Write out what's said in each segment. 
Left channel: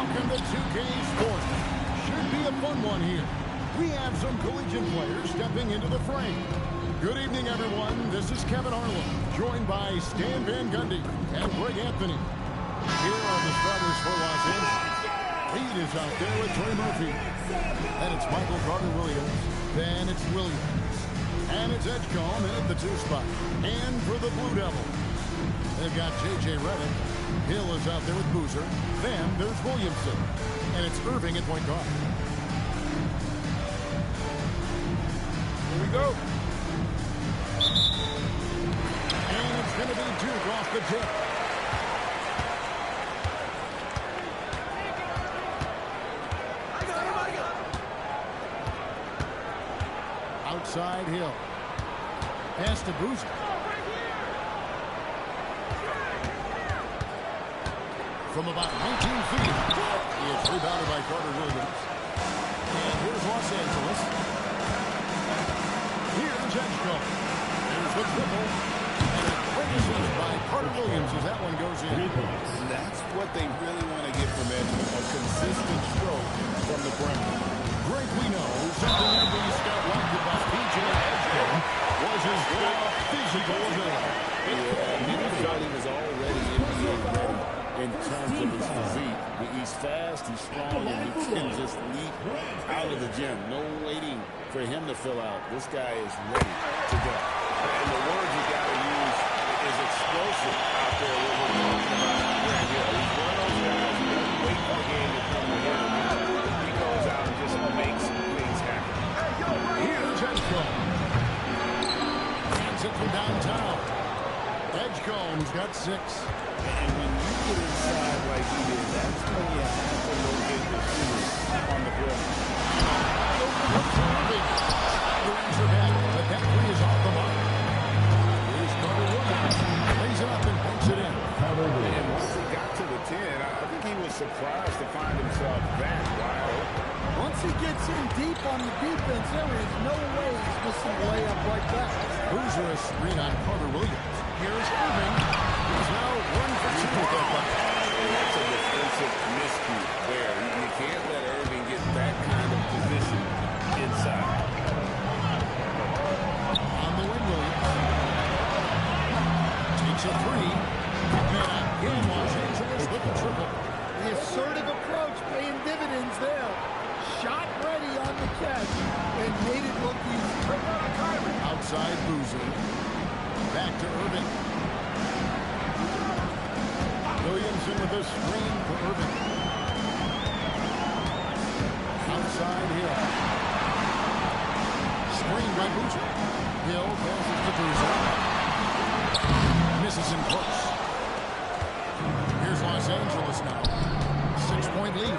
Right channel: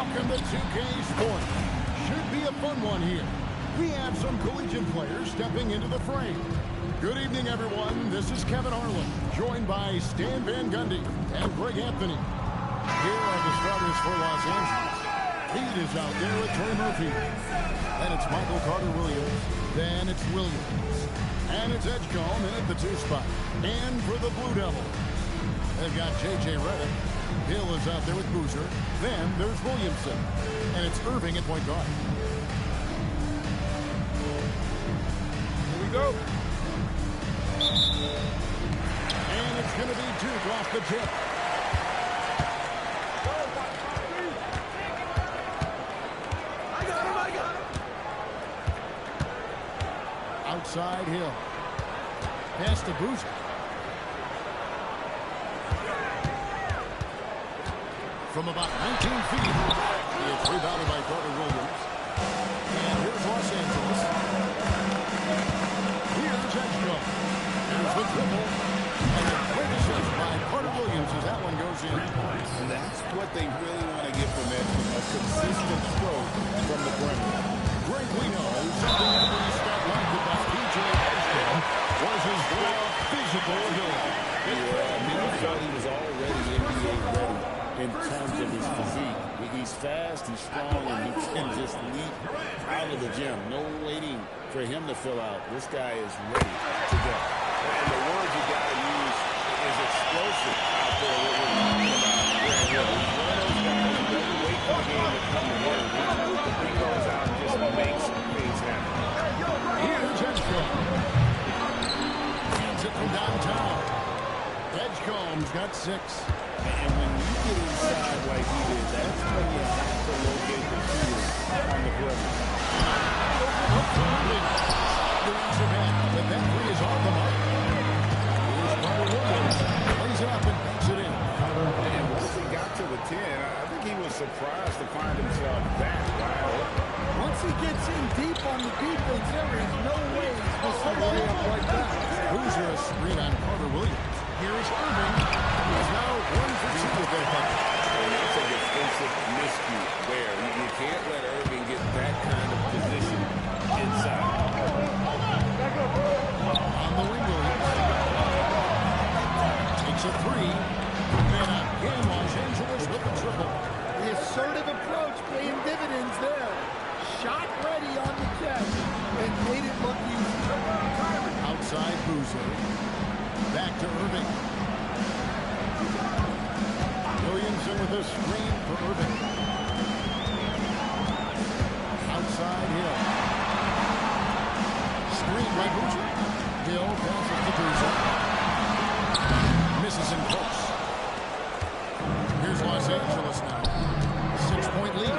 Welcome to 2K Sports. Should be a fun one here. We have some collegiate players stepping into the frame. Good evening, everyone. This is Kevin Harlan, joined by Stan Van Gundy and Greg Anthony. Here are the starters for Los Angeles. Lead is out there with Trey Murphy. Then it's Michael Carter-Williams. Then it's Williams. And it's Edgecombe in at the 2 spot. And for the Blue Devils, they've got J.J. Redick. Hill is out there with Boozer. Then there's Williamson. And it's Irving at point guard. Here we go. And it's going to be Duke off the tip. I got him. Outside Hill. Pass to Boozer. From about 19 feet. It's rebounded by Carter-Williams. And here's Los Angeles. Here's Edgecombe. There's the triple. And a great assist by Carter-Williams as that one goes in. 3 points. That's what they really want to get from Edgecombe. A consistent stroke from the perimeter. Greg, we know something every scout liked about P.J. Edgecombe was his raw physical ability. Yeah, he thought he was already NBA ready in terms of his physique. He's fast, he's strong, and he can just leap out of the gym. No waiting for him to fill out. This guy is ready to go. And the word you got to use is explosive out there, what we're talking about. Grant Hill, he's one of those guys who doesn't wait for the game to come to him. He goes out and just makes things happen. Here's Edgecombe. Hands it from downtown. Edgecombe's got 6. And when you get inside like he did, that's when you have to locate the shooter on the perimeter. Wide open look for Irving. The answer back, but that 3 is off the mark. Here's Carter-Williams. Lays it up and banks it in. And once he got to the 10, I think he was surprised to find himself that wide open. Once he gets in deep on the defense, there is no way he's missing a layup like that. Boozer a screen on Carter-Williams. Here's Irving. He's now 1 for 2 with that bucket. And that's a defensive miscue there. You can't let Irving get that kind of position inside. On the wing, Williams. Takes a 3. And again, Los Angeles with the triple. The assertive approach paying dividends there. Shot ready on the catch and made it look easy. Outside Boozer. Back to Irving. Williamson with a screen for Irving. Outside Hill. Screen by Boozer. Hill passes to Boozer. Misses in close. Here's Los Angeles now. 6-point lead.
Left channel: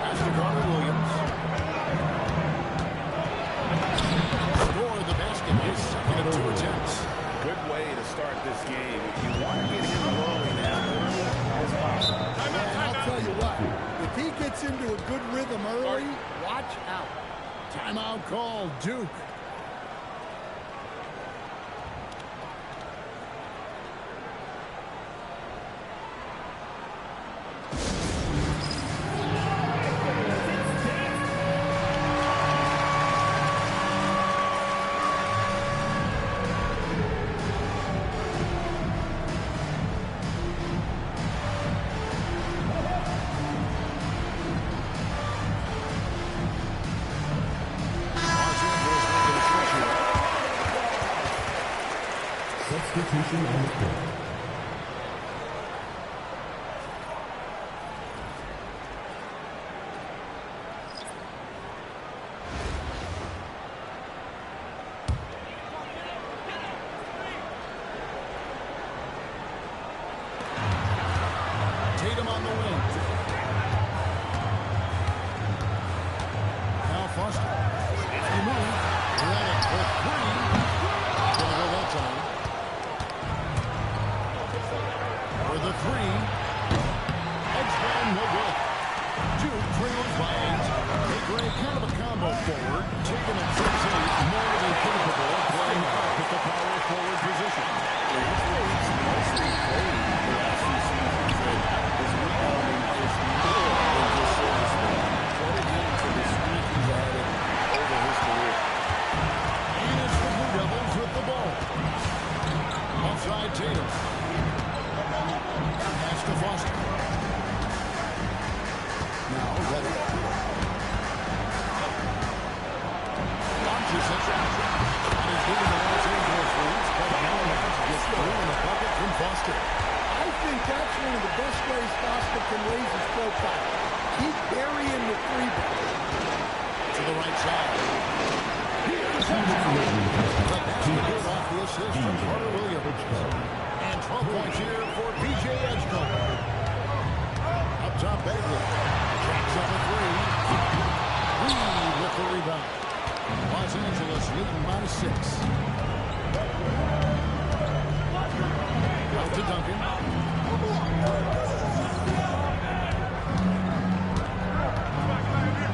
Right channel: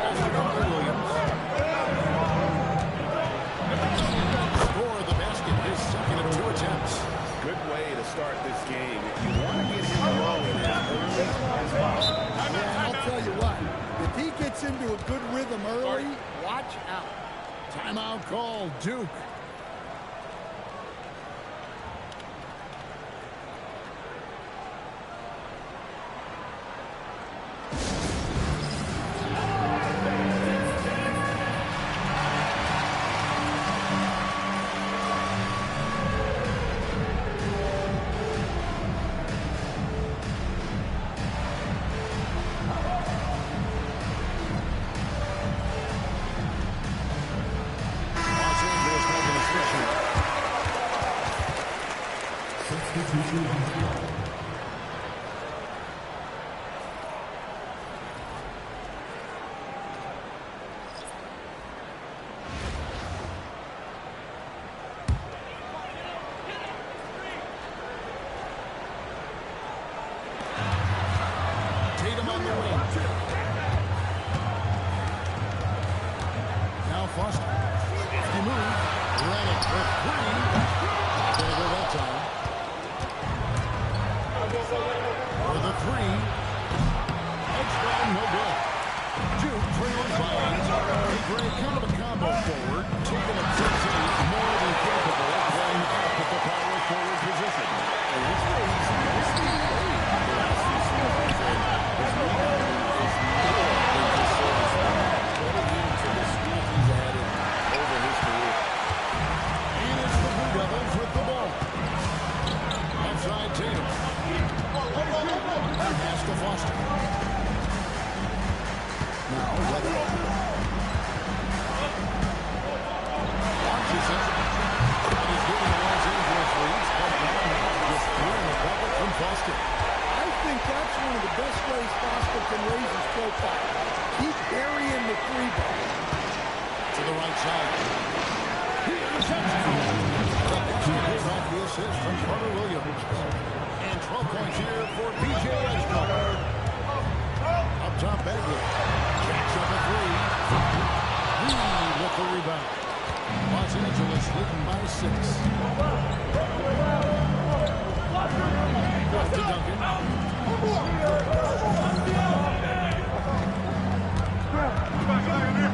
Pass to Carter-Williams. Score the basket, his second of 2 attempts. Good way to start this game. If you want to get him rolling as early as possible. And I'll tell you what, if he gets into a good rhythm early, watch out. Timeout call, Duke. Substitution on the floor. Tatum on the wing. Now Foster. 50 move. Redick for 3. Gonna go that time. For the 3. Edgecombe, no good. Duke trails by 8. Hey, Greg, kind of a combo forward. Taking at 6'8", more than capable of playing up at the power forward position. And that's where he's mostly played the last few seasons. And His rebounding is more than just service. Credit him for the strength he's added over his career. And it's the Blue Devils with the ball. Offside Tatum. Pass to Foster. Now Weather. Launches it. That is giving the Los Angeles leads, but now that's just clearing the bucket from Foster. I think that's one of the best ways Foster can raise his profile. Keep burying the three ball. To the right side. Here's Edgecombe. The basket hit off the assist from Carter Williams. And 12 points here for B.J. Edgecombe. Up top, Bagley. Jacks up a three. Reed with the rebound. Los Angeles leading by 6. Out to Duncan.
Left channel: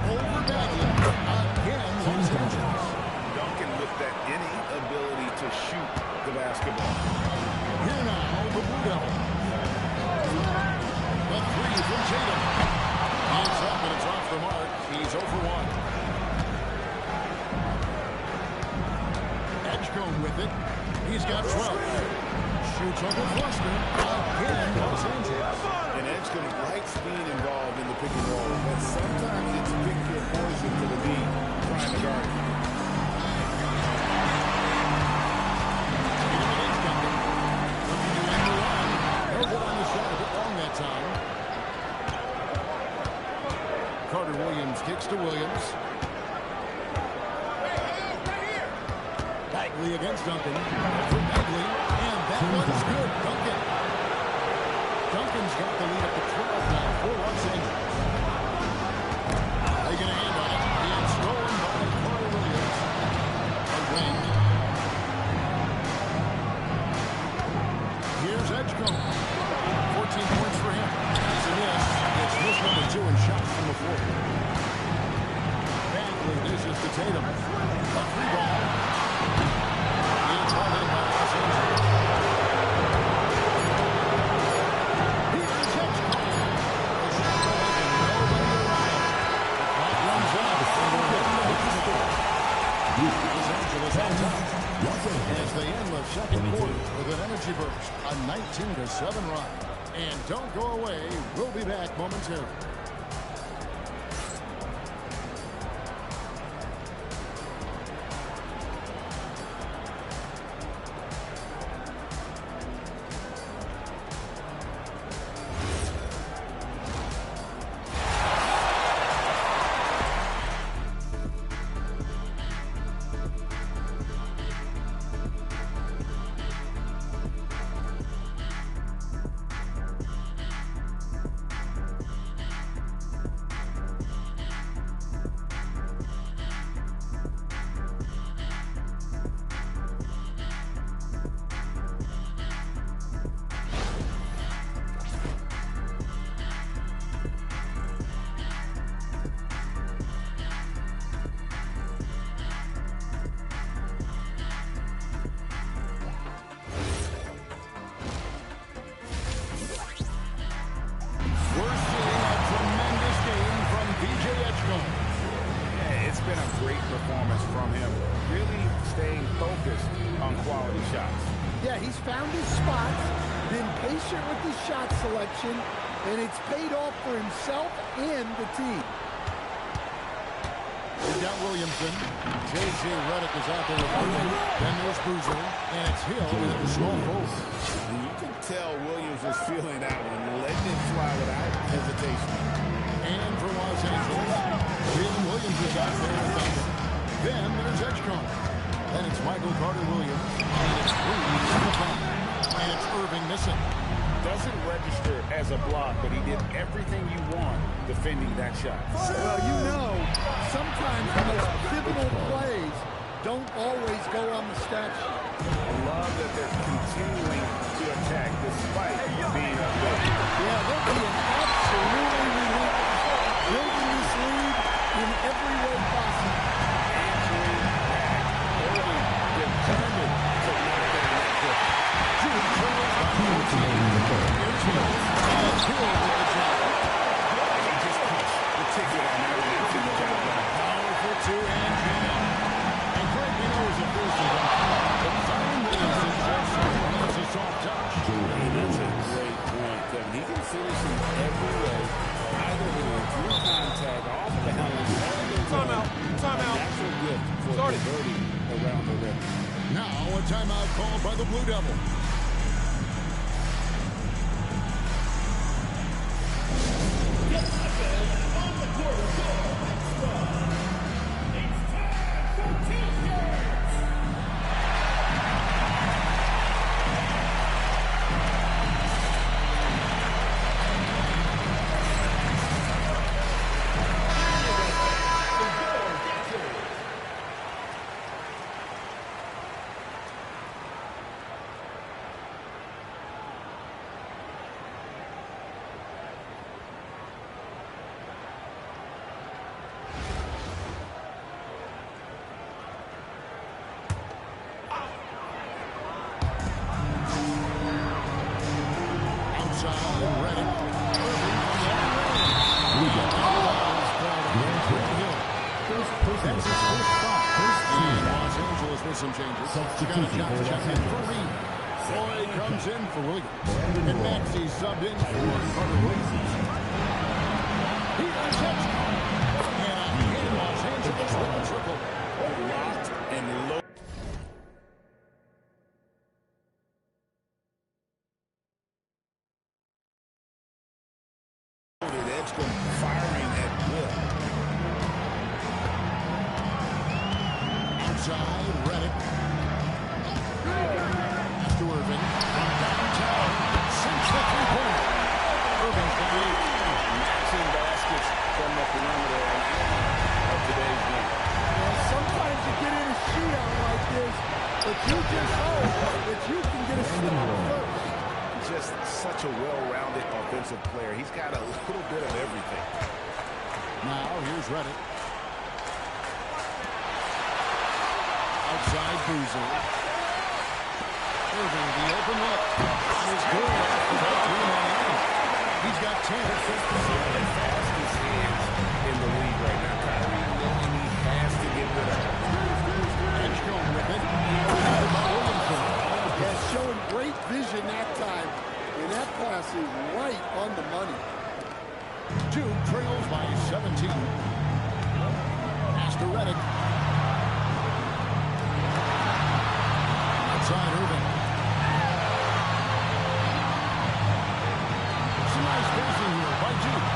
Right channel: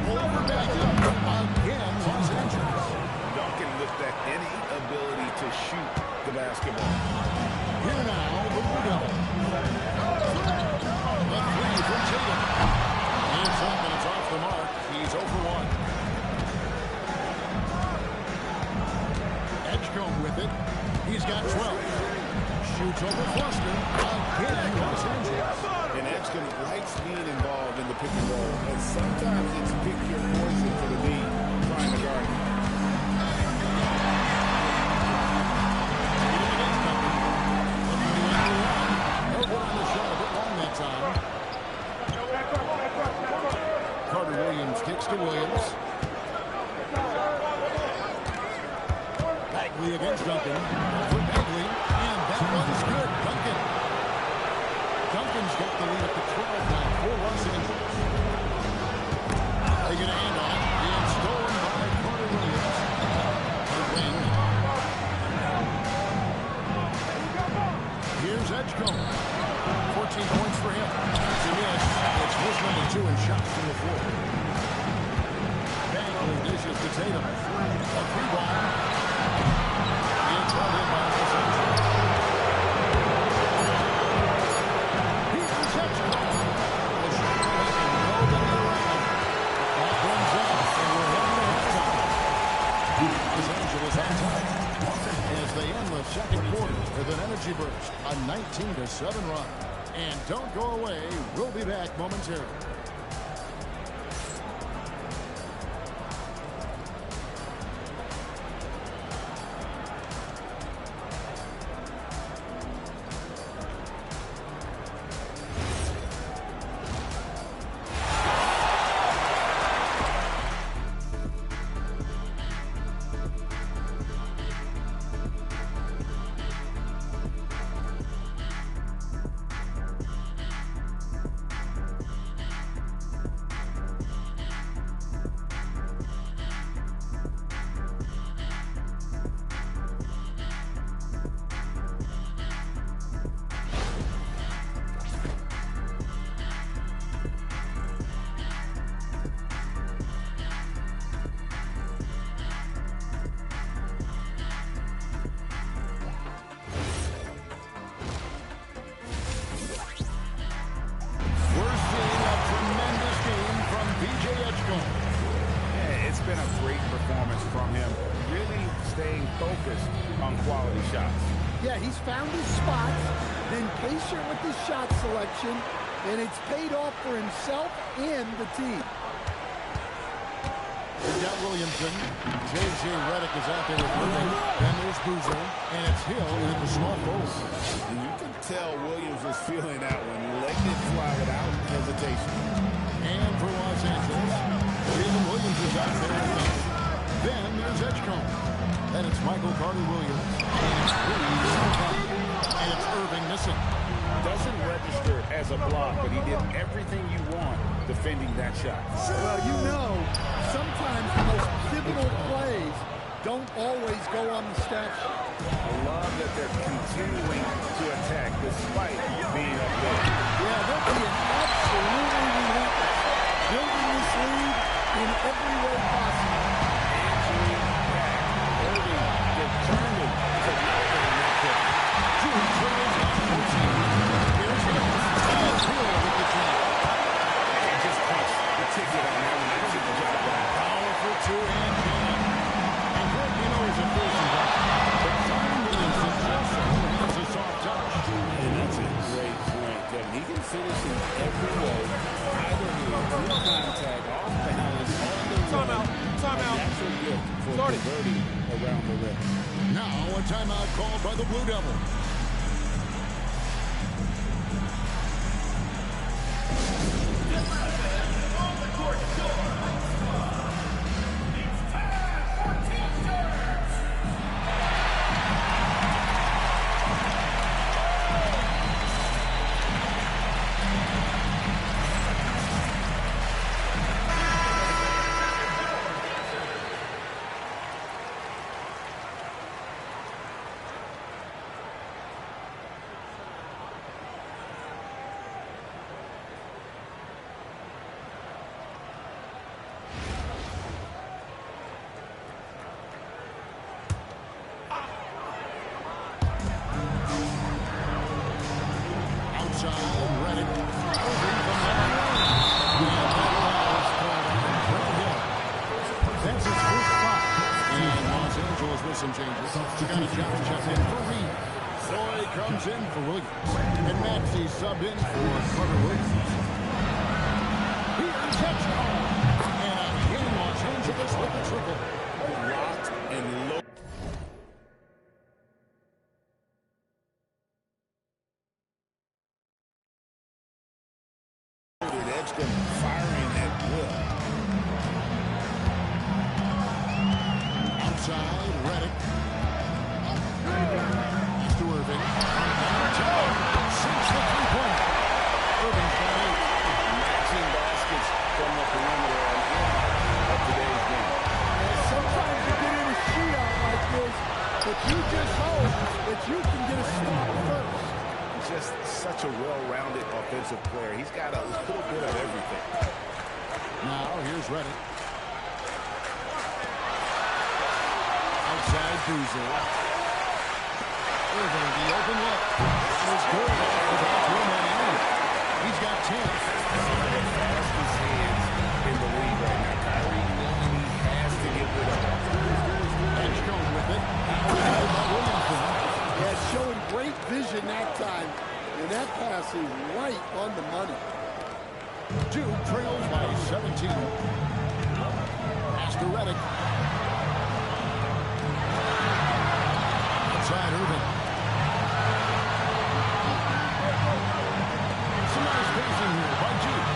Over Bagley. Again, Los Angeles. Duncan with that innate ability to shoot the basketball. Here now, the Blue Devils. The three from Tatum. It's up and it's off the mark. He's 0 for 1. Edgecombe with it. He's got 12. Shoots over Foster. Again, Los Angeles. And Edgecombe likes being involved in the pick and roll, but sometimes it's pick your poison for the D, trying to guard it. Tatum against Duncan. Looking to end the run. No good on the shot. A bit long that time. Carter Williams kicks to Williams. Bagley against Duncan. For Bagley. And that one's good. Duncan. Duncan's got the lead up to 12 now for Los Angeles. They get a hand on it. And stolen by Carter Williams. A wing. Here's Edgecombe. 14 points for him. That's a miss. It's miss number 2 in shots from the floor. Bagley dishes to Tatum. A free ball. It's held in by Los Angeles. Here's Edgecombe. The shot to Duncan. Nobody around. The clock runs out, and we're heading to halftime. Los Angeles on top as they end the second quarter with an energy burst, a 19-7 run. And don't go away. We'll be back momentarily. B.J. Edgecombe. Yeah, it's been a great performance from him, really staying focused on quality shots. Yeah, he's found his spots, been patient with his shot selection, and it's paid off for himself and the team. We've got Williamson. J.J. Redick is out there with Irving. Then there's Boozer. And it's Hill in at the small forward. And you can tell Williams was feeling that one, letting it fly without hesitation. And for Los Angeles, Jalen Williams is out there with Duncan. Then there's Edgecombe. Then it's Michael Carter Williams. And it's Reed in the front. And it's Irving missing. Doesn't register as a block, but he did everything you want defending that shot. Well, you know, sometimes the most pivotal plays don't always go on the stat sheet. I love that they're continuing to attack despite being up there. Yeah, they're being absolutely relentless, building this lead in every way possible. Answering back. Irving determined to knock down that kick. June trails by 14. Here's Hill. And Hill with the jab. He just punched the ticket on that one and the job done. Powerful two-hand jab. And Greg, you know, is a fearsome guy. But Zion Williamson also has a soft touch. And that's a great point, Kevin. He can finish in every way, either through contact, off balance, on the run. Timeout. A natural gift for converting around the rim. Now a timeout called by the Blue Devils. Outside, Reddick. Irving from long range. And that foul is called on Grant Hill. That's his first foul. And Los Angeles with some changes. Got a job to check in for Reed. Floyd comes in for Williams. And Maxey subbed in for Carter Williams. Here's Hedgecombe. And again, Los Angeles with the triple. Locked and low. Edgecombe firing at will. Outside, Reddick. Pass to Irving. From downtown. Sinks the three-pointer. Irving's got 8. Matching baskets from the perimeter on earmark of today's game. Yeah, sometimes you get in a shootout like this, but you just hope that you can get a stop first. Just such a well-rounded offensive player. He's got a little bit of everything. Now, here's Reddick. Outside, Boozer. Irving, the open look. That is good off the back rim on Aaron. He's got 10. Some of the fastest hands in the league right now. Kyrie knowing he has to get rid of it. Edgecombe with it. Now by Williamson. Yeah, showing great vision that time. And that pass is right on the money. Duke trails by 17. Pass to Reddick. Outside Irving. Some nice passing here by Duke.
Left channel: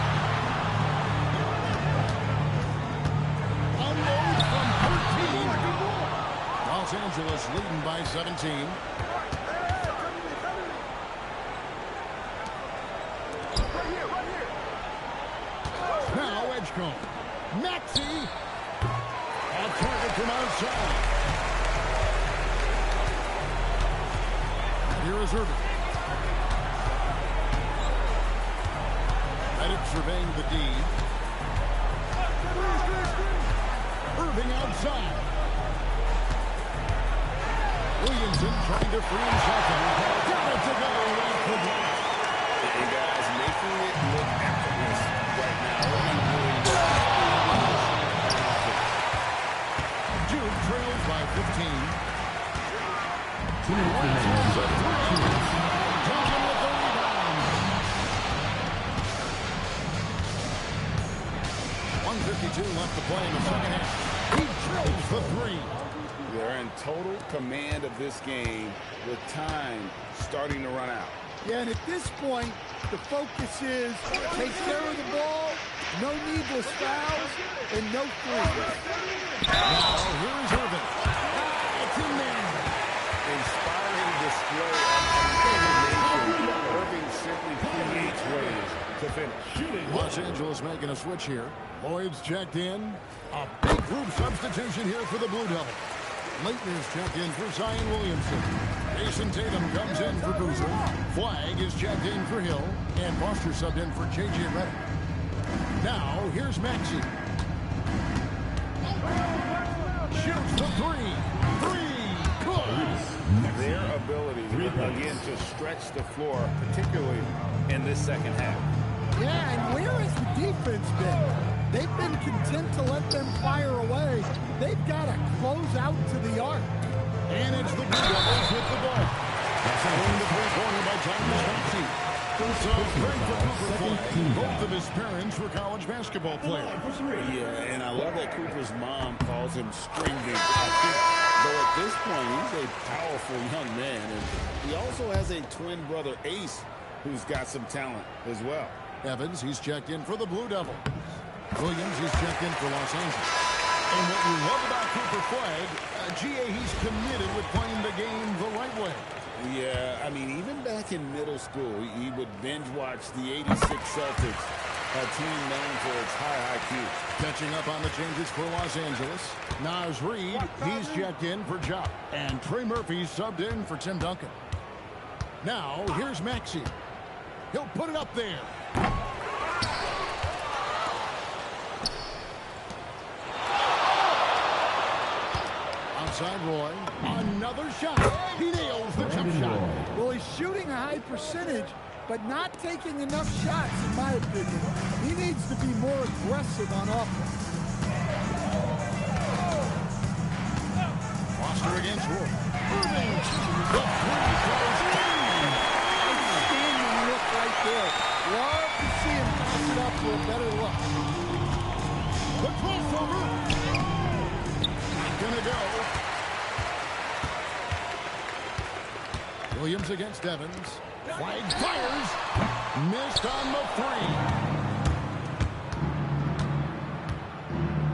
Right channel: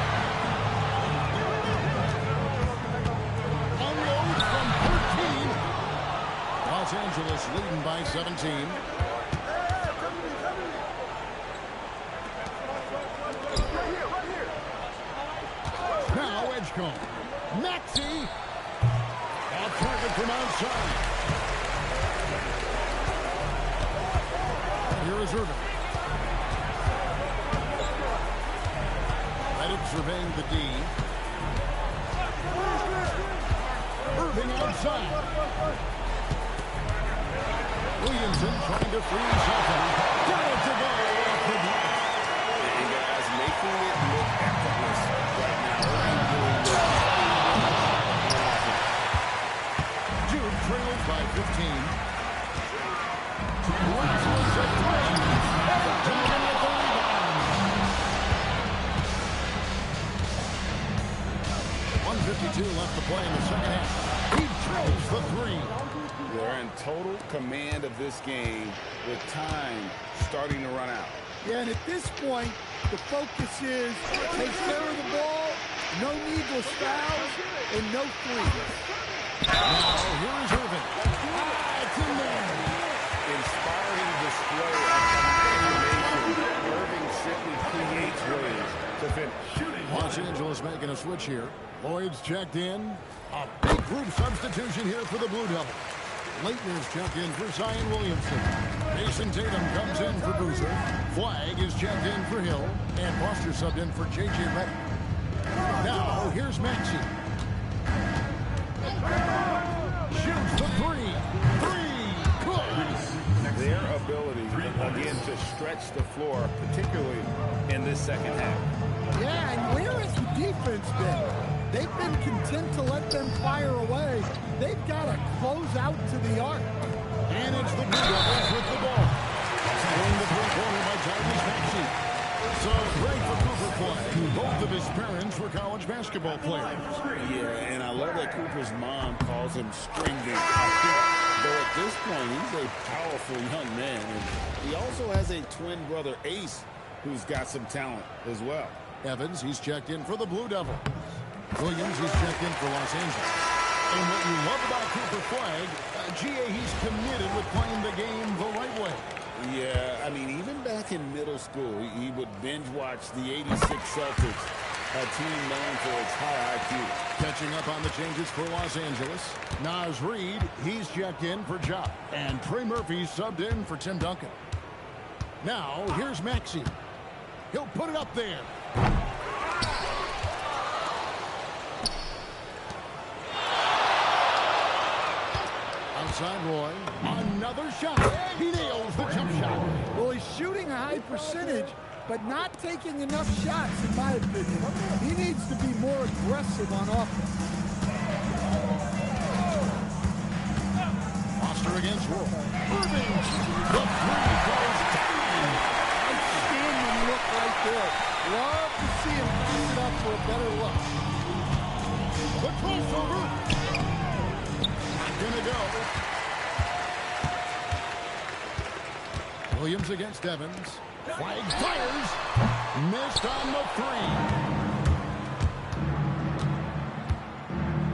Unload from 13. Los Angeles leading by 17. Now Edgecombe. Maxey. Off target from outside. And here is Irving. Reddick surveying the D. Irving outside. Williamson trying to free himself up. Got it to go off the glass. And guys, making it look effortless right now. Irving doing this on offense. Duke trails by 15. Williams a 3. Duncan with the rebound. 1:52 left to play in the second half. He drills the 3. They're in total command of this game with time starting to run out. Yeah, and at this point, the focus is take care of the ball, no needless fouls, and no threes. Now, here is Irving. It's in there. Inspiring display of imagination. Irving simply creates ways to finish. Los Angeles making a switch here. Lloyd's checked in. A big group substitution here for the Blue Devils. Leitner's checked in for Zion Williamson. Jason Tatum comes in for Boozer. Flagg is checked in for Hill. And Foster subbed in for J.J. Reddick. Now, here's Maxey. Shoots the 3. 3. Good. their ability, again, to stretch the floor, particularly in this second half. Yeah, and where has the defense been? They've been content to let them fire away. They've got to close out to the arc. And it's the Blue Devils with the ball. Following the three-pointer by Tyrese Maxey. So, great for Cooper Flag. Both of his parents were college basketball players. Yeah, and I love that Cooper's mom calls him String Bean. I think, though at this point, he's a powerful young man. And he also has a twin brother, Ace, who's got some talent as well. Evans, he's checked in for the Blue Devils. Williams, he's checked in for Los Angeles. And what you love about Cooper Flag, GA, he's committed with playing the game the right way. Yeah, I mean, even back in middle school, he would binge watch the '86 Celtics, a team known for its high IQ. Catching up on the changes for Los Angeles. Naz Reid, he's checked in for Ja. And Trey Murphy subbed in for Tim Duncan. Now, here's Maxey. He'll put it up there. Outside Roy. Another shot. He nails the jump shot. Well, he's shooting a high percentage, but not taking enough shots, in my opinion. He needs to be more aggressive on offense. Foster against Roy. Irving. The three goes down. Outstanding look right there. Love to see him pass it up for a better look. The crossover. Not gonna go. Williams against Evans. Flag fires. Missed on the three.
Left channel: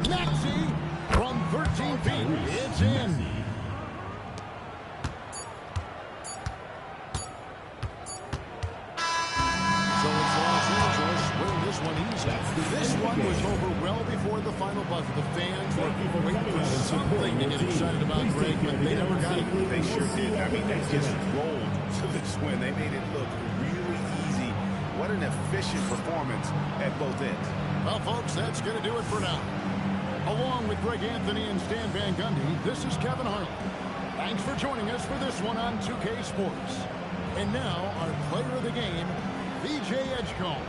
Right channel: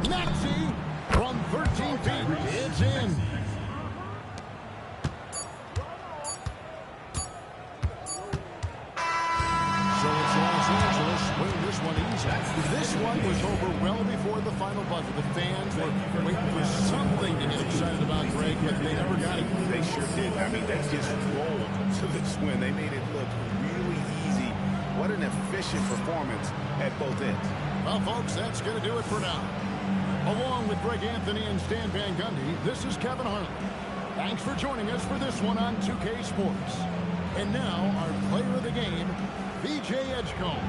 Maxey from 13 feet. It's in. So it's Los Angeles winning this one easy. This one was over well before the final buzzer. The fans were waiting for something to get excited about, Greg, but they never got it. They sure did. I mean, they just rolled to this win. They made it look really easy. What an efficient performance at both ends. Well, folks, that's going to do it for now. Along with Greg Anthony and Stan Van Gundy, this is Kevin Harlan. Thanks for joining us for this one on 2K Sports. And now, our player of the game, VJ Edgecombe.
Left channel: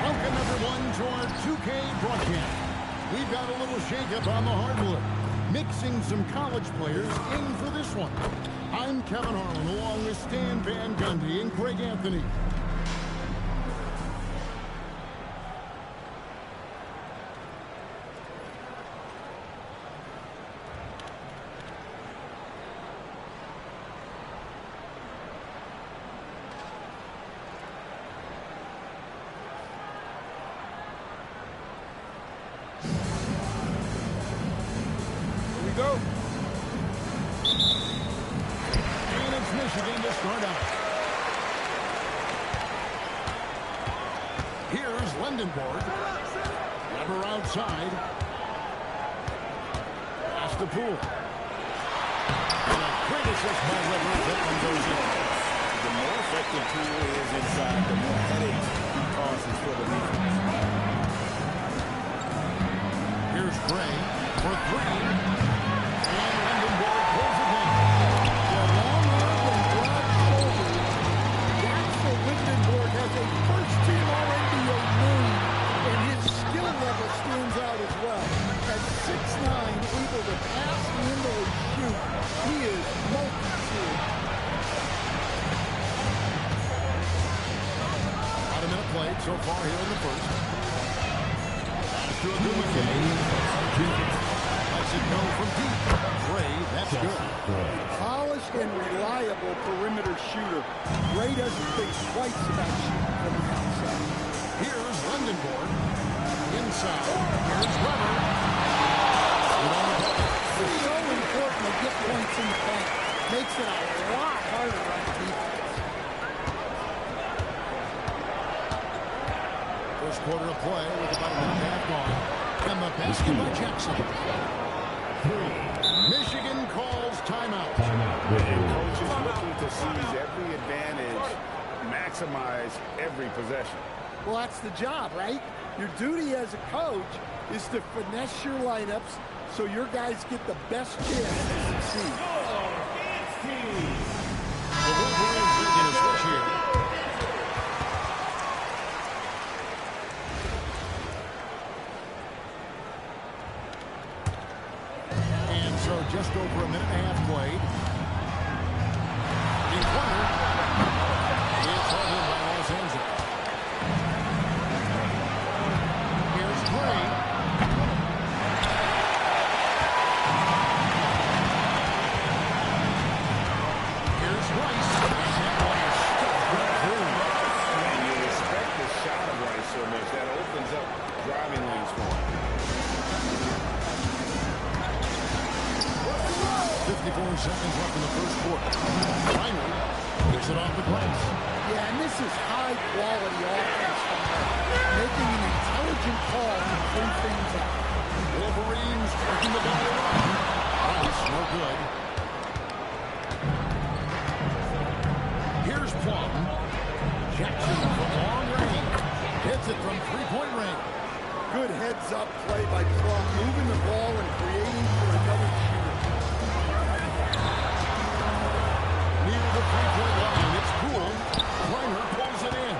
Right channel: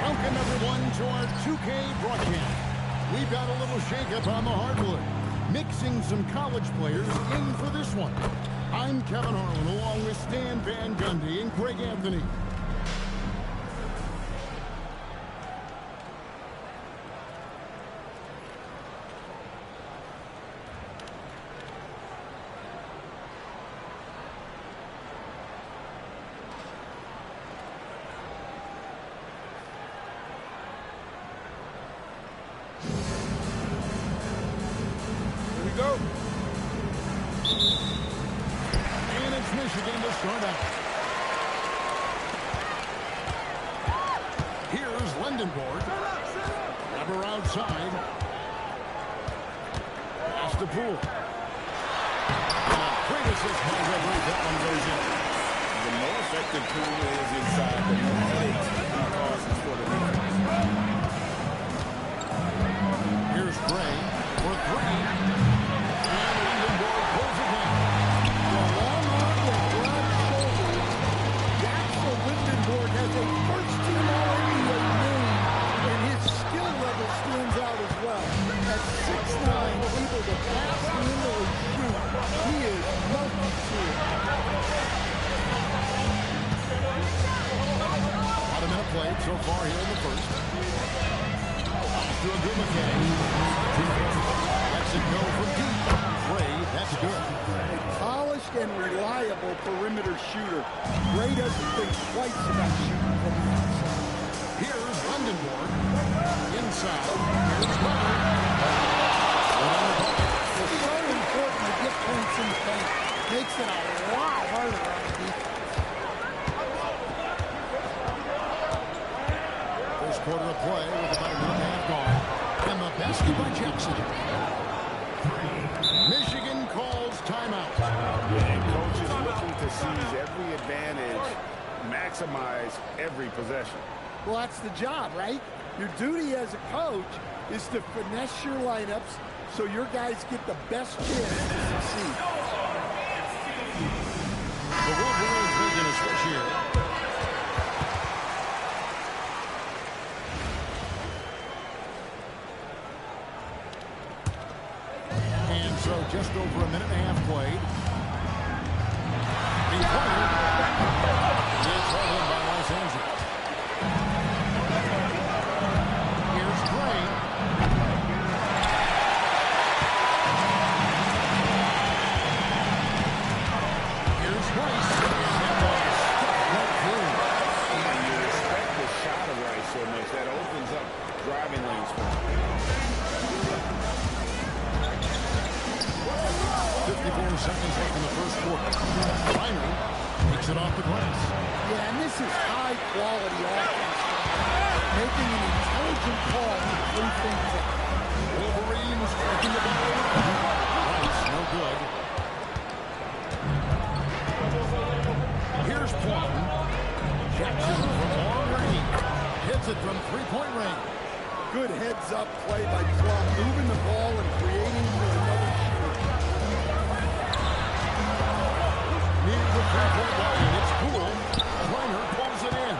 Welcome, everyone, to our 2K broadcast. We've got a little shakeup on the hardwood, mixing some college players in for this one. I'm Kevin Harlan, along with Stan Van Gundy and Greg Anthony. Go. And it's Michigan to start out. Here's Lindenborg. Weber outside. Pass to Poole. And a great assist by Weber. That one goes in. The more effective Poole is inside, the more headaches he causes for the defense. Here's Gray for three. And Lindenborg pulls it in. The long arm and broad shoulders. Axel Lindenborg has a first-team All-NBA name, and his skill level stands out as well. At 6'9", able to pass, handle, and shoot, he is multi-tiered. About a minute played so far here in the first. Pass to Agumake. Lets it go from deep. Gray, that's good. A polished and reliable perimeter shooter. Gray doesn't think twice about shooting from the outside. Here's Lindenborg. Inside. Here's Weber. Good on the bucket. It's so important to get points in the paint. Makes it a lot harder on the defense. First quarter of play with about a minute and a half gone. And the basket by Jackson. Michigan calls timeout. And coach is looking to seize every advantage, maximize every possession. Well, that's the job, right? Your duty as a coach is to finesse your lineups so your guys get the best chance to succeed. The Wolverines making a switch here. And so just over a minute and a half played. Three-pointer. It's held in by Los Angeles. Here's Gray. Here's Rice. And that one is stuffed right through. And you respect the shot of Rice so much. That opens up driving lanes for him. 54 seconds left in the first quarter. Reiner takes it off the glass. Yeah, and this is high-quality offense from her, making an intelligent call to free things up. Wolverines working the ball around. Rice, no good. Here's Plum. Jackson from long range. Hits it from three-point range. Good heads-up play by Plum, moving the ball and creating for another shooter. Near the three-point line, it's Poole. Reiner pulls it in.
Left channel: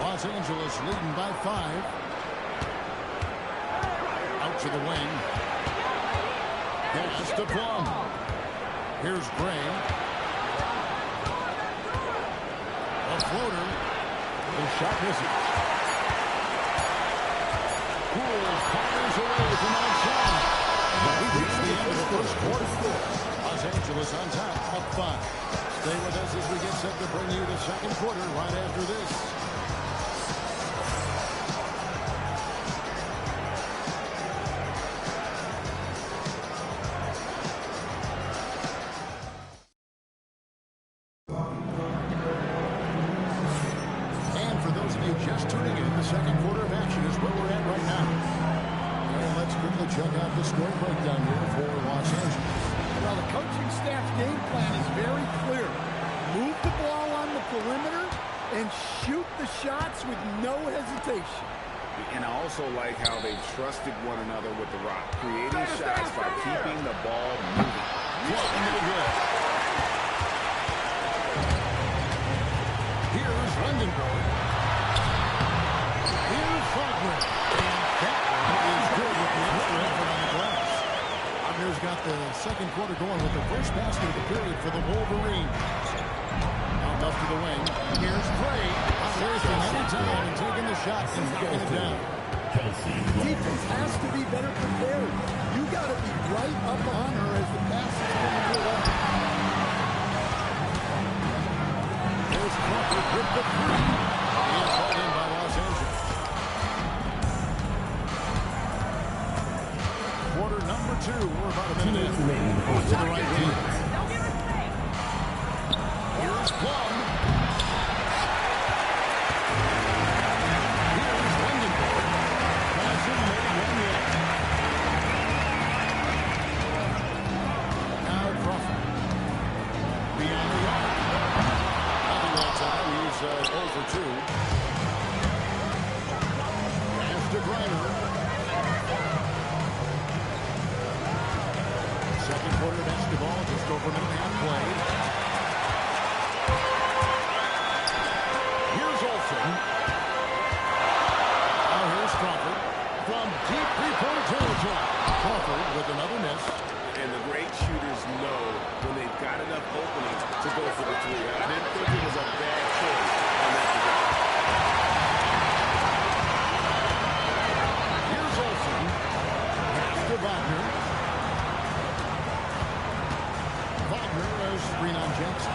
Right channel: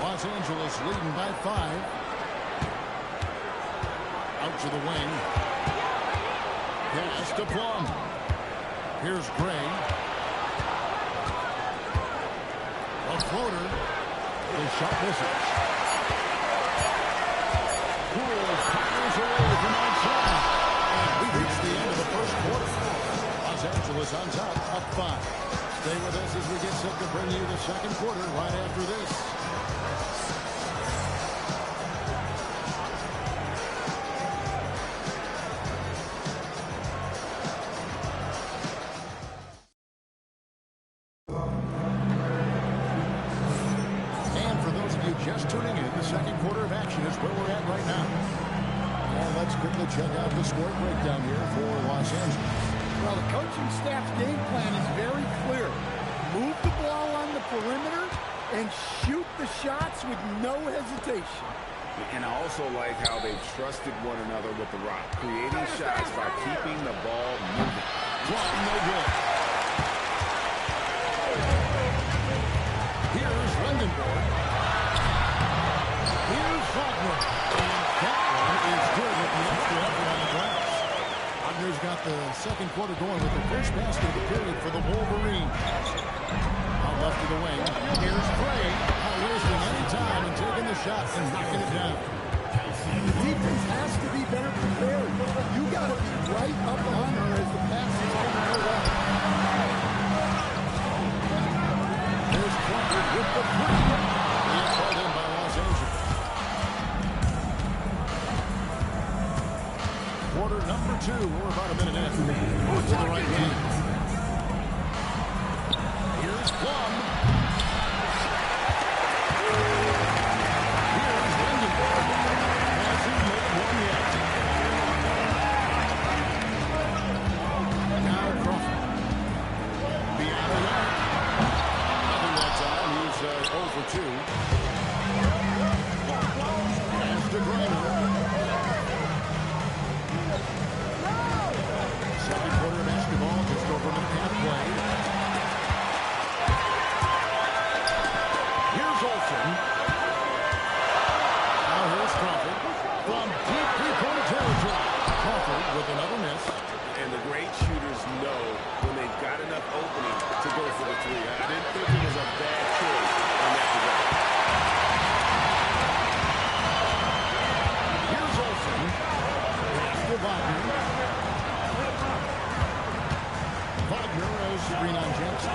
Los Angeles leading by 5. Out to the wing. Pass to Plum. Here's Gray. A floater. The shot misses. Poole fires away from outside. And we reach the end of the first quarter. Los Angeles on top, up 5. Stay with us as we get set to bring you the second quarter right after this. And for those of you just tuning in, the second quarter of action is where we're at right now. And let's quickly check out the scoring breakdown here for Los Angeles. Well, the coaching staff's game plan is very clear. Move the ball on the perimeter and shoot the shots with no hesitation. And I also like how they've trusted one another with the rock, creating shots by keeping the ball moving. Plum, no good. Here's Lindenborg. Here's Faulkner. And that one is good with the extra effort on the glass. Wagner's got the second quarter going with the first basket of the period for the Wolverines. Out left to the wing. Here's Gray. Not wasting any time and taking the shot and knocking it down. The defense has to be better prepared. You got to be right up on her as the pass is coming her way. There's Crawford with the three. He is held in by Los Angeles. Quarter number 2. We're about a minute in. To the right wing. Here's Plum. Here's Lindenborg. Has him made It's 0 for 2. Pass to Griner. Second quarter basketball, just over a minute and a half played. Here's Olsen. Now here's Crawford from deep three-point territory. Crawford with another miss. And the great shooters know when they've got enough opening to go for the three. I didn't think it was a bad choice on that possession. Here's Olsen. Pass to Wagner. Wagner as screen on Jackson.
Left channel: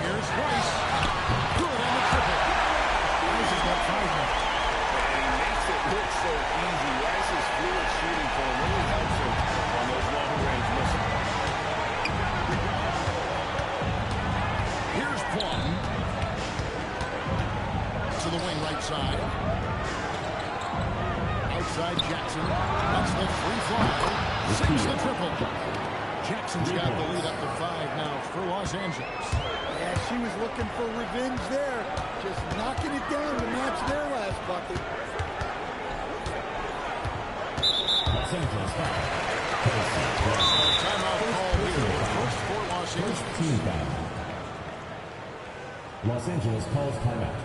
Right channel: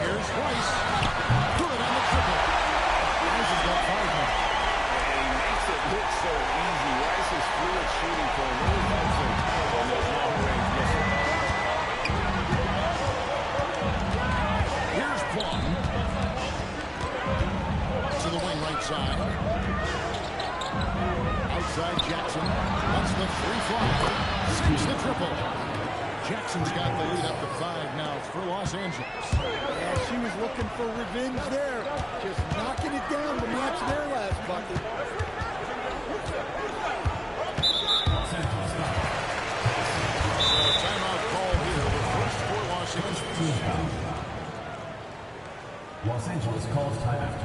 Here's Rice. Good on the triple. Rice has got 5 now. And he makes it look so easy. Rice's fluid shooting form really helps him on those long-range misses. Here's Plum. To the wing right side. Outside Jackson. That's the free fly. Sinks the triple. Jackson's got the lead up to 5 now for Los Angeles. Yeah, she was looking for revenge there. Just knocking it down to match their last bucket. So timeout call here. The first for Los Angeles. Team foul. Los Angeles calls timeout.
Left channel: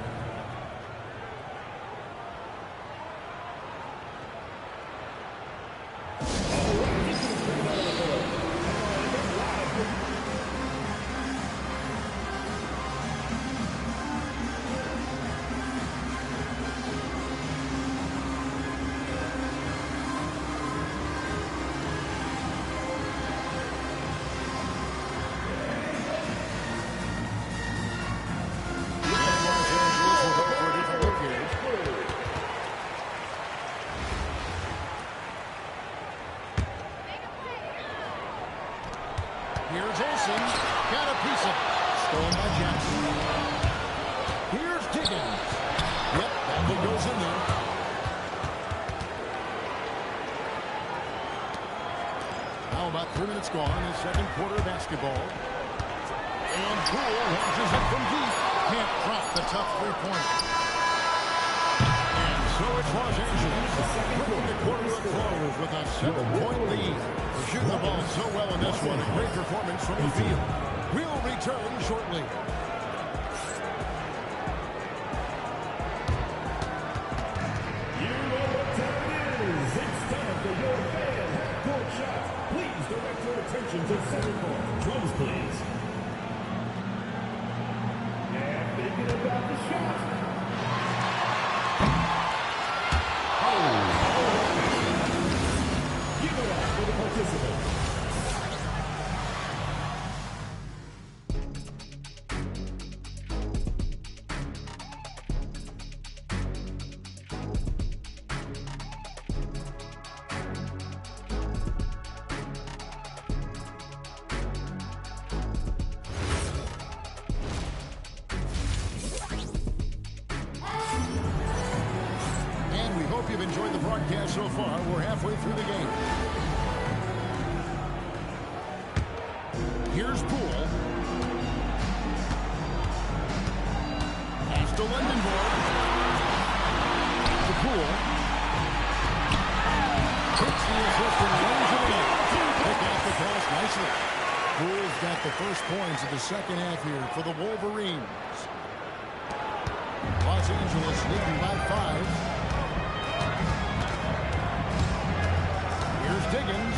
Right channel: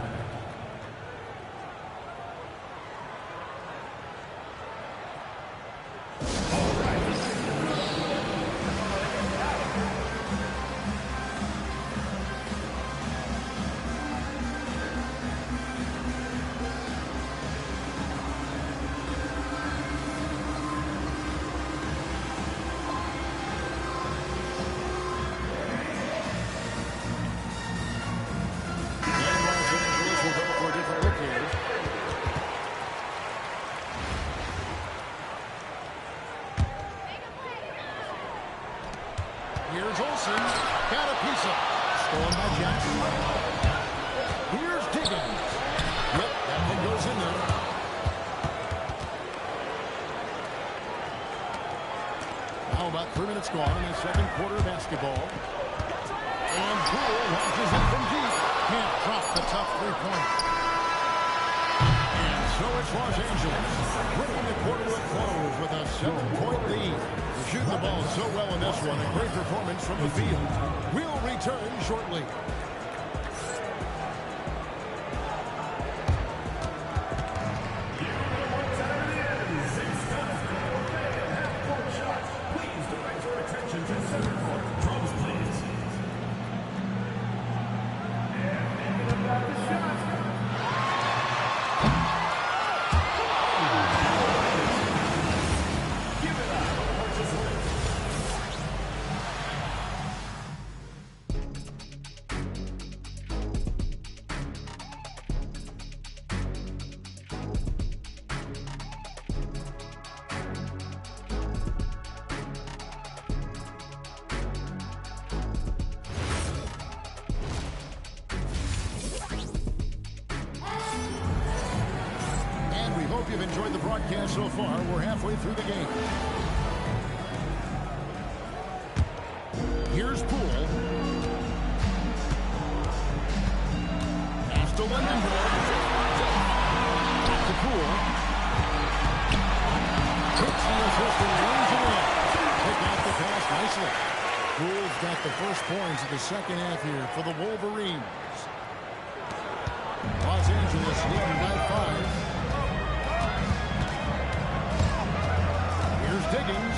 Here's Olsen. Got a piece of it. Stolen by Jackson. Here's Diggins. Yep, that one goes in there. Now about 3 minutes gone in the second quarter of basketball. And Poole launches it from deep. Can't drop the tough three-pointer. And so it's Los Angeles bringing the quarter to a close with a 7-point lead. They're shooting the ball so well in this one. A great performance from the field. We'll return shortly. You know what time it is. It's time for your fan half-court shot. Please direct your attention to center court. Drums, please. Yeah, thinking about the shots now. Give it up for the participants. And we hope you've enjoyed the broadcast so far. We're halfway through the game. Here's Poole. Pass to Lundenborg. Back to Poole. Takes the assist and lays it in. Pick out the pass nicely. Poole's got the first points of the second half here for the Wolverines. Los Angeles leading by 5. Here's Diggins.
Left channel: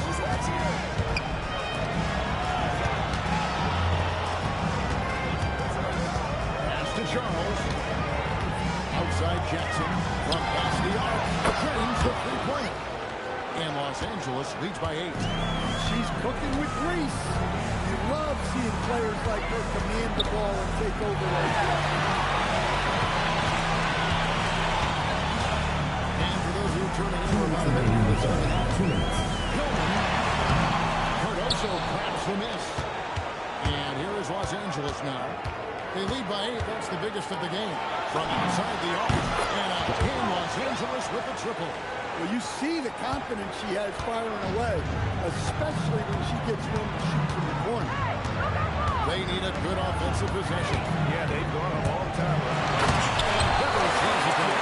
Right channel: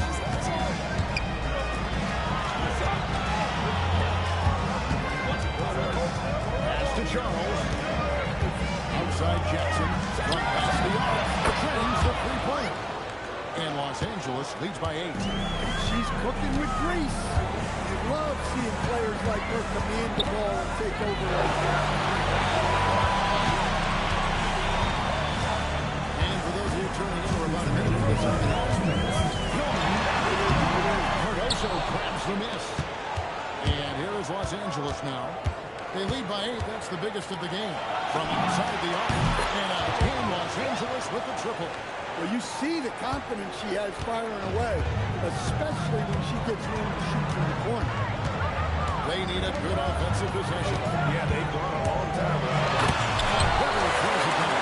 Pass to Charles. Outside Jackson. From past the arc. Trains the three-pointer. And Los Angeles leads by 8. She's cooking with grease. You love seeing players like her command the ball and take over like that. And for those of you turning in, we're about a minute into the second half. Hillman. Cardoso grabs the miss. And here is Los Angeles now. They lead by 8. That's the biggest of the game. From outside the arc. And again, Los Angeles with a triple. Well, you see the confidence she has firing away, especially when she gets room to shoot from the corner. They need a good offensive possession. Yeah, they've gone a long time without a bunch. And Beverly throws it down.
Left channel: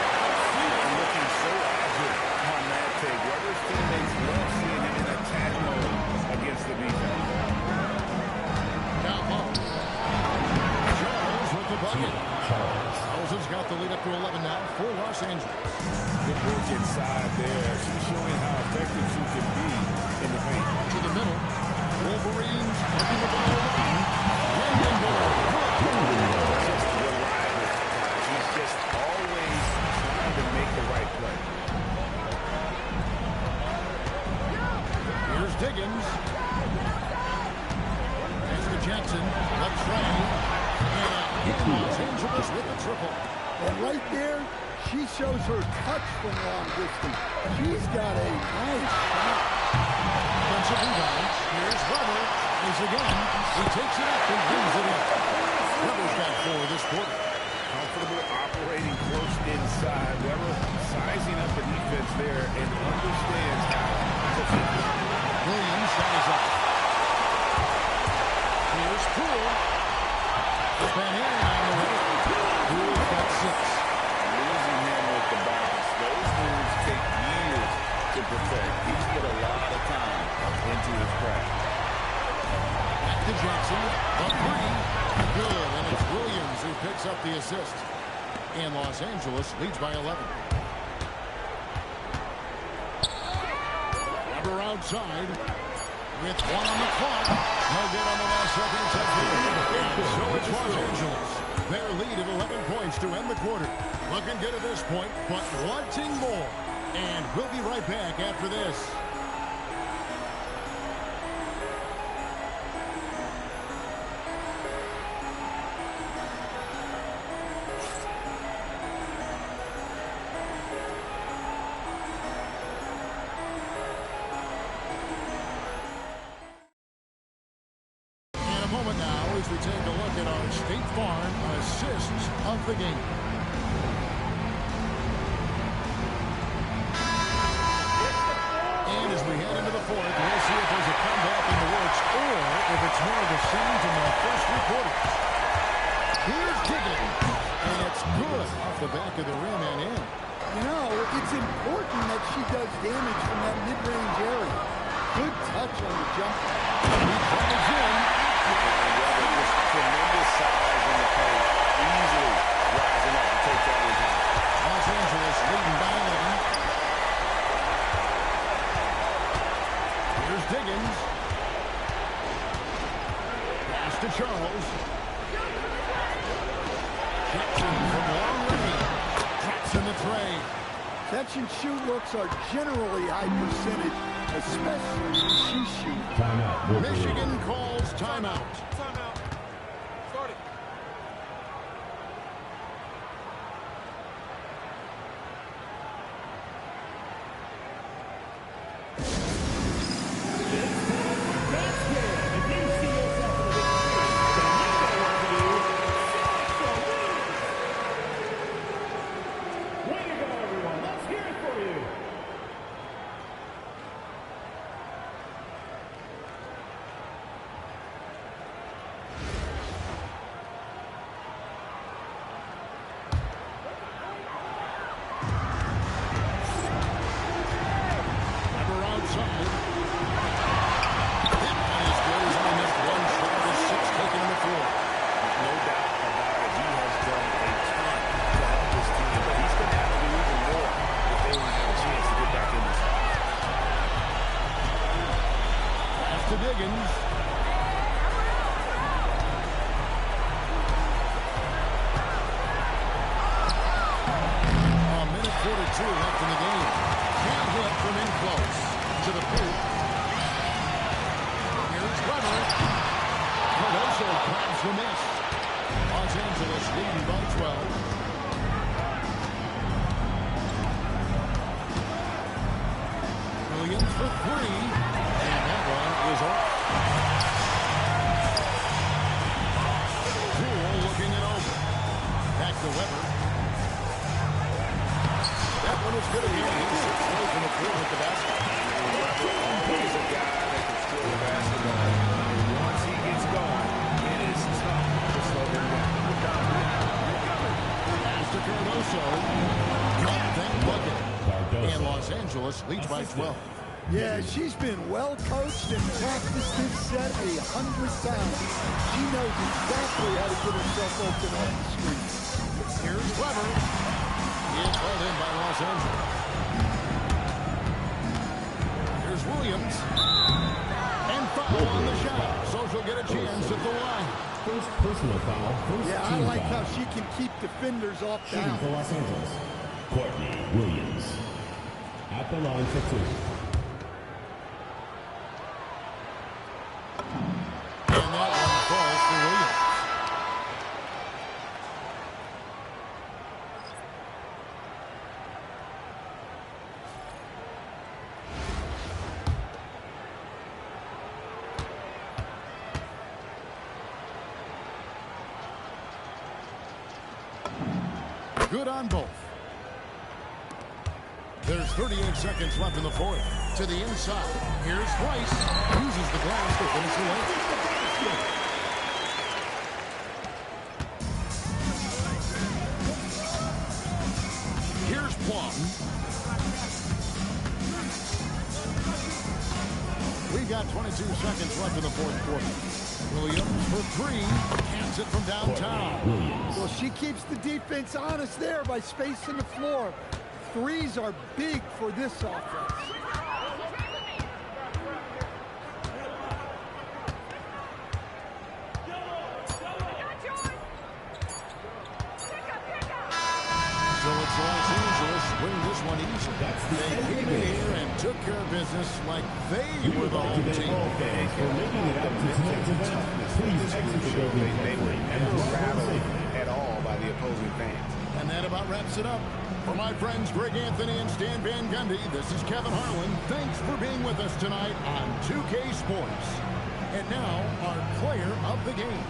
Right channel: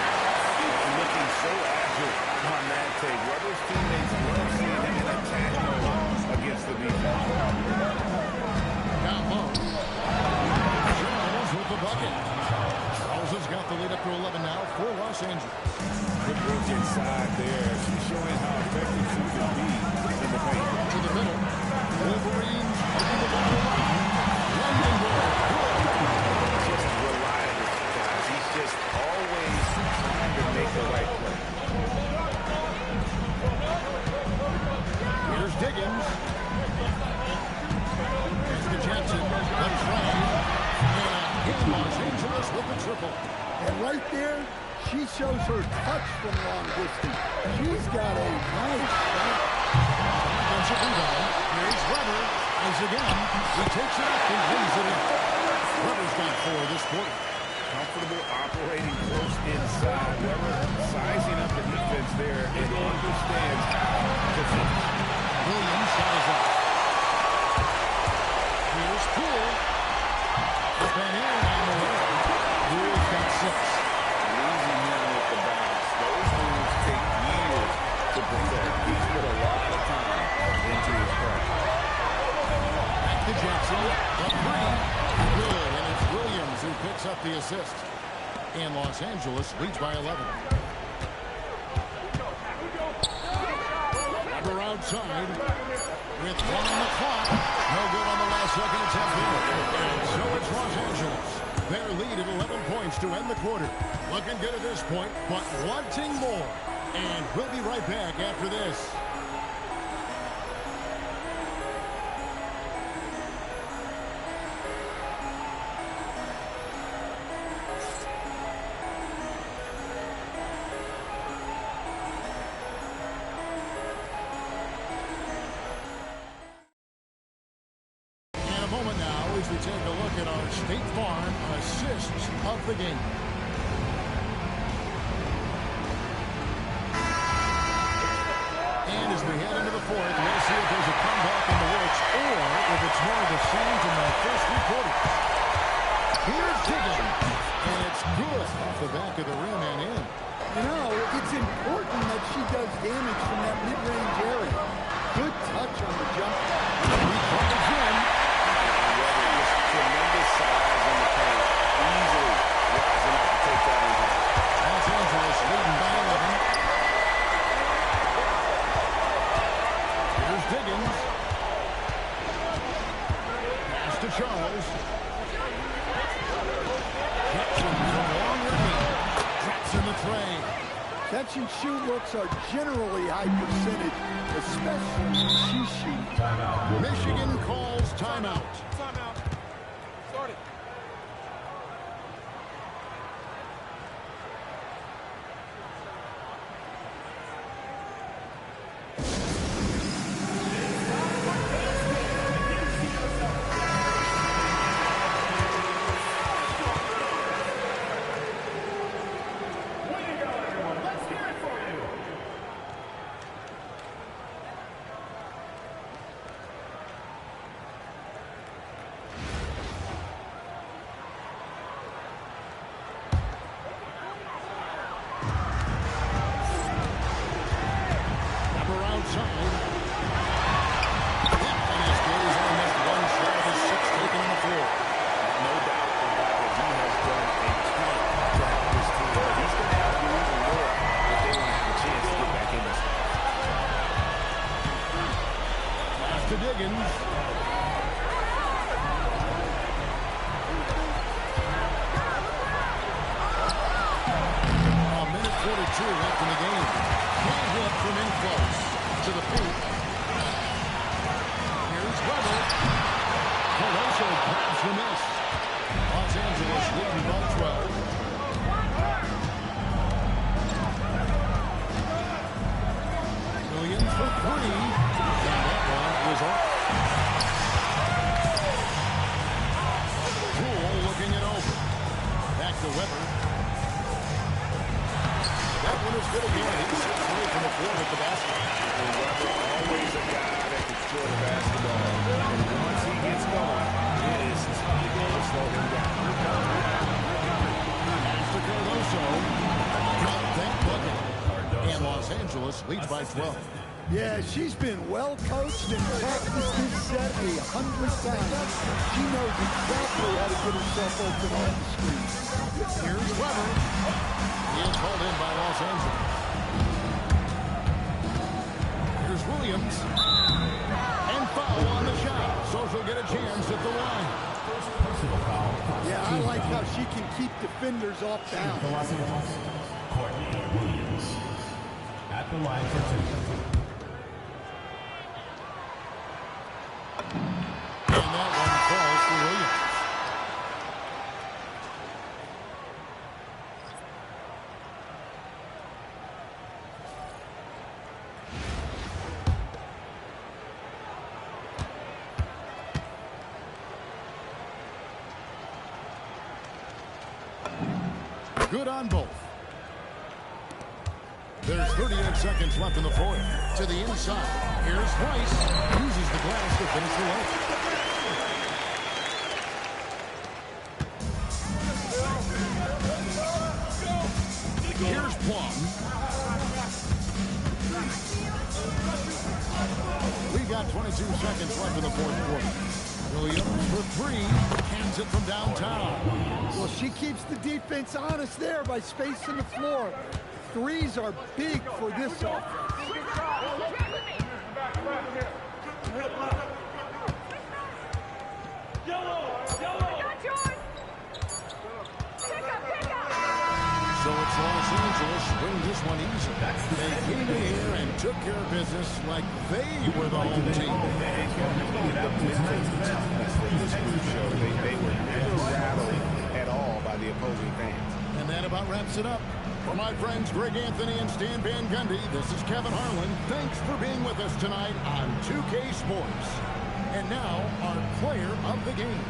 Looking so agile on that take. Weber's teammates love seeing him in attack mode against the defense. Down low. Charles with the bucket. Charles has got the lead up to 11 now for Los Angeles. Good work inside there. She's showing how effective she can be in the paint. To the middle. Wolverines working the ball around. Landing ball. Good. Just reliable, guys. He's just always trying to make the right play. Here's Diggins. Here's to Jackson. The trade. And again, Los Angeles with the triple. And right there, she shows her touch from long distance. She's got a nice shot. Defensive rebound. Here's Weber. Tries again. He takes it up and lays it in. Weber's got 4 this quarter. Comfortable operating close inside. Weber sizing up the defense there and understands how to finish. Williams shot is off. Here's Poole. Up and in on the way. Poole's got 6. Losing him with the bounce. Those moves take years to perfect. He's put a lot of time into his craft. Back to Jackson. The 3. Good. And it's Williams who picks up the assist. And Los Angeles leads by 11. Weber outside. With 1 on the clock. No good on the last second attempt here. And so it's Los Angeles. Their lead at 11 points to end the quarter. Looking good at this point, but wanting more. And we'll be right back after this. Moment now as we take a look at our State Farm assists of the game. And as we head into the 4th, we'll see if there's a comeback in the works or if it's more of the same from the first 3 quarters. Here's Diggins, and it's good off the back of the rim and in. You know, it's important that she does damage from that mid-range area. Good touch on the jump. He drives in. And Weber, just tremendous size in the paint, easily rising up to take that one down. Los Angeles leading by 11. Here's Diggins. Pass to Charles. Jackson from long range. Drops in the tray. Catch and shoot looks are generally high percentage, especially when she's shooting. Timeout. Michigan calls timeout. Timeout. Start it. Outside. That one is good. He's only missed 1 shot of his 6 taken on the floor. No doubt about it. He has done a ton to help his team, but he's going to have to do even more if they want to have a chance to get back in this. Pass to Diggins. A minute 42 left in the game. Can't hit from in close. To the paint. Here's Weber. Cardoso grabs the miss. Los Angeles leading by 12. Williams for 3. And that one is off. Poole looking it over. Back to Weber. That one is good again. He sits away from the floor with the basket. And Weber, always a guy that can steal the basketball. And once he gets going, it is slow him down. Pass to Cardoso. Got that bucket. And Los Angeles leads by 12. Yeah, she's been well coached and practiced this set 100 times. She knows exactly how to get herself open on the screen. Here's Weber. He is called in by Los Angeles. Here's Williams. And foul on the shot. So she'll get a chance at the line. First personal foul. Yeah, I like how she can keep defenders off Shooting for balance. Los Angeles, Courtney Williams. At the line for 2. And that one falls for Williams. Good on both. There's 38 seconds left in the fourth. To the inside. Here's Price. Uses the glass to finish the layup. Here's Plum. We got 22 seconds left in the fourth quarter. Williams for 3. Cans it from downtown. Well, she keeps the defense honest there by spacing the floor. Threes are big for this offense. So it's Los Angeles win this one easily. They came in here and took care of business like they were the home team. And the mental toughness that this group showed, they were never rattled at all by the opposing fans. And that about wraps it up. For my friends Greg Anthony and Stan Van Gundy, this is Kevin Harlan. Thanks for being with us tonight on 2K Sports. And now, our player of the game.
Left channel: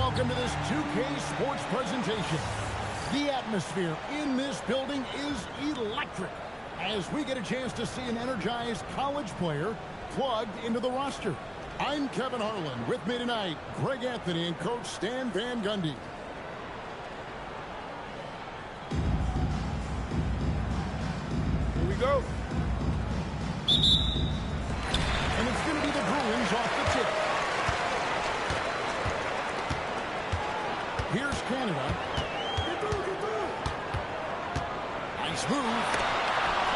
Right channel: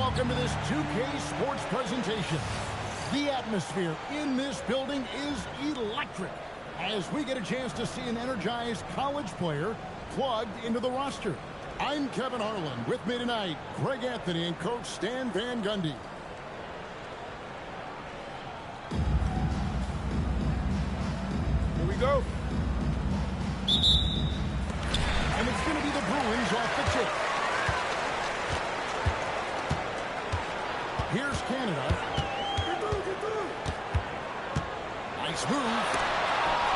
welcome to this 2K Sports presentation. The atmosphere in this building is electric as we get a chance to see an energized college player plugged into the roster. I'm Kevin Harlan. With me tonight, Greg Anthony and Coach Stan Van Gundy. Here we go. And it's going to be the Bruins off the tip. Here's Canada. Nice move.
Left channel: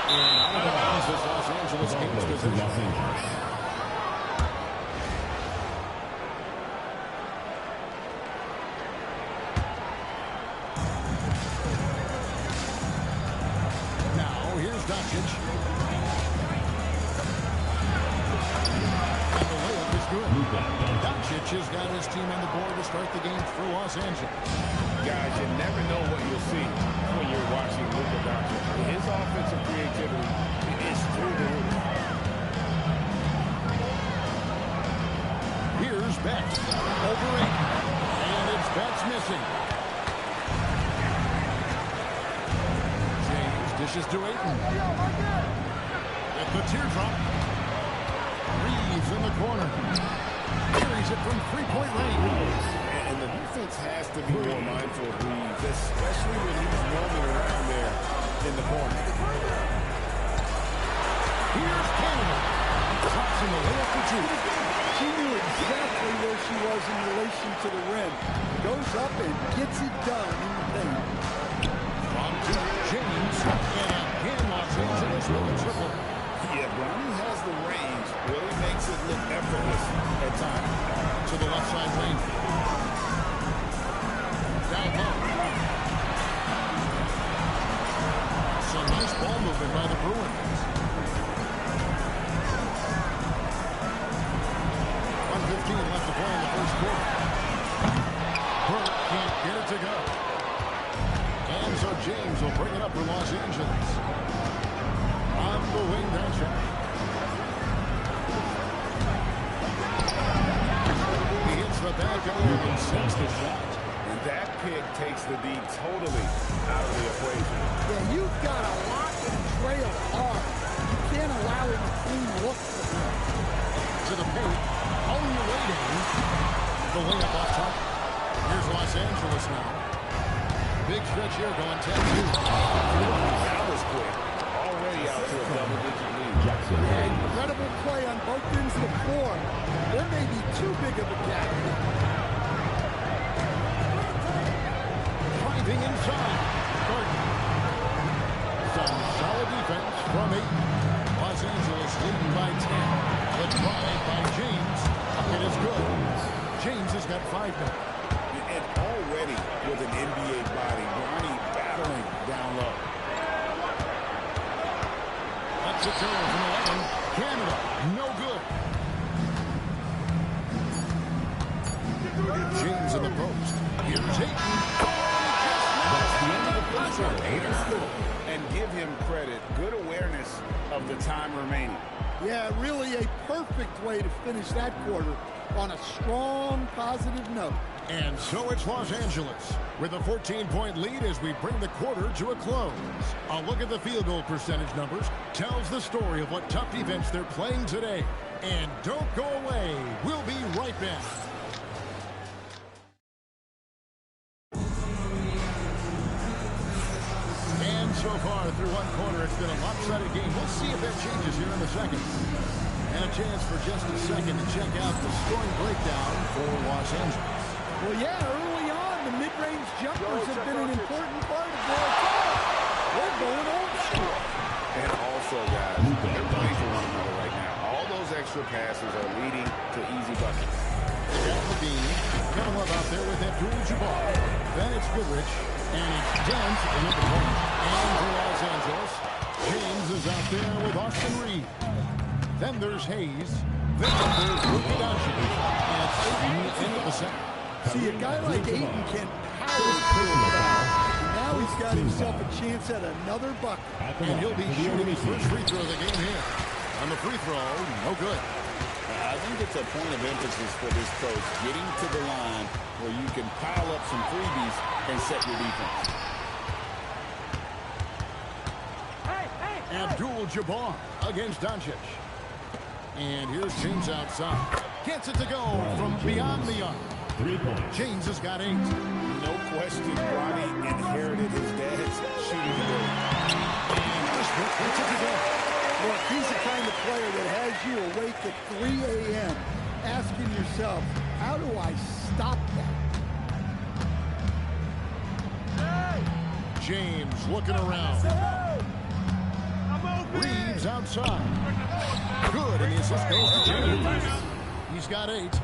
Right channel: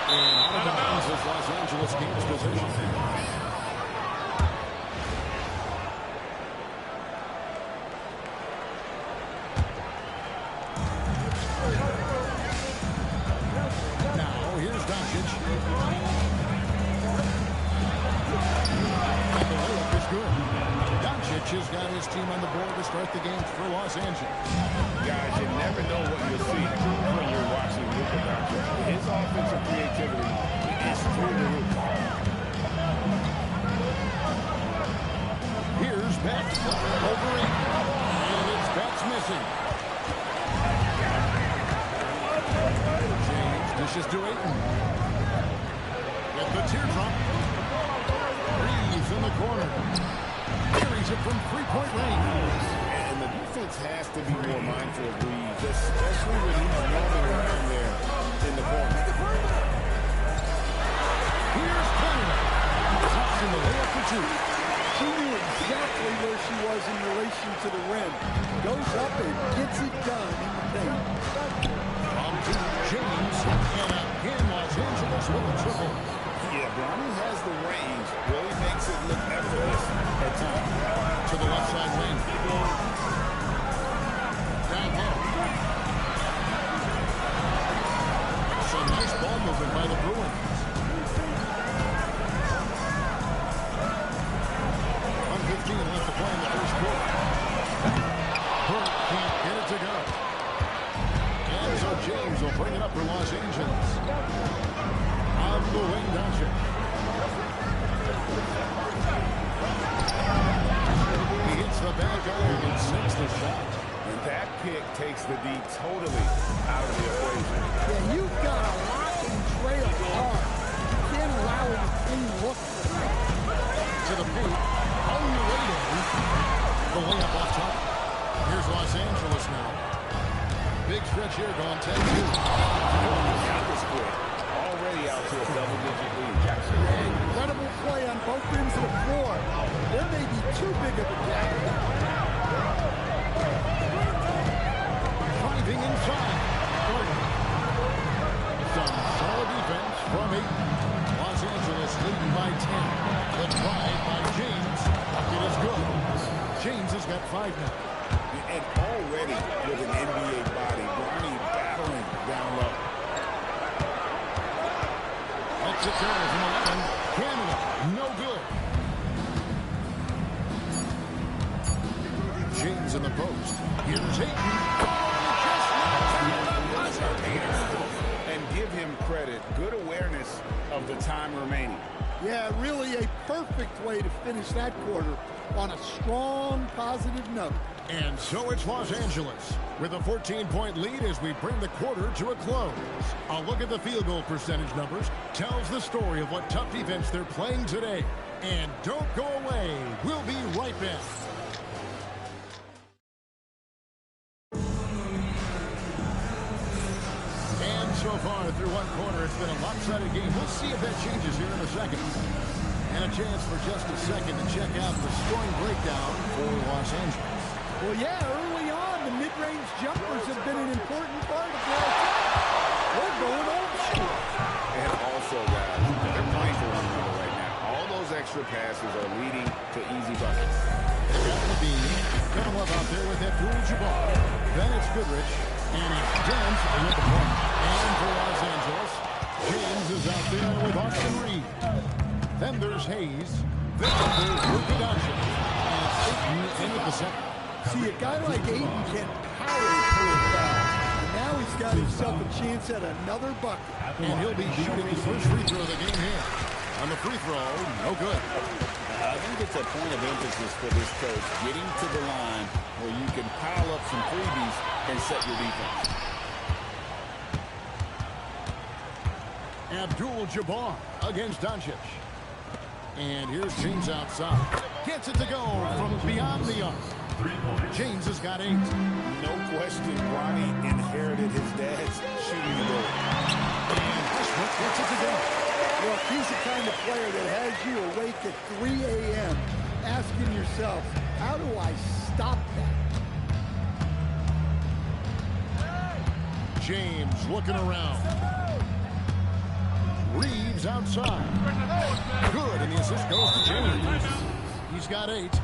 And out of bounds as Los Angeles gains possession. Now, here's Doncic. And the layup is good. Doncic has got his team on the board to start the game for Los Angeles. Guys, you never know what you'll see when you're watching Luka Doncic. His offensive creativity is through the roof. Here's Betts over Ayton. And it's Betts missing. James dishes to Ayton. With the teardrop. Reeves in the corner. Carries it from three-point range. And the defense has to be more mindful of Reeves, especially when he's roaming around there in the corner. Here's Canada. Drops in the layup for two. She knew exactly where she was in relation to the rim. Goes up and gets it done in the paint. From two, James. And again, Los Angeles with a triple. Yeah, Bronny has the range. Really makes it look effortless at times. To the left side lane. Down low. Some nice ball movement by the Bruins. 1:15 left to play in the first quarter. Burke can't get it to go. And so James will bring it up for Los Angeles. On the wing, Doncic. He hits the back iron and sinks the shot. And that pick takes the D totally out of the equation. Yeah, you've got to lock and trail hard. You can't allow him a clean look for him. To the paint. On your way down. The layup off target. Here's Los Angeles now. Big stretch here going 10-2. That was quick. Already out to a double-digit lead. Yeah, incredible play on both ends of the floor. There may be too big of a gap. Driving inside. Gardner. Some solid defense from 8. Los Angeles leading by 10. The drive by James. Bucket is good. James has got 5 now. And already with an NBA body, Bronny battling down low. Lets it go from 11. Canada, no good. James in the post. Here's Ayton. And give him credit. Good awareness of the time remaining. Yeah, really a perfect way to finish that quarter on a strong, positive note. And so it's Los Angeles with a 14-point lead as we bring the quarter to a close. A look at the field goal percentage numbers tells the story of what tough defense they're playing today. And don't go away. We'll be right back. And so far through one quarter, it's been a lopsided game. We'll see if that changes here in a second. And a chance for just a second to check out the scoring breakdown for Los Angeles. Well, yeah, early on, the mid-range jumpers have been an important part of their attack. They're going old school. And also, guys, they're playing for one another right now. All those extra passes are leading to easy buckets. Got Levine, Kevin Love out there with Abdul-Jabbar. Then it's Goodrich, and it's Dent in at the point. And for Los Angeles, James is out there with Austin Reed. Then there's Hayes. Then there's Luka Doncic. And it's Ayton in at the center. See, a guy like Ayton can power through the foul. Now he's got himself a chance at another bucket. And he'll be shooting his first free throw of the game here. On the free throw, no good. I think it's a point of emphasis for this coach, getting to the line where you can pile up some freebies and set your defense. Abdul-Jabbar against Doncic. And here's James outside. Gets it to go from beyond the arc. 3 points. James has got 8. No question, Bronny inherited his dad's shooting ability. And Westbrook gets it to go. Look, he's the kind of player that has you awake at 3 a.m. asking yourself, how do I stop that? James looking around. Reeves outside. Good, and the assist goes to James. He's got 8.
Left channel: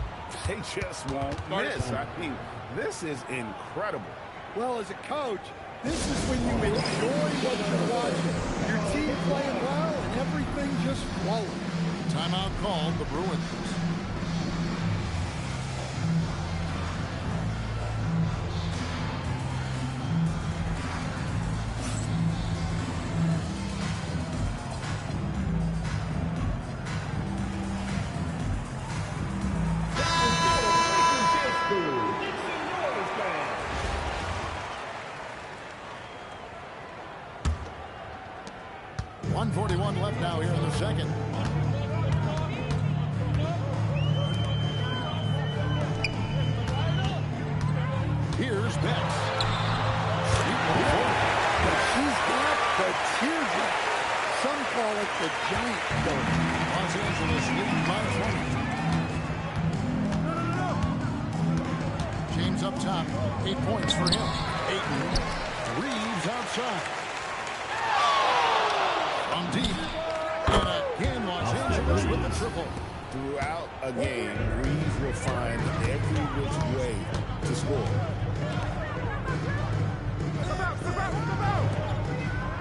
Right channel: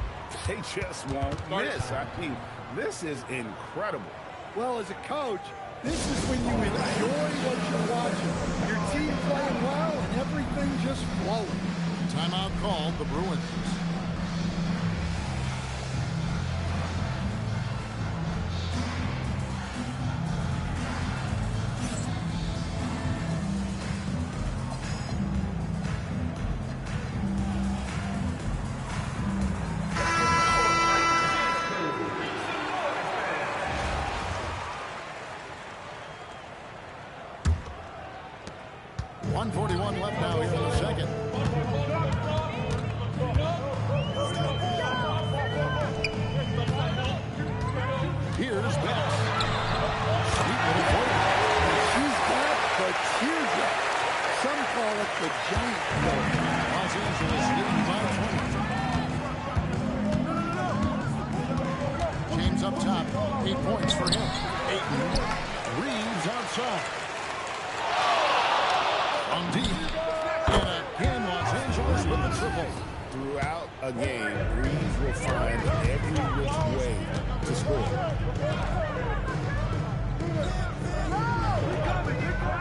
They just won't miss. I mean, this is incredible. Well, as a coach, this is when you enjoy what you're watching. Your team playing well and everything just flowing. Timeout called, the Bruins. .141 left now here in the second. Here's Betts. Sweet little forward. And she's got the teardrop. Some call it the giant forward. Los Angeles leading by 20. James up top. 8 points for him. Ayton. Reeves outside. From deep. And again, Los Angeles with the triple. Throughout a game, Reeves will find every which way to score.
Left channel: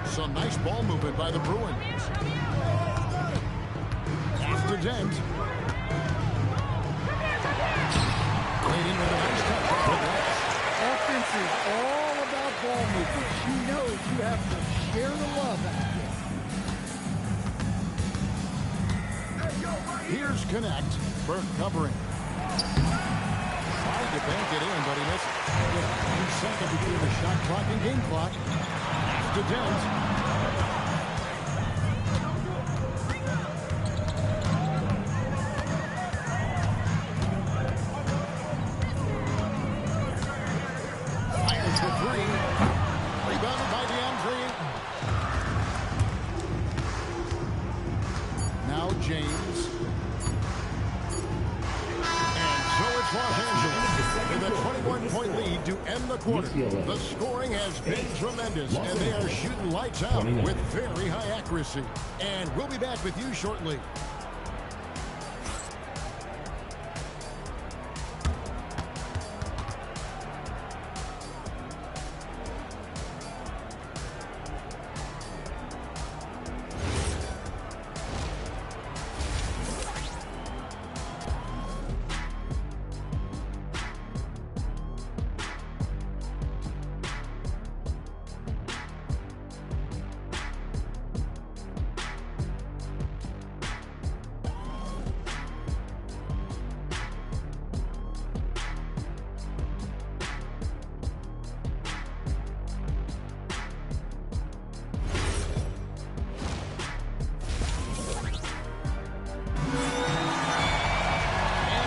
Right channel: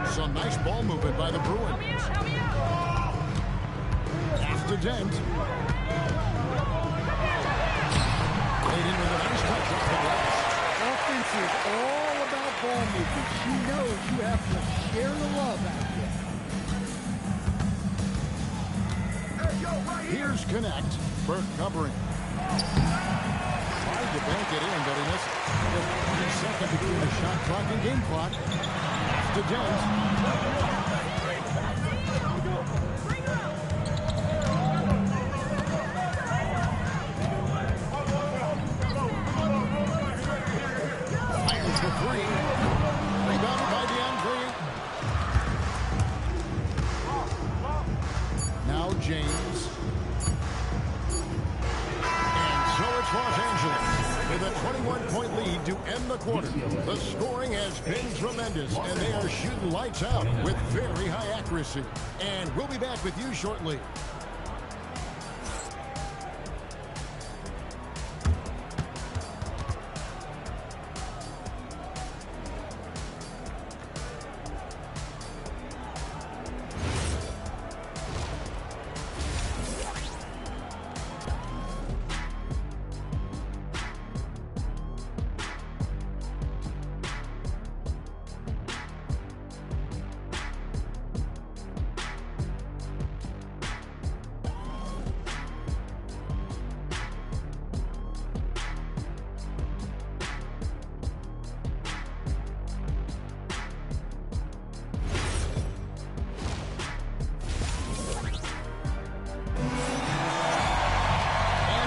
Some nice ball movement by the Bruins. After Dent. Played in with a nice touch off the glass. Offense is all about ball movement. She knows you have to share the love out there. Here's Connect. Burke covering. Tried to bank it in, but he misses. Just 1 second between the shot clock and game clock. After Dent. Fires for 3. Rebounded by DeAndre Ayton. Now James. And so it's Los Angeles with a 21-point lead to end the quarter. The scoring has been tremendous, and they are shooting lights out with very high accuracy. And we'll be back with you shortly.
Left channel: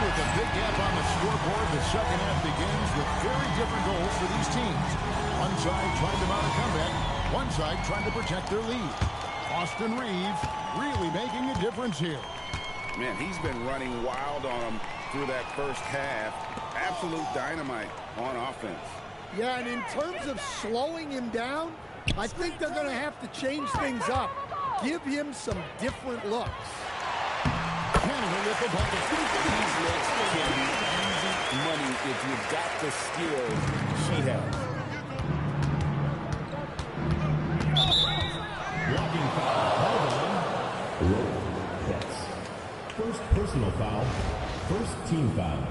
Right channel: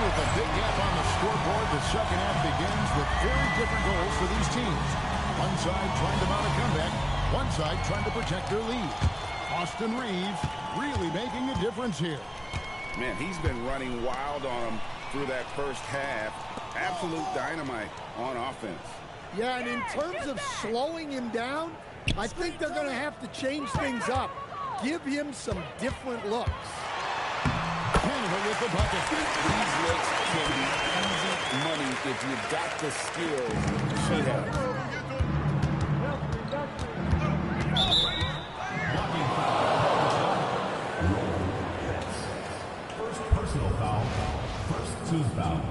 With a big gap on the scoreboard, the second half begins with very different goals for these teams. One side trying to mount a comeback, one side trying to protect their lead. Austin Reeves really making a difference here. Man, he's been running wild on them through that first half. Absolute dynamite on offense. Yeah, and in terms of slowing him down, I think they're going to have to change things up. Give him some different looks. Canada with the bucket. These looks can be easy money if you've got the skills she has. Blocking foul called on Roll Betts. First personal foul. First team foul.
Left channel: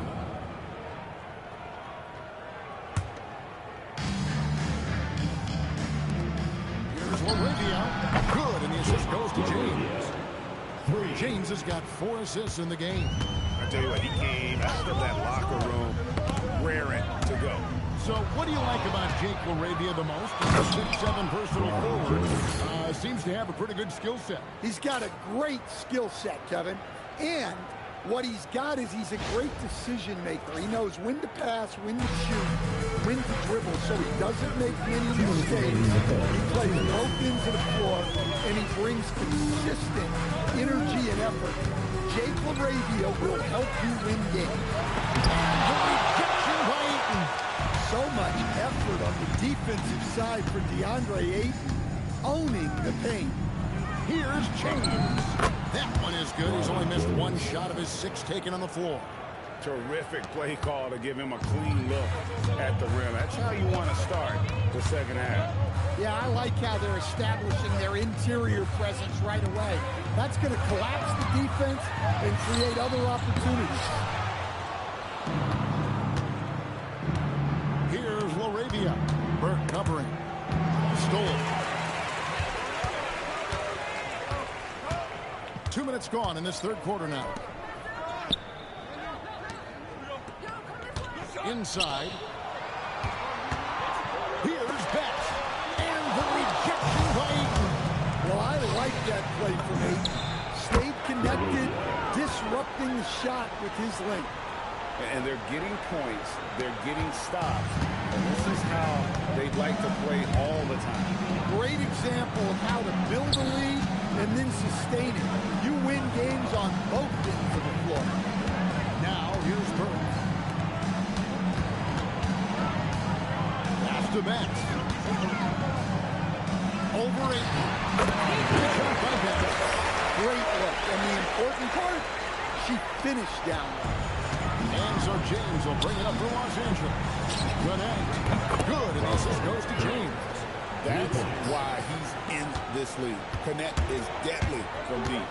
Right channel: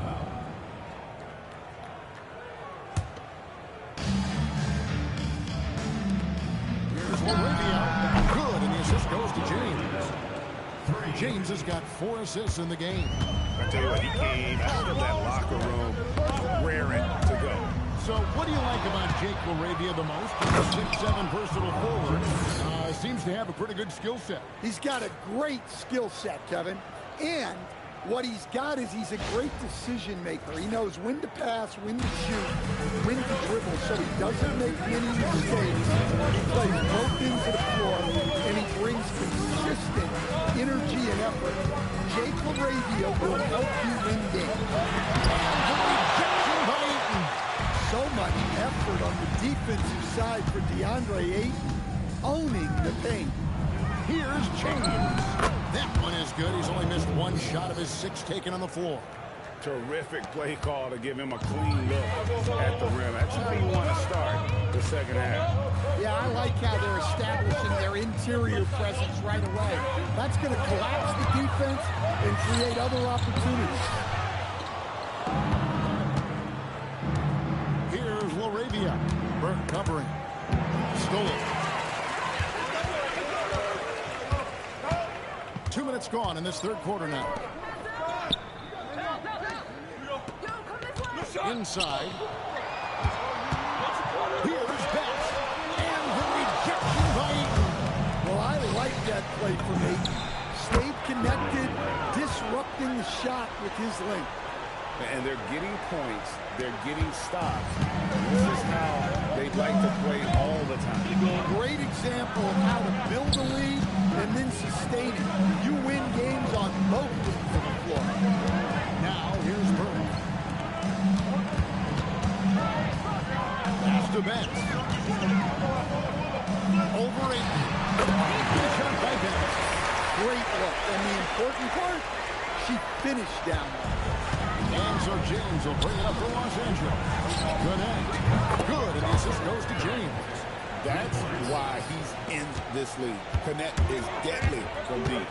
Here's Laravia. Good, and the assist goes to James. 3. James has got 4 assists in the game. I tell you what, he came out of that locker room raring to go. So what do you like about Jake LaRavia the most? He's a 6'7" versatile forward. Seems to have a pretty good skill set. He's got a great skill set, Kevin. And what he's got is he's a great decision maker. He knows when to pass, when to shoot, when to dribble, so he doesn't make any mistakes. He plays both ends of the floor, and he brings consistent energy and effort. Jake LaRavia will help you win games. And the rejection by Ayton. So much effort on the defensive side for DeAndre Ayton, owning the paint. Here's James. That one is good. He's only missed 1 shot of his 6 taken on the floor. Terrific play call to give him a clean look at the rim. That's how you want to start the second half. Yeah, I like how they're establishing their interior presence right away. That's going to collapse the defense and create other opportunities. Here's LaRavia. Burke covering. Stole it. 2 minutes gone in this third quarter now. Inside. Here's Betts. And the rejection by Ayton. Well, I like that play from Ayton. Stayed connected, disrupting the shot with his length. And they're getting points, they're getting stops, and this is how they'd like to play all the time. Great example of how to build a lead and then sustain it. You win games on both ends of the floor. Now, here's Burke. Pass to Betts. Over Ayton. Good shot by Betts. Great look. And the important part, she finished down low. And so James will bring it up for Los Angeles. Connect. Good, and the assist goes to James. That's why he's in this league. Connect is deadly from deep.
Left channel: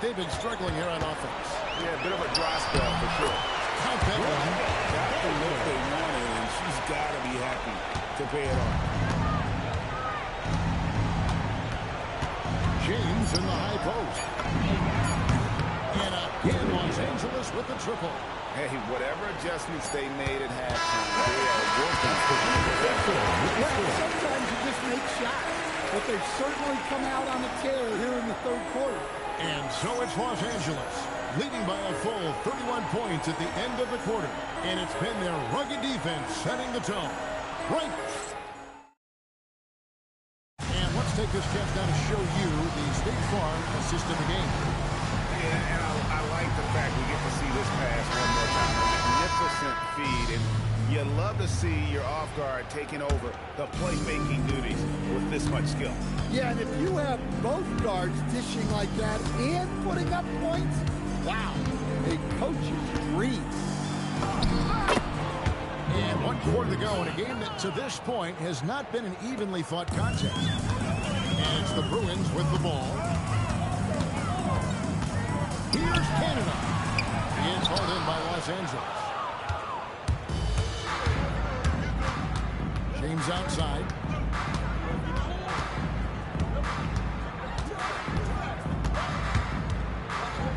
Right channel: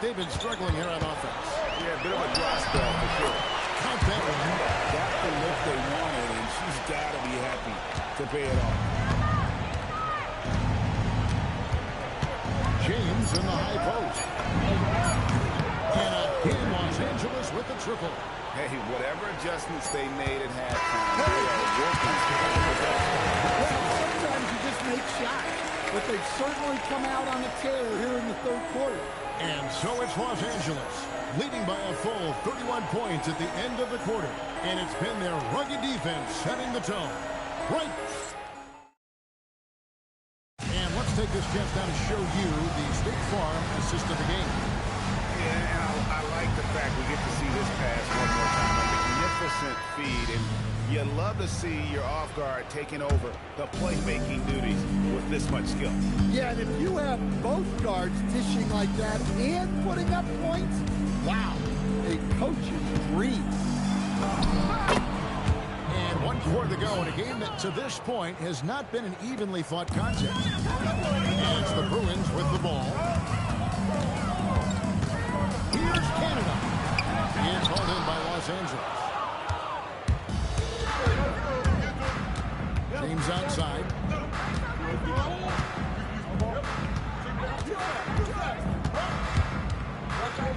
They've been struggling here on offense. Yeah, a bit of a dry spell for sure. Count that one. Got the look they wanted, and she's got to be happy to pay it off. James in the high post. And again, Los Angeles with the triple. Hey, whatever adjustments they made at halftime, they are working to perfection. Well, sometimes you just make shots, but they've certainly come out on a tear here in the third quarter. And so it's Los Angeles, leading by a full 31 points at the end of the quarter. And it's been their rugged defense setting the tone. Right. And let's take this chance now to show you the State Farm assist of the game. Yeah, and I like the fact we get to see this pass one more time. A magnificent feed, and you love to see your off guard taking over the playmaking duties with this much skill. Yeah, and if you have both guards dishing like that and putting up points, wow, a coach's dream. And 1 quarter to go in a game that to this point has not been an evenly fought contest. And it's the Bruins with the ball. Here's Canada. It's hauled in by Los Angeles. James outside.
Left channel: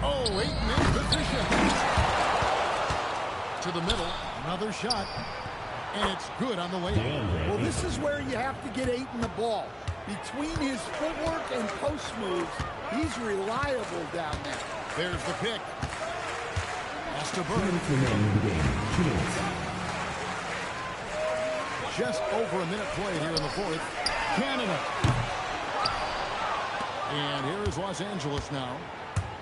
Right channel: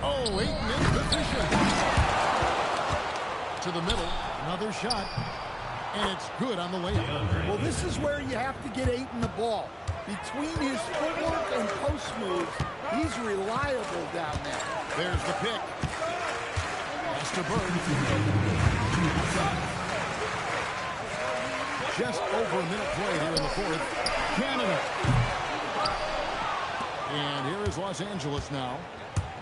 Oh, Ayton in position. To the middle. Another shot. And it's good on the layup. Well, this is where you have to get Ayton the ball. Between his footwork and post moves, he's reliable down there. There's the pick. Has to burn. Just over a minute played here in the fourth. Canada. And here is Los Angeles now.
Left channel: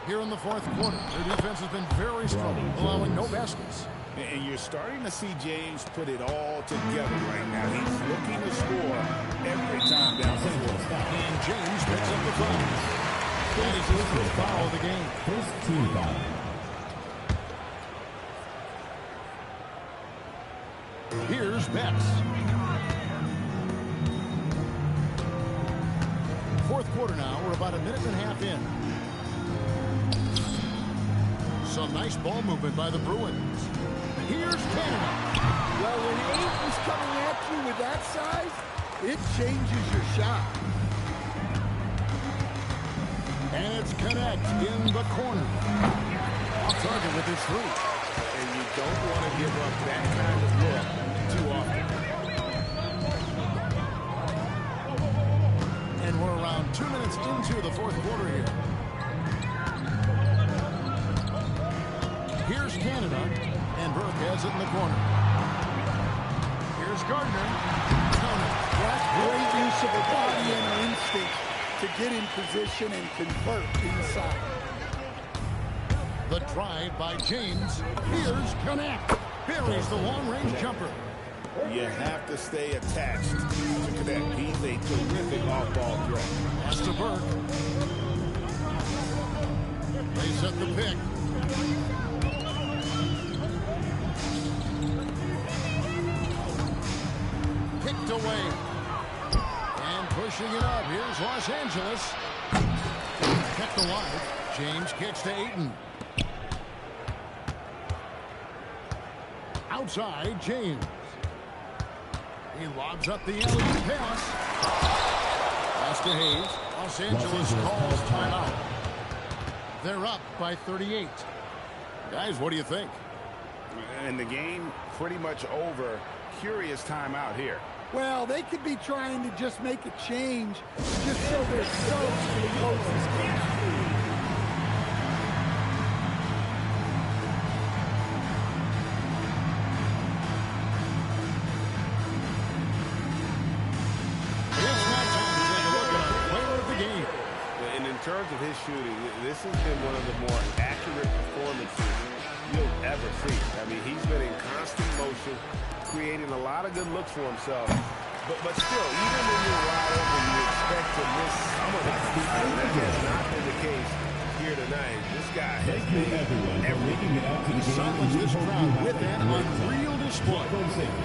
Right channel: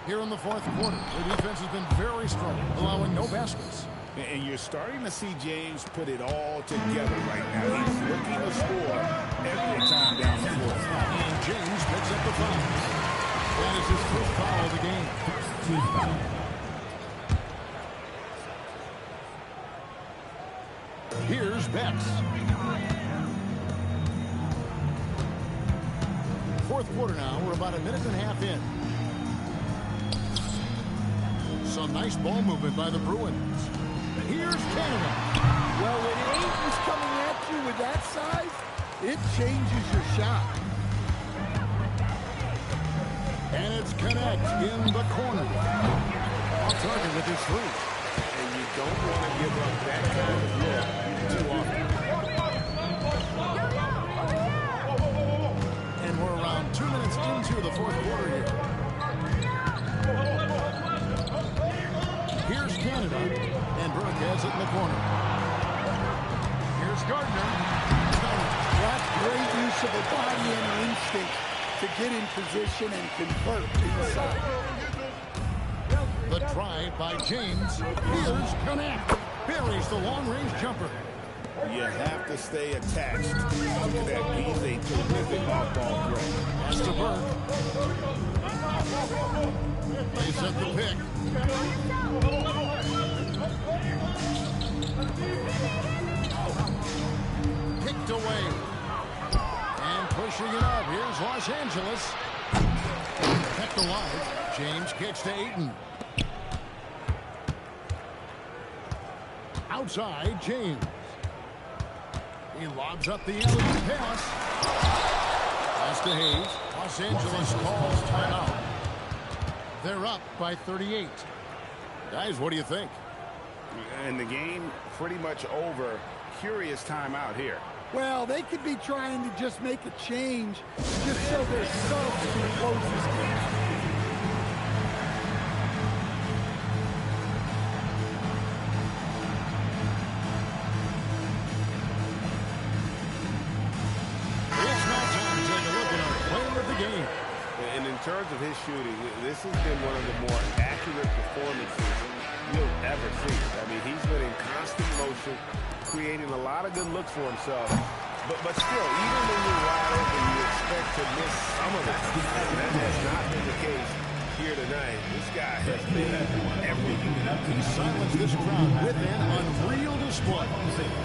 Here in the fourth quarter. Their defense has been very strong, allowing no baskets. And you're starting to see James put it all together right now. He's looking to score every time down the floor. And James picks up the foul. That is his first foul of the game. First team foul. Here's Betts. Fourth quarter now. We're about a minute and a half in. Some nice ball movement by the Bruins. Here's Canada. Well, when Ayton's coming at you with that size, it changes your shot. And it's Connect in the corner. Off target with his three. And you don't want to give up that kind of look too often. And we're around 2 minutes into the fourth quarter here. Here's Canada, and Burke has it in the corner. Here's Gardner. Count it. That's great use of her body and her instincts to get in position and convert inside. The drive by James. Here's Connect. Buries the long-range jumper. You have to stay attached to Connect. He's a terrific off-ball threat. Pass to Burke. They set the pick. Picked away. And pushing it up. Here's Los Angeles. Kept alive. James kicks to Ayton. Outside, James. He lobs up the alley pass. Pass to Hayes. Los Angeles calls timeout. They're up by 38. Guys, what do you think? And the game pretty much over. Curious timeout here. Well, they could be trying to just make a change just so their subs can close this game. It's now time to take a look at our player of the game. And in terms of his shooting, this has been one of the more accurate performances you'll ever see. I mean, he's been in constant motion, creating a lot of good looks for himself. But still, even when you're wide open, you expect to miss some of the time. And that has not been the case here tonight. This guy has made everything. He silenced this crowd with an unreal display.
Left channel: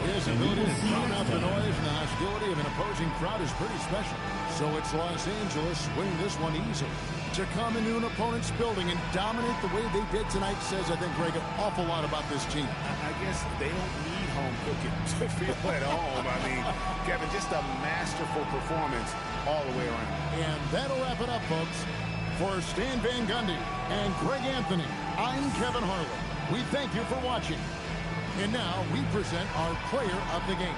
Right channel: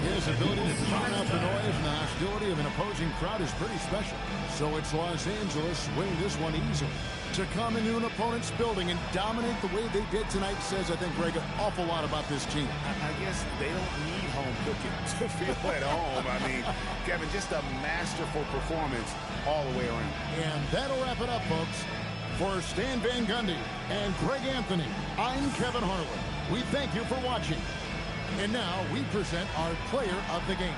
His ability to drown out the noise and the hostility of an opposing crowd is pretty special. So it's Los Angeles winning this one easily. To come into an opponent's building and dominate the way they did tonight says, I think, Greg, an awful lot about this team. I guess they don't need home cooking to feel at home. I mean, Kevin, just a masterful performance all the way around. And that'll wrap it up, folks. For Stan Van Gundy and Greg Anthony, I'm Kevin Harlan. We thank you for watching. And now we present our player of the game.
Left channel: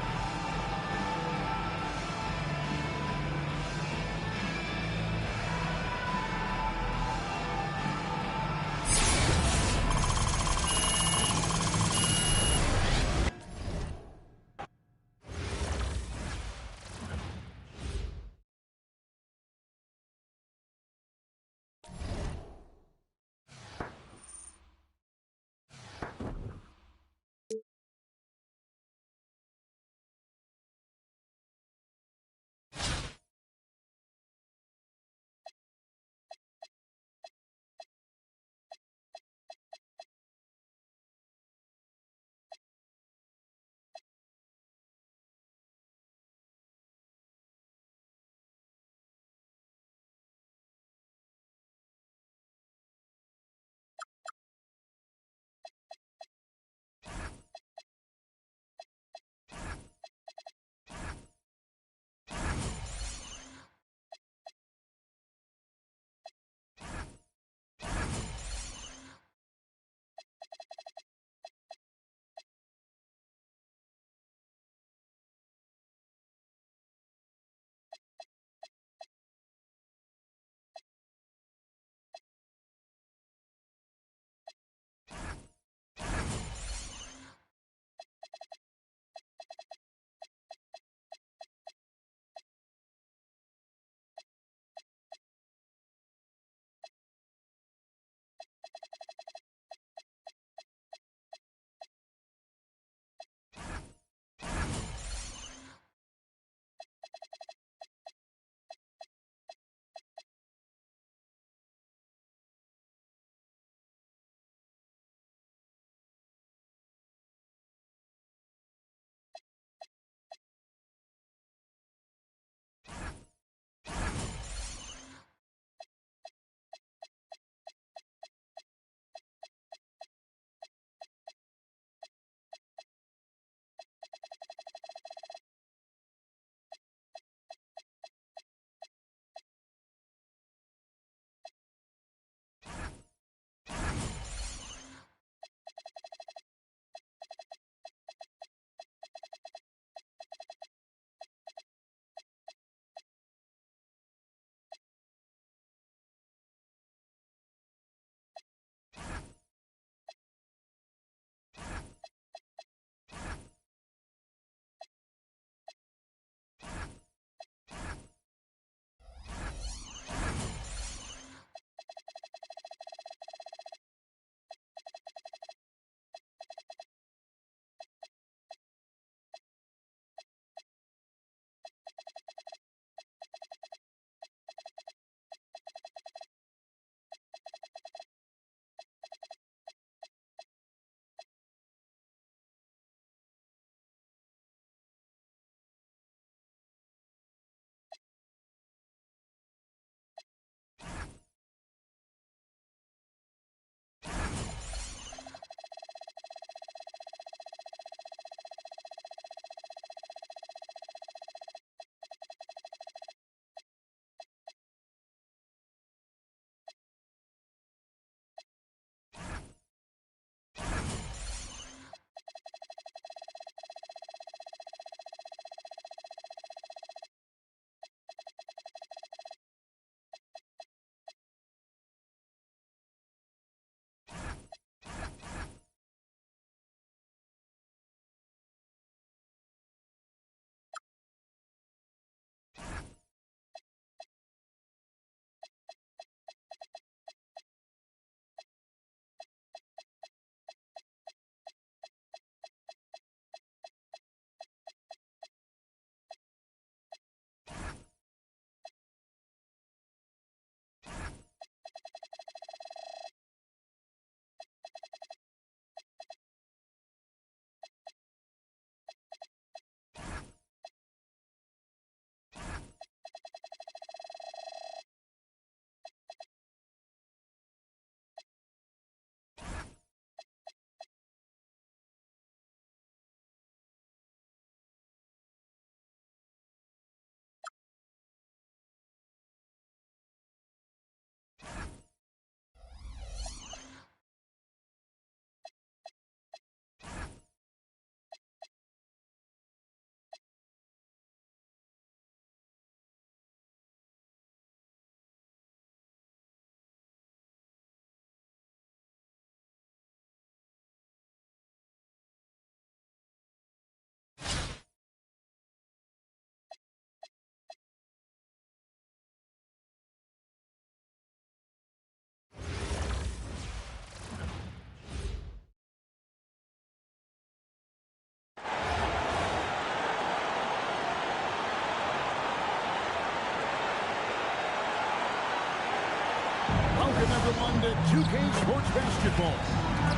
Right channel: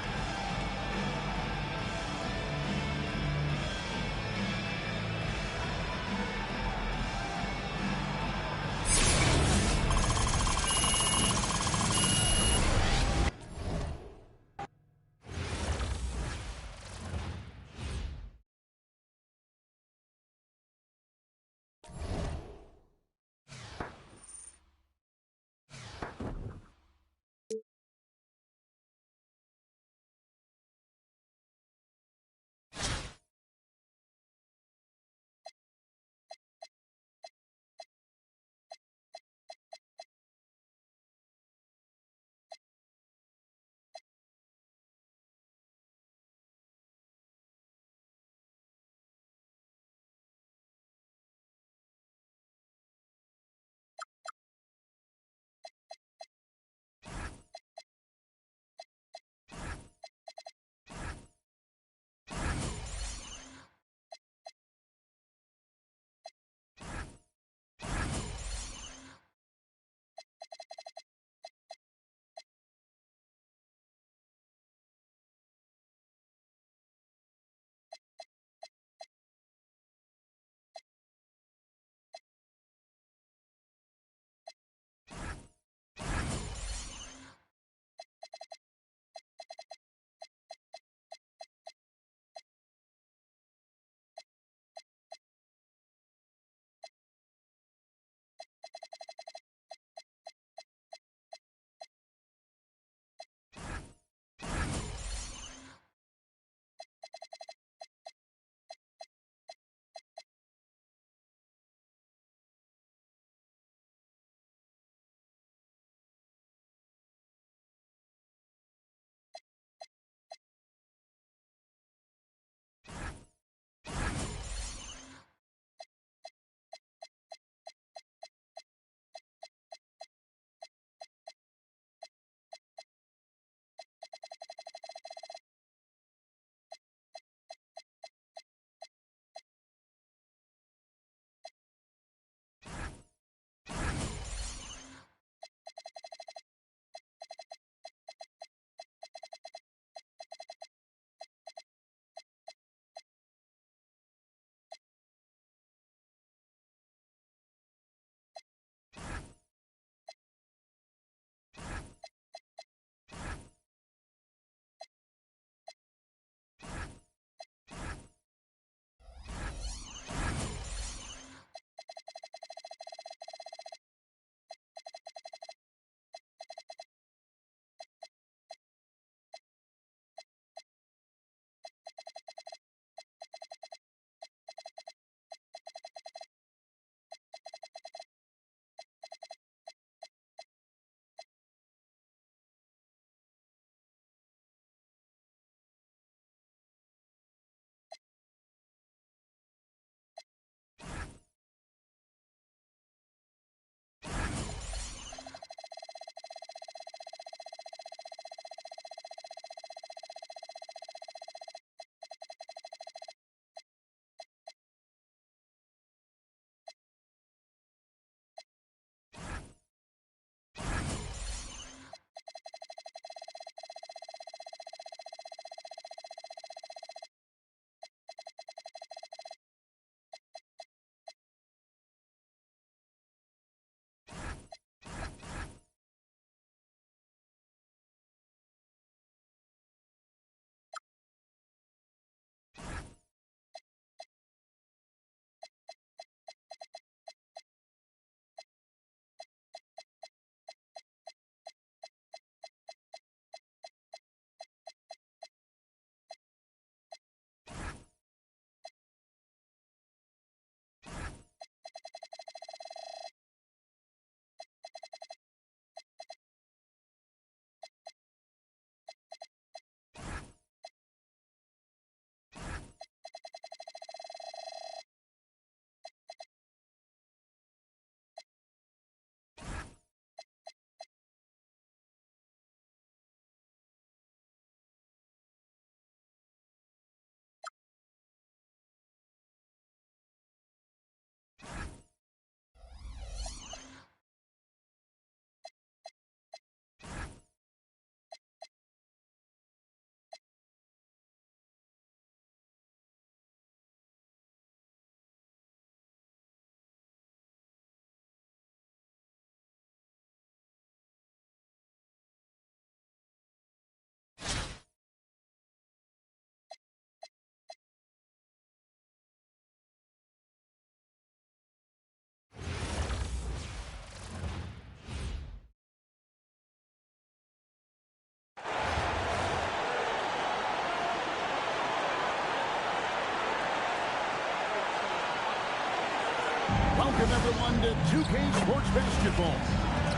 Welcome, everyone, to 2K Sports Basketball.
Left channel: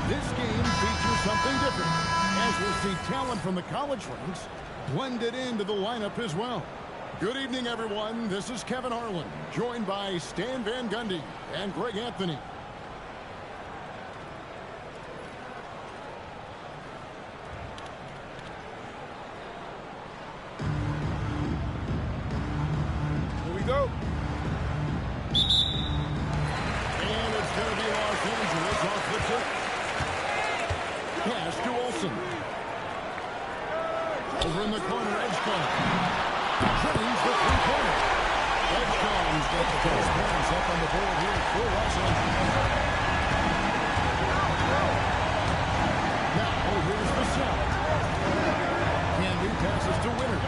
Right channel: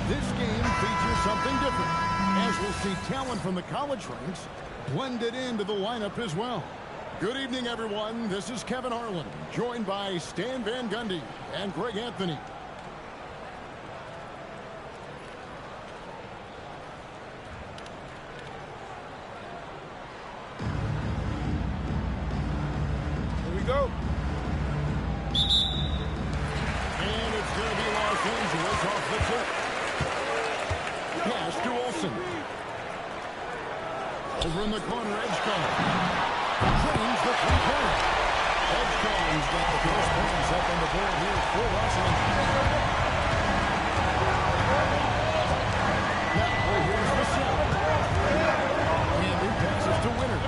This game features something different, as we'll see talent from the college ranks blended into the lineup as well. Good evening, everyone. This is Kevin Harlan, joined by Stan Van Gundy and Greg Anthony. Here we go. And it's going to be Los Angeles off the tip. Pass to Olsen. Over in the corner, Edgecombe. Drains the three-pointer. Edgecombe's got the first points up on the board here for Los Angeles. Now, here's the set. Candy passes to Winner.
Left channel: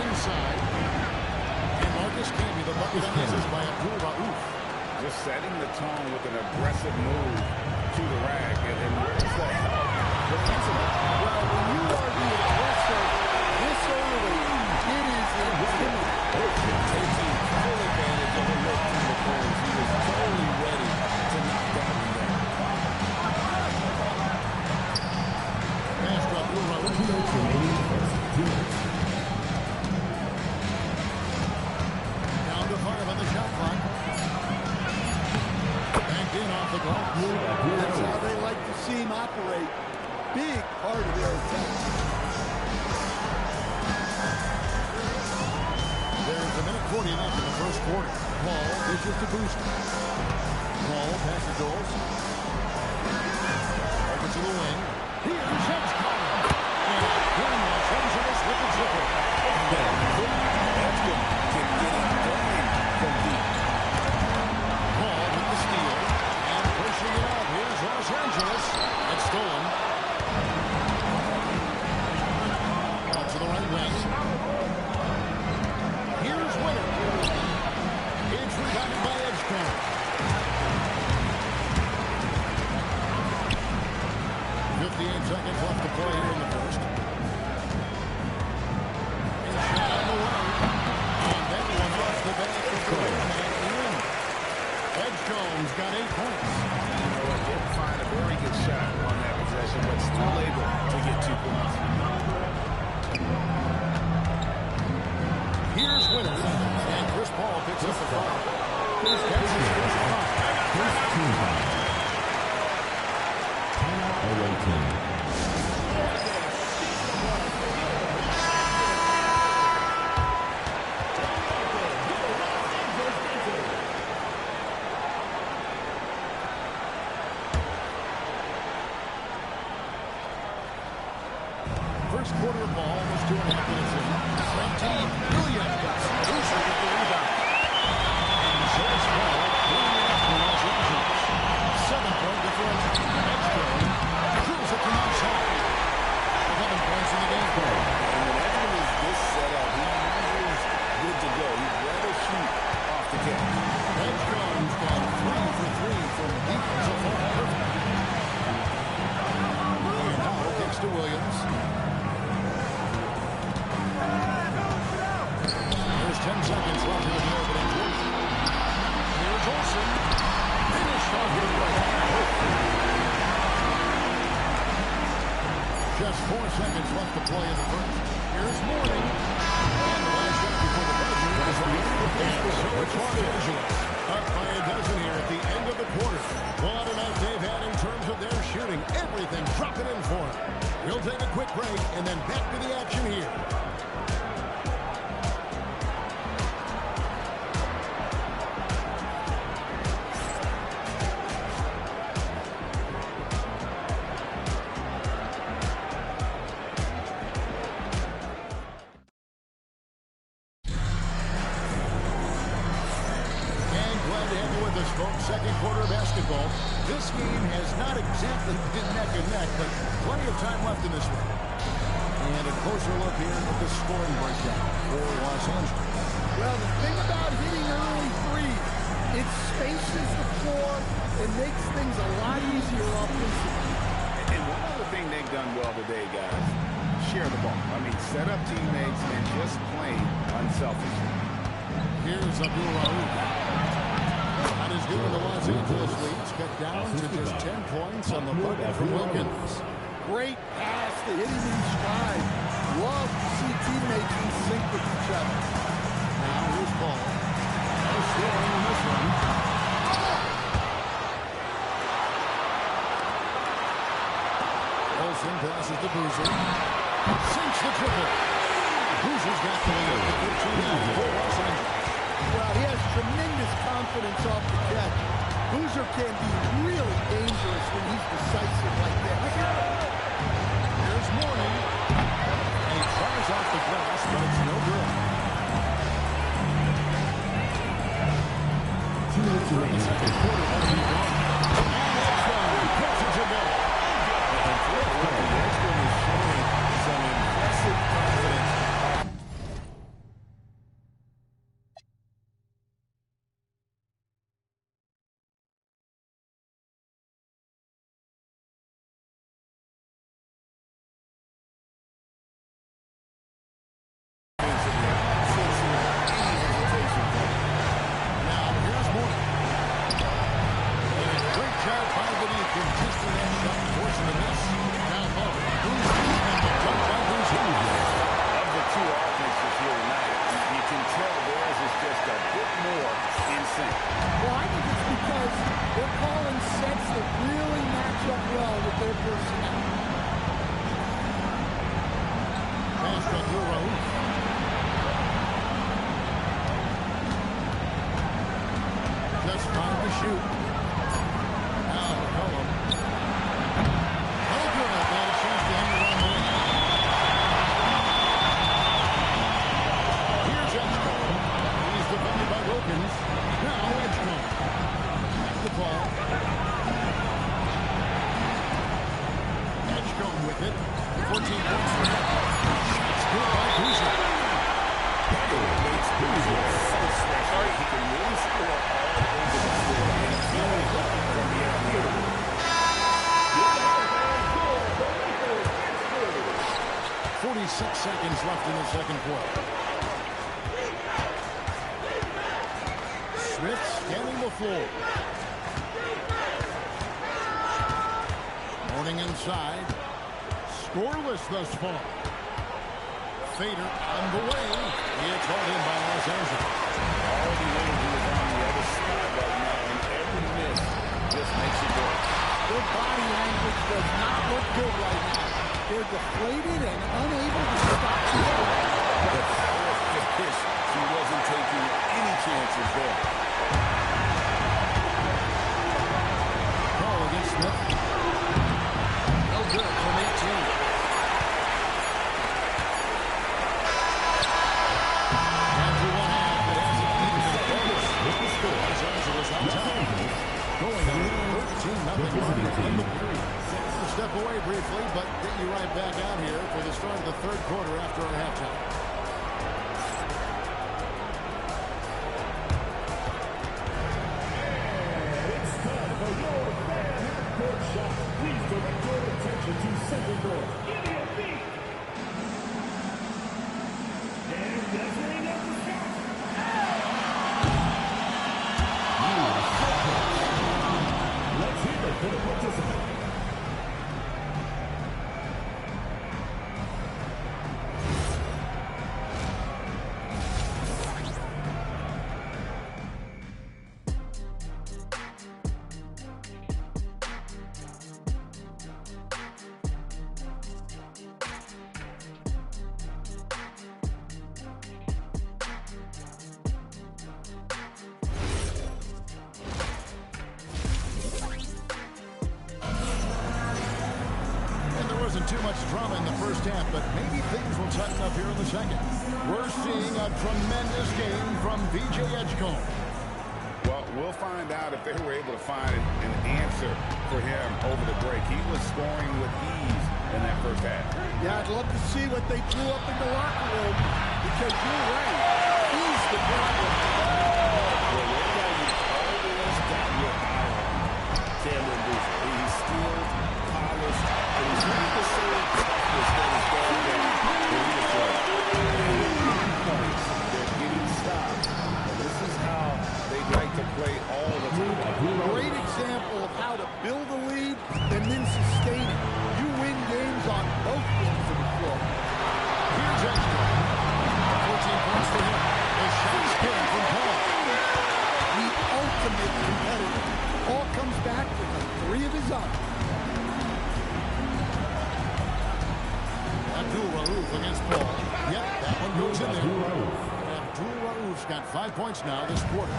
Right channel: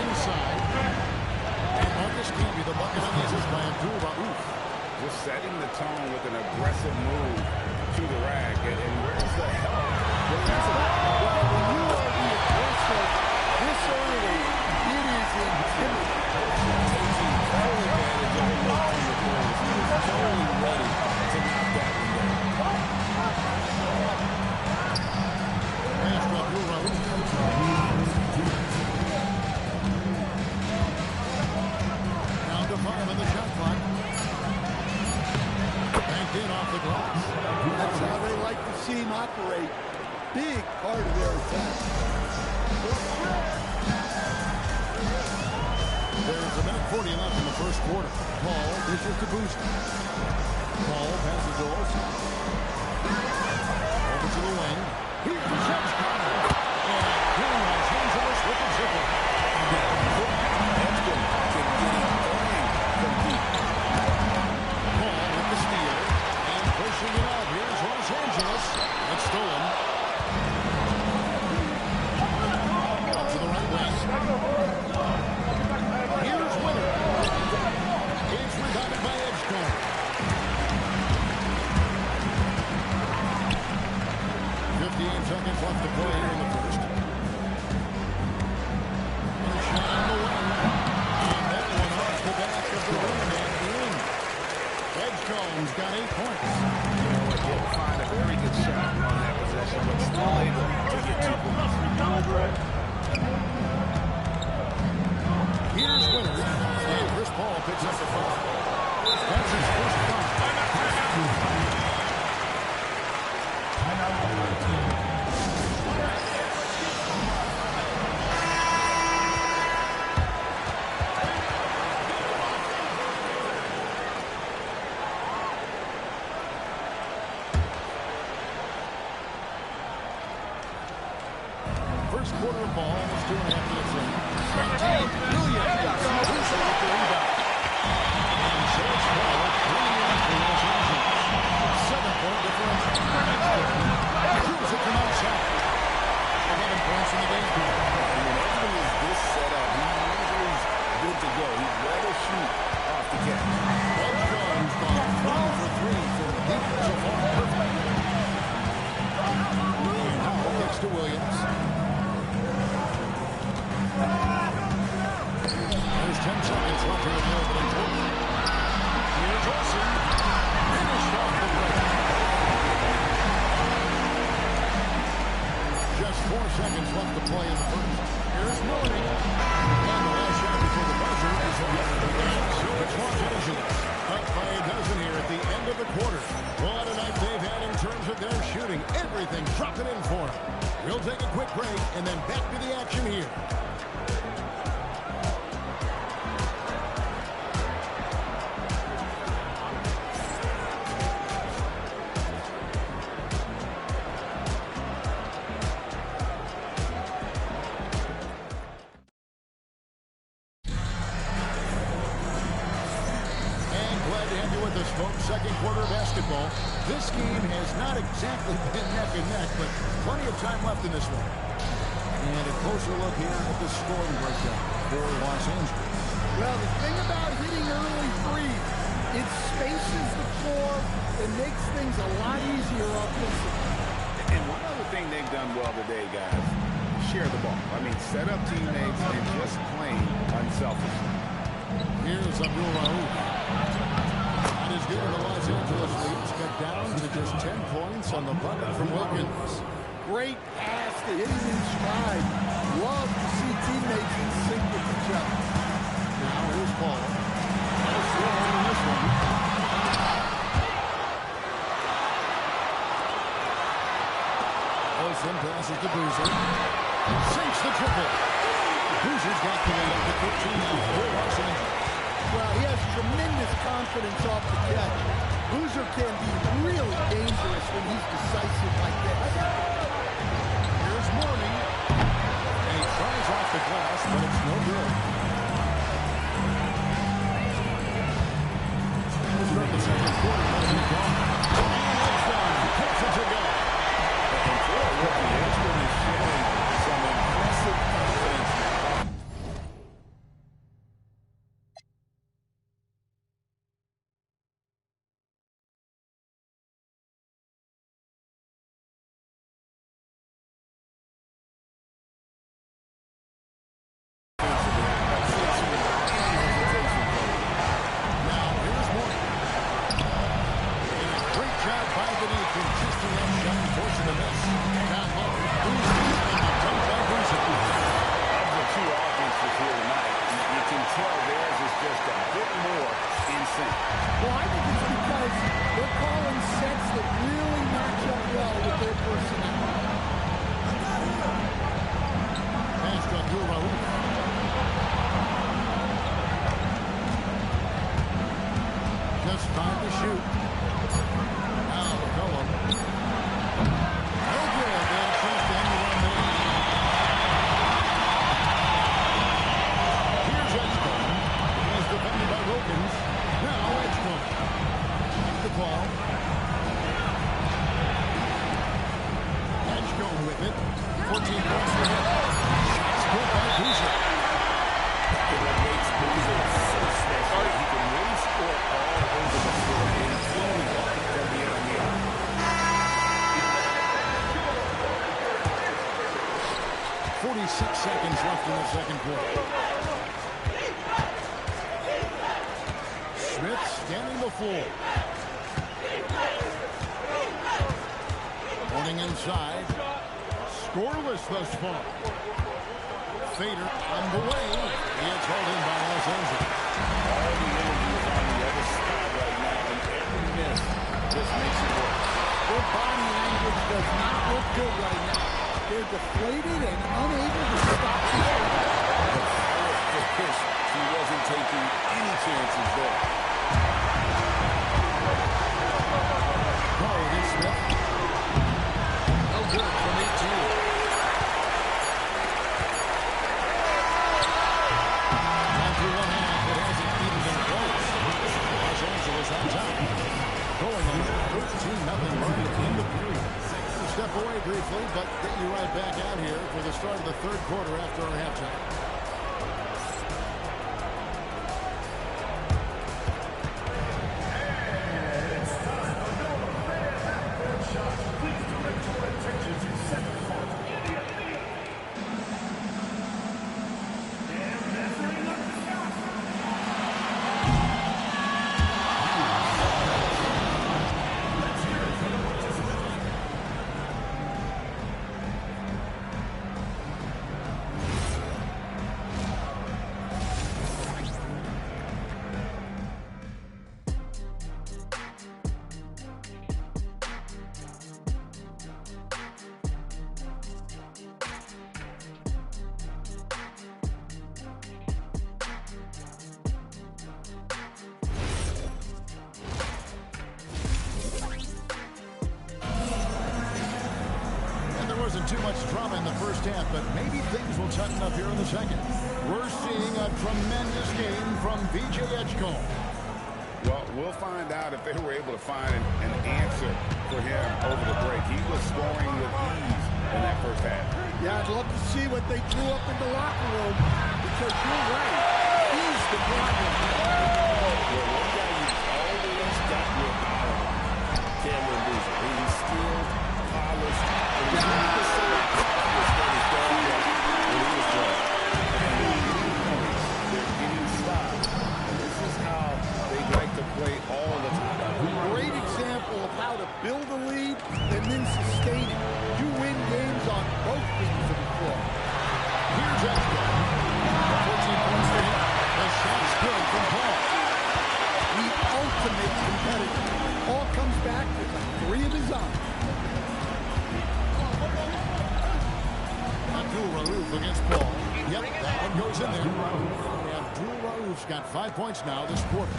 Inside. And Marcus Camby, the bucket on this is by Abdul Rauf. Just setting the tone with an aggressive move to the rack. And where's the help defensively? Well, when you are the aggressor this early, it is intimidating. Taking full advantage of a look from the corners. He was totally ready to knock that one down. Pass to Abdul Rauf. Down to 5 on the shot clock. Banked in off the glass. That's how they like to see him operate. Big part of their attack. There's a minute 40 left in the first quarter. Paul dishes to Booster. Paul passes to Olsen. Over to the wing. Here's Edgecombe. And again, Los Angeles with the triple. Edgecombe can get it going from deep. Paul with the steal. And pushing it out. Here's Los Angeles. It's stolen. Up to the right wing. Here's Winner. It's rebounded by Edgecombe. 58 seconds left to play here in the first. And shot on the way. And that one off the back of the rim and in. Edgecombe's got 8 points. You know what? Didn't find a very good shot on that possession, but still able to get 2 points. Here's Winner. And Chris Paul picks up the foul. That's his first foul. Timeout by Myteam. First quarter of ball, almost 2.5 minutes in. Myteam, Williams, Booster with the rebound. And so it's Paul cleaning it up for Los Angeles. 7-point differential. Edgecombe drills it from outside. 11 points in the game. And when Edgecombe is this set up, he usually is good to go. He'd rather shoot off the catch. Edgecombe's gone 3 for 3 from deep so far. Perfect. And Howell kicks to Williams. There's 10 seconds left here in the opening quarter. Here's Olsen. Finished off the break. Just 4 seconds left to play in the first. Here's Mourning. And the last shot before the buzzer is off. And so it's Los Angeles. Up by a dozen here at the end of the quarter. What a night they've had in terms of their shooting. Everything dropping in for them. We'll take a quick break and then back to the action here. Glad to have you with us, folks. Second quarter of basketball. This game has not exactly been neck and neck, but plenty of time left in this one. And a closer look here at the scoring breakdown for Los Angeles. Well, the thing about hitting early threes, it spaces the floor and makes things a lot easier offensively. And one other thing they've done well today, guys, share the ball. I mean, set up teammates and just playing unselfishly. Here's Abdul-Rauf. Not as good in the Los Angeles leads. Cut down to just 10 points on the bucket from Wilkins. Great pass to hit him in stride. Love to see teammates in sync with each other. Now here's Paul. No scoring in this one. Olsen passes to Boozer. Sinks the triple. Boozer's got the lead up to 15 now for Los Angeles. Well, he has tremendous confidence off the catch. Boozer can be really dangerous when he's decisive like this. Here's Mourning. And he tries off the glass, but it's no good. From the second quarter, let him be gone. And Edgecombe gets it to go. And for a rookie, Edgecombe is showing some impressive confidence. Contesting that shot and forcing the miss. Down low. Boozer and the dunk by Boozer. Of the two offenses here tonight, you can tell theirs is just a bit more in sync. Well, I think it's because they're calling sets that really match up well with their personnel. Pass to Abdul-Rauf. Just 5 to shoot. Now McCollum. No good. They had a chance to end the run there. Here's Edgecombe. He's defended by Wilkins. Now Edgecombe. Back to Paul. Edgecombe with it. 14 points for him. Shots good by Boozer. What makes Boozer so special, he can really score all over the floor, including from beyond the arc. 46 seconds left in the second quarter. Smith scanning the floor. Mourning inside. Scoreless thus far. Fader on the way. He is hauled in by Los Angeles. All the energy is on the other side right now, and every miss just makes it worse. Their body language does not look good right now. They're deflated and unable to stop the run. The power finish, he wasn't taking any chances there. Call against Smith. No good from 18. Los Angeles on top. Going on a 13-0 run to end the period. We'll step away briefly, but get you right back out here for the start of the third quarter after our halftime. It's time for your fan half-court shot. Please direct your attention to center court. Give me a beat. And measuring up the shot. Let's hear it from the participant. Wasn't too much drama in the first half, but maybe things will tighten up here in the second. We're seeing a tremendous game from VJ Edgecombe. Well, we'll find out if they were able to find an answer for him over the break. He was scoring with ease in that first half. Yeah, I'd love to see what they threw up in the locker room, because you're right. He's the problem. Well, one guy you've always got your eye on, Cameron Boozer. He's skilled, polished, and he's ready to say toughness that is done down when he was playing. And they're getting points, they're getting stops, and they'd like to play all the time. Great example of how to build a lead and then sustain it. You win games on both ends of the floor. Here's Edgecombe. 14 points for him. The shot's good from Paul. The ultimate competitor. Paul comes back with a 3 of his own. Abdul-Rauf against Paul. Yep, that one goes in there. Abdul-Rauf's got 5 points now this quarter.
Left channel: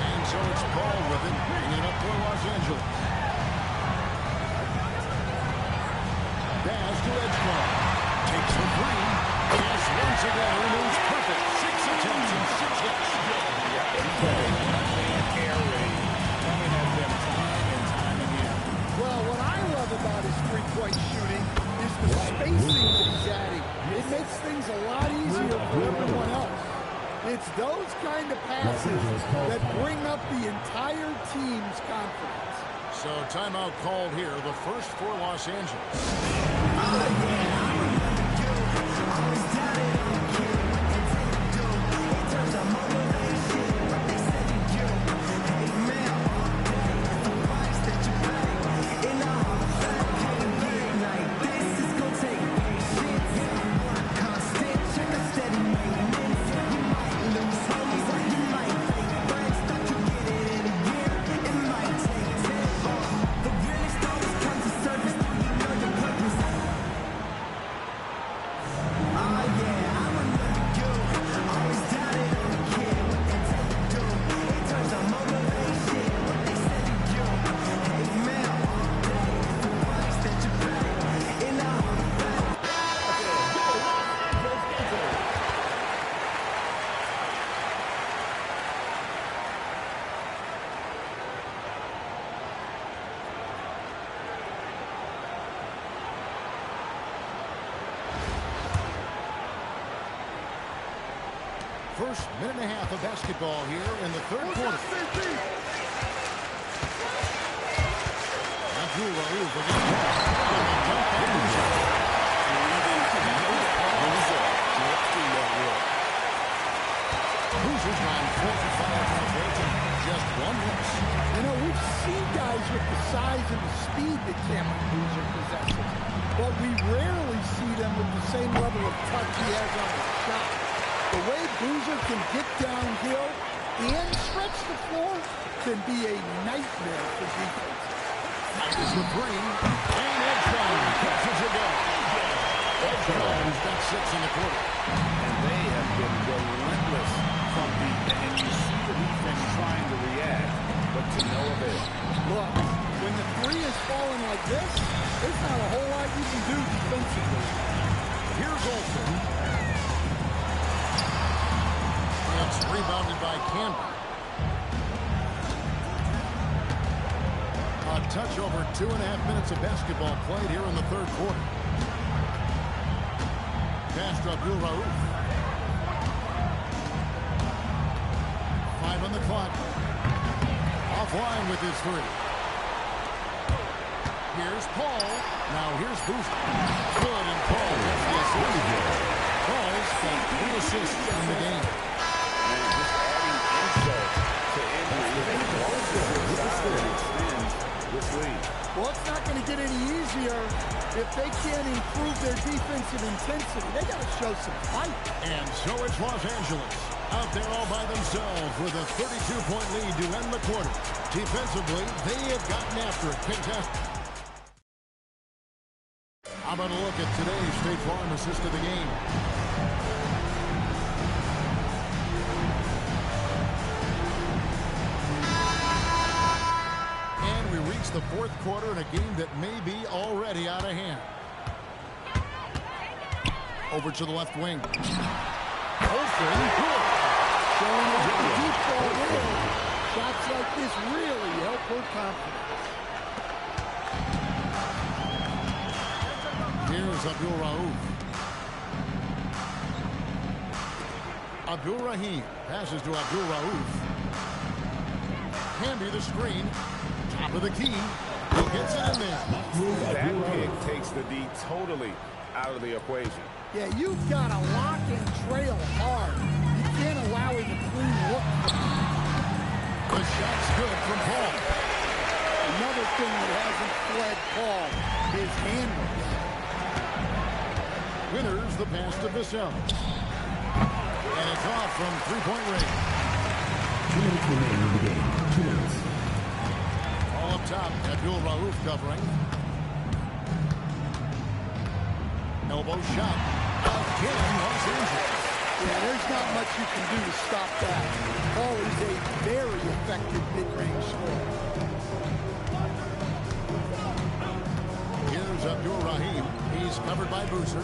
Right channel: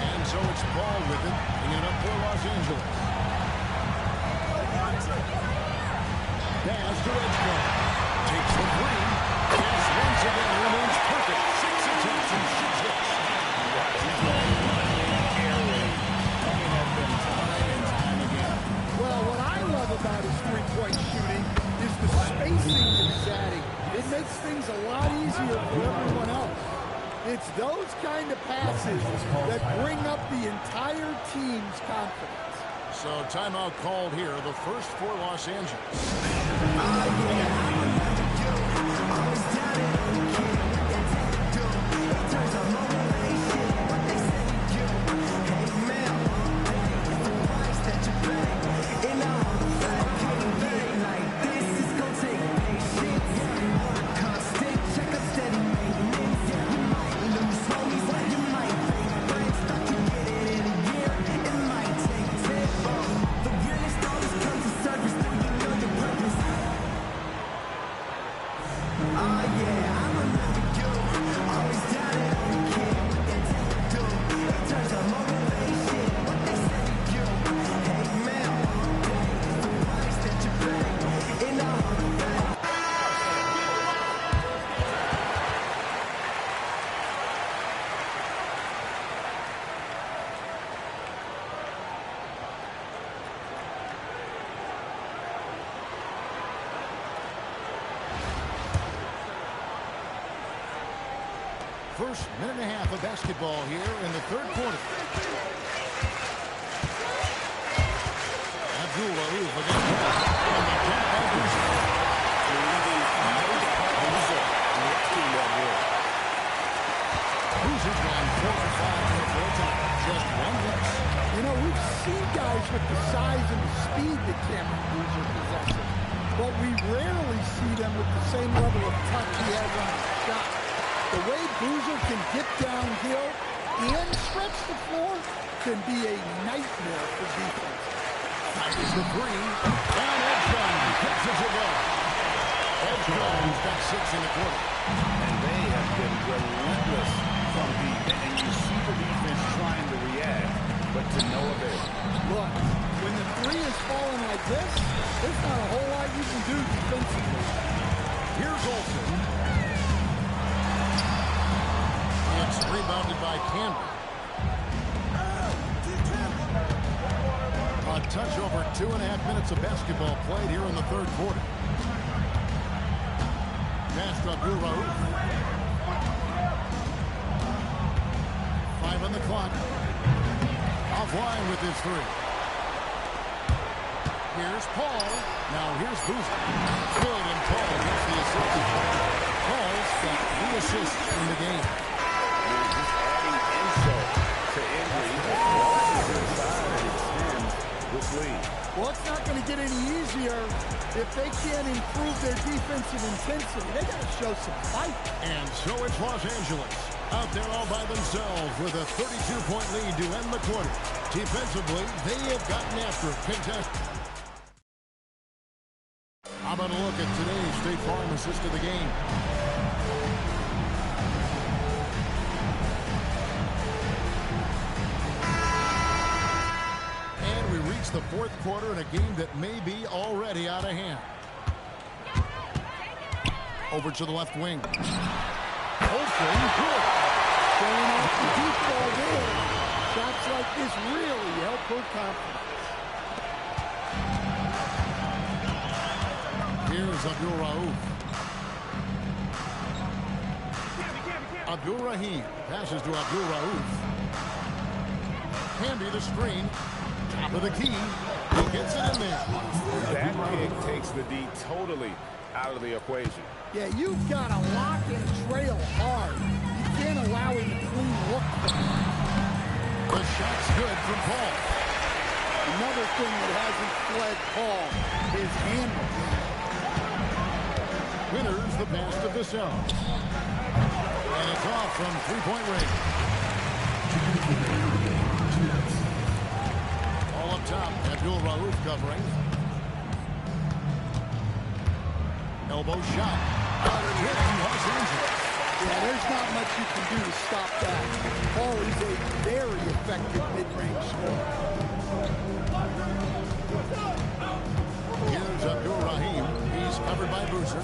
And so it's Paul with it, bringing it up for Los Angeles. Pass to Edgecombe. Takes the 3. Yes, once again, remains perfect. 6 attempts and 6 hits. Yeah, he's got a one-man air raid coming at them time and time again. Well, what I love about his three-point shooting is the spacing that he's adding. It makes things a lot easier for everyone else. It's those kind of passes that bring up the entire team's confidence. So timeout called here, the first for Los Angeles. First minute and a half of basketball here in the third quarter. Abdul-Rauf against Paul. And the dunk by Boozer. Boozer rocking that roll. Boozer's gone 4 for 5 from the floor tonight. Just 1 miss. You know, we've seen guys with the size and the speed that Cameron Boozer possesses, but we rarely see them with the same level of touch he has on his shot. The way Boozer can get downhill and stretch the floor can be a nightmare for defenses. Fires the 3, and Edgecombe gets it to go. Edgecombe's got 6 in the quarter. And they have been relentless from deep. And you see the defense trying to react, but to no avail. Look, when the 3 is falling like this, there's not a whole lot you can do defensively. Here's Olsen. It's rebounded by Campbell. A touch over 2.5 minutes of basketball played here in the third quarter. Pass to Abdul-Rauf. 5 on the clock. Offline with his 3. Here's Paul. Now here's Boozer. Good, and Paul gets the assist. Paul's got 3 assists in the game. Man, just adding insult to injury. Losses inside and extends this lead. Well, it's not going to get any easier if they can't improve their defensive intensity. They got to show some fight. And so it's Los Angeles out there all by themselves with a 32-point lead to end the quarter. Defensively, they have gotten after it. Contested. How about a look at today's State Farm assist of the game? And we reach the fourth quarter in a game that may be already out of hand. Over to the left wing. Olsen, good. Showing off the deep ball there. Shots like this really help her confidence. Here's Abdul-Rauf. Abdul-Rahim passes to Abdul-Rauf. Canby the screen. Top of the key. He gets it in there. That pick takes the D totally out of the equation. Yeah, you've got to lock and trail hard. You can't allow him a clean look. The shot's good from Paul. Another thing that hasn't fled Paul, his handles. Winners the pass to Vassell. And it's off from three-point range. 2 minutes remaining in the game. 2 minutes. All up top, Abdul Rauf covering. Elbow shot. Again, Los Angeles. Yeah, there's not much you can do to stop that. Paul is a very effective mid-range scorer. Here's Abdul Rahim. He's covered by Boozer.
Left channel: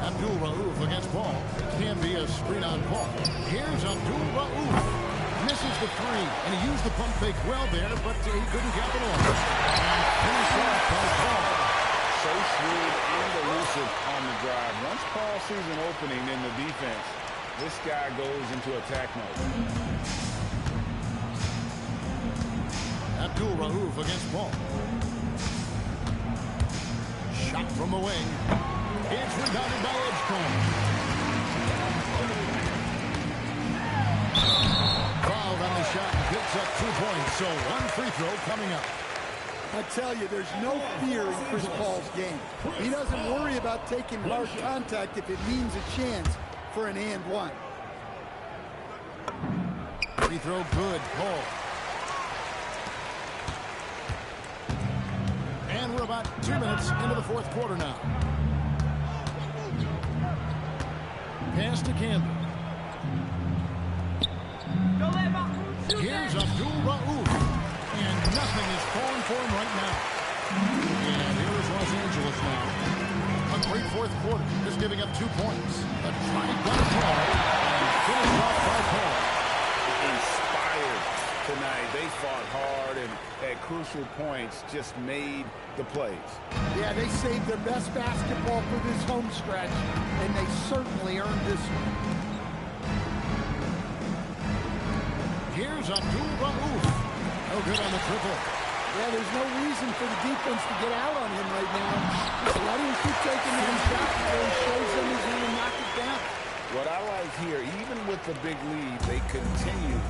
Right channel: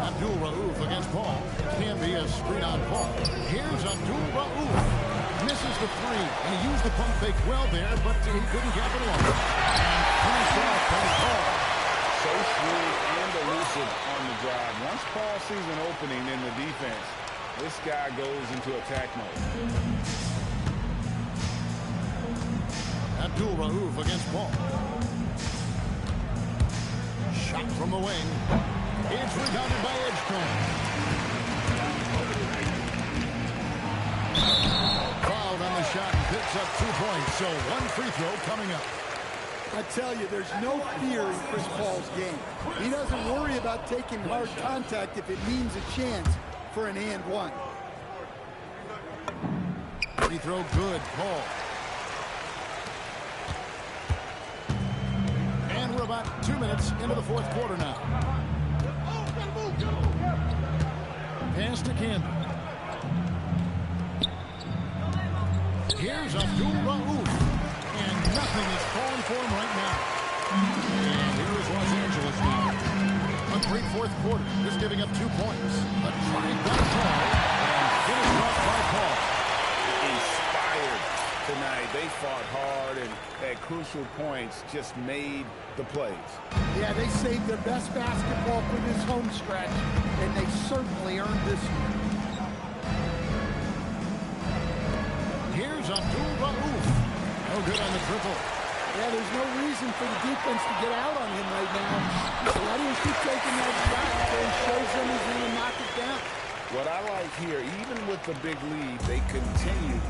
Abdul Rauf against Paul. Can be a screen on Paul. Here's Abdul Rauf. Misses the three, and he used the pump fake well there, but he couldn't capitalize. And finished off by Paul. So shrewd and elusive on the drive. Once Paul sees an opening in the defense, this guy goes into attack mode. Abdul Rauf against Paul. Shot from the wing. It's rebounded by Edgecombe. Fouled on the shot and picks up 2 points. So one free throw coming up. I tell you, there's no fear in Chris Paul's game. He doesn't worry about taking hard contact if it means a chance for an and one. Free throw good, Paul. And we're about 2 minutes into the fourth quarter now. Pass to Camden. Here's Abdul Rauf. And nothing is falling for him right now. And here is Los Angeles now. A great fourth quarter. Just giving up 2 points. A drive by Paul. And finished off by Paul. Inspired tonight. They fought hard and at crucial points just made the plays. Yeah, they saved their best basketball for this home stretch, and they certainly earned this one. Here's Abdul Rauf. No good on the triple. Yeah, there's no reason for the defense to get out on him right now. Just let him keep taking that shot until he shows them he's going to knock it down. What I like here, even with the big lead, they continue